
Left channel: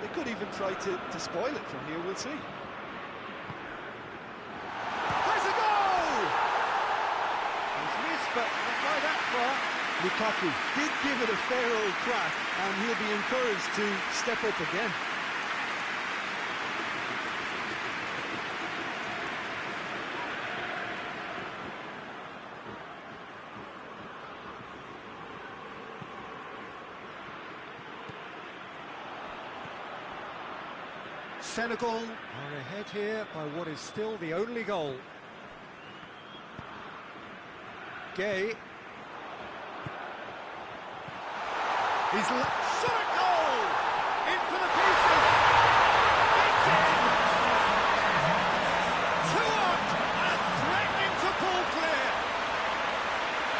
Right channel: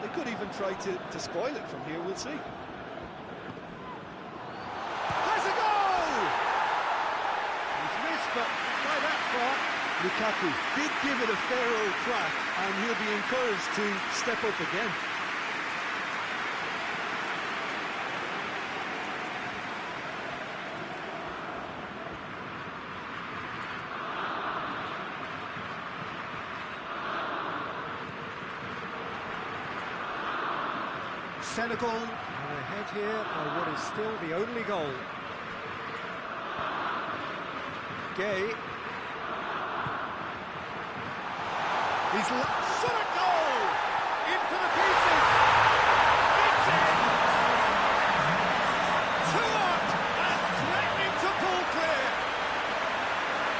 They could even try to spoil it from here, we'll see. Has a goal! He's missed, but not by that far. Lukaku did give it a fair old crack, and he'll be encouraged to step up again. Senegal are ahead here by what is still the only goal. Gay. He's shot a goal! In for the pieces! It's in! 2-up and threatening to pull clear!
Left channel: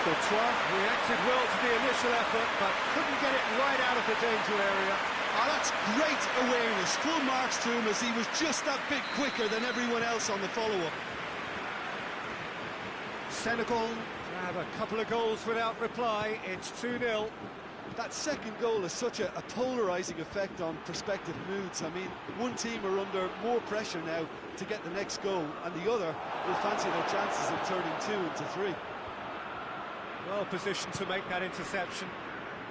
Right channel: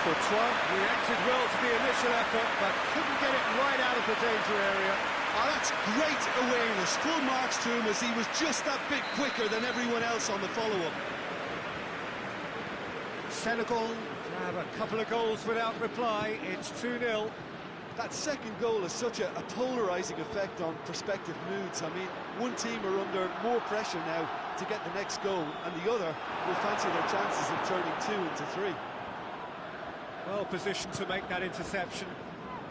Courtois reacted well to the initial effort, but couldn't get it right out of the danger area. Oh, that's great awareness. Full marks to him as he was just that bit quicker than everyone else on the follow-up. Senegal grab a couple of goals without reply. It's 2-0. That second goal has such a polarising effect on prospective moods. I mean, one team are under more pressure now to get the next goal, and the other will fancy their chances of turning 2 into 3. Well positioned to make that interception,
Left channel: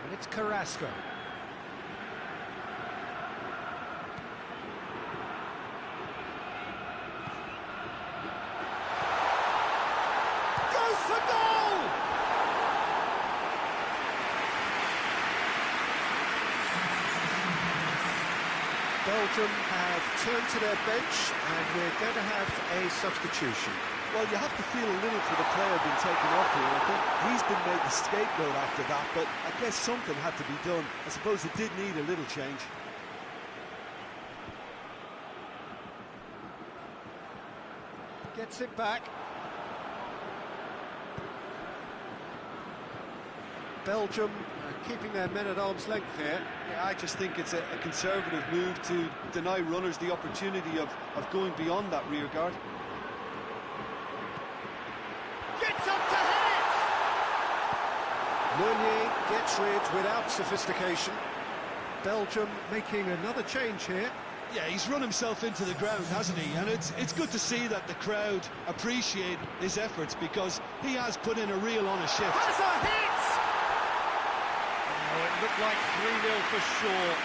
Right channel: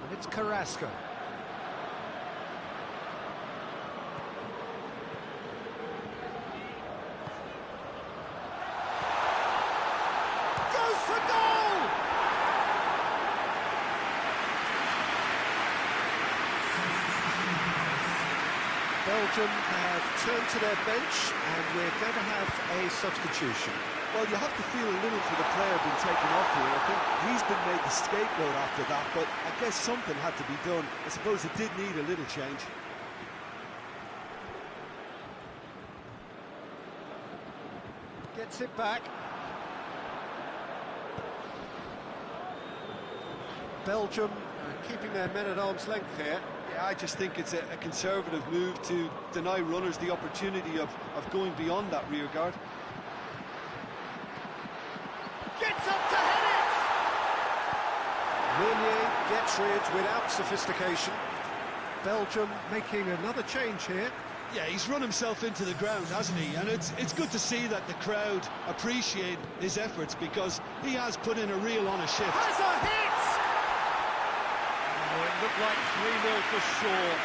and it's Carrasco. Goes for goal! Belgium have turned to their bench, and we're going to have a substitution. Well, you have to feel a little for the player being taken off here. I think he's been made the scapegoat after that, but I guess something had to be done. I suppose it did need a little change. Gets it back. Belgium keeping their men at arm's length here. Yeah, I just think it's a conservative move to deny runners the opportunity of going beyond that rear guard. Gets up to head it! Meunier gets rid without sophistication. Belgium making another change here. Yeah, he's run himself into the ground, hasn't he? And it's good to see that the crowd appreciate his efforts, because he has put in a real honest shift. Has a hit! Oh, it looked like 3-0 for sure.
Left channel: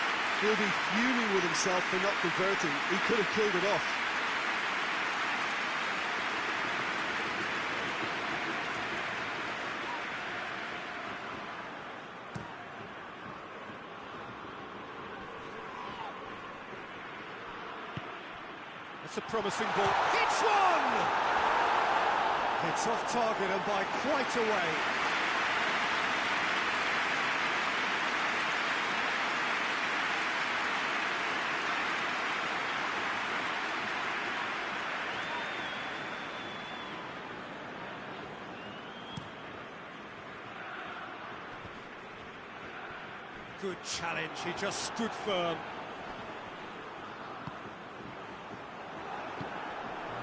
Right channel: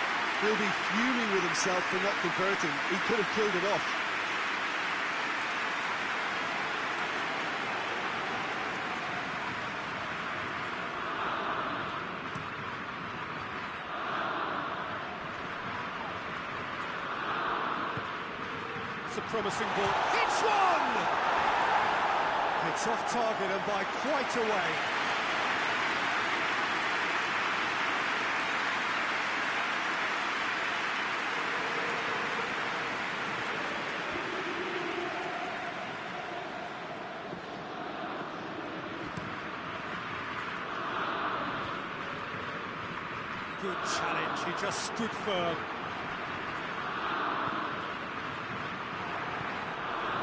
He'll be fuming with himself for not converting. He could have killed it off. That's a promising ball. Hits one! It's off target and by quite a way. Good challenge, he just stood firm.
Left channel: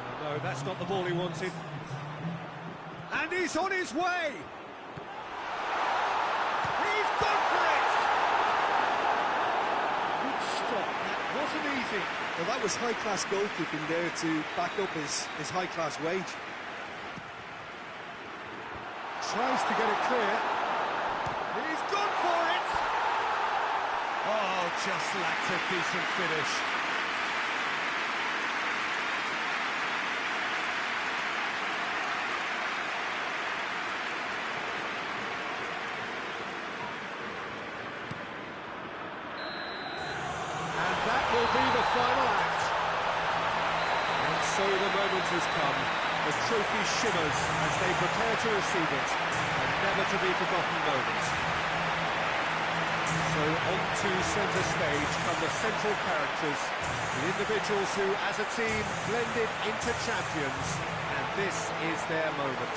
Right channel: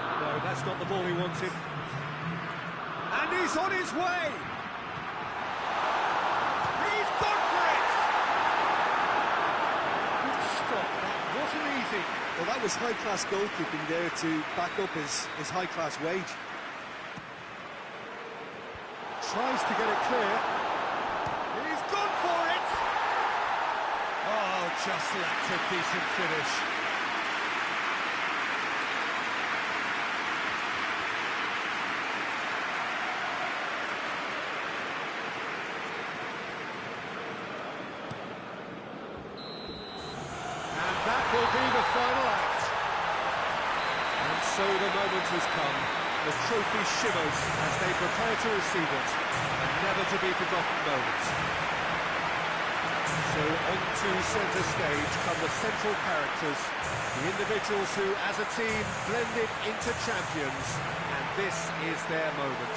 Oh, no, that's not the ball he wanted. And he's on his way! He's gone for it! Good stop, that wasn't easy. Well, that was high-class goalkeeping there to back up his high-class wage. Tries to get it clear. just lacked a decent finish. And that will be the final act. And so the moment has come. The trophy shimmers as they prepare to receive it. A never-to-be-forgotten moment. So onto centre stage come the central characters, the individuals who, as a team, blended into champions. And this is their moment.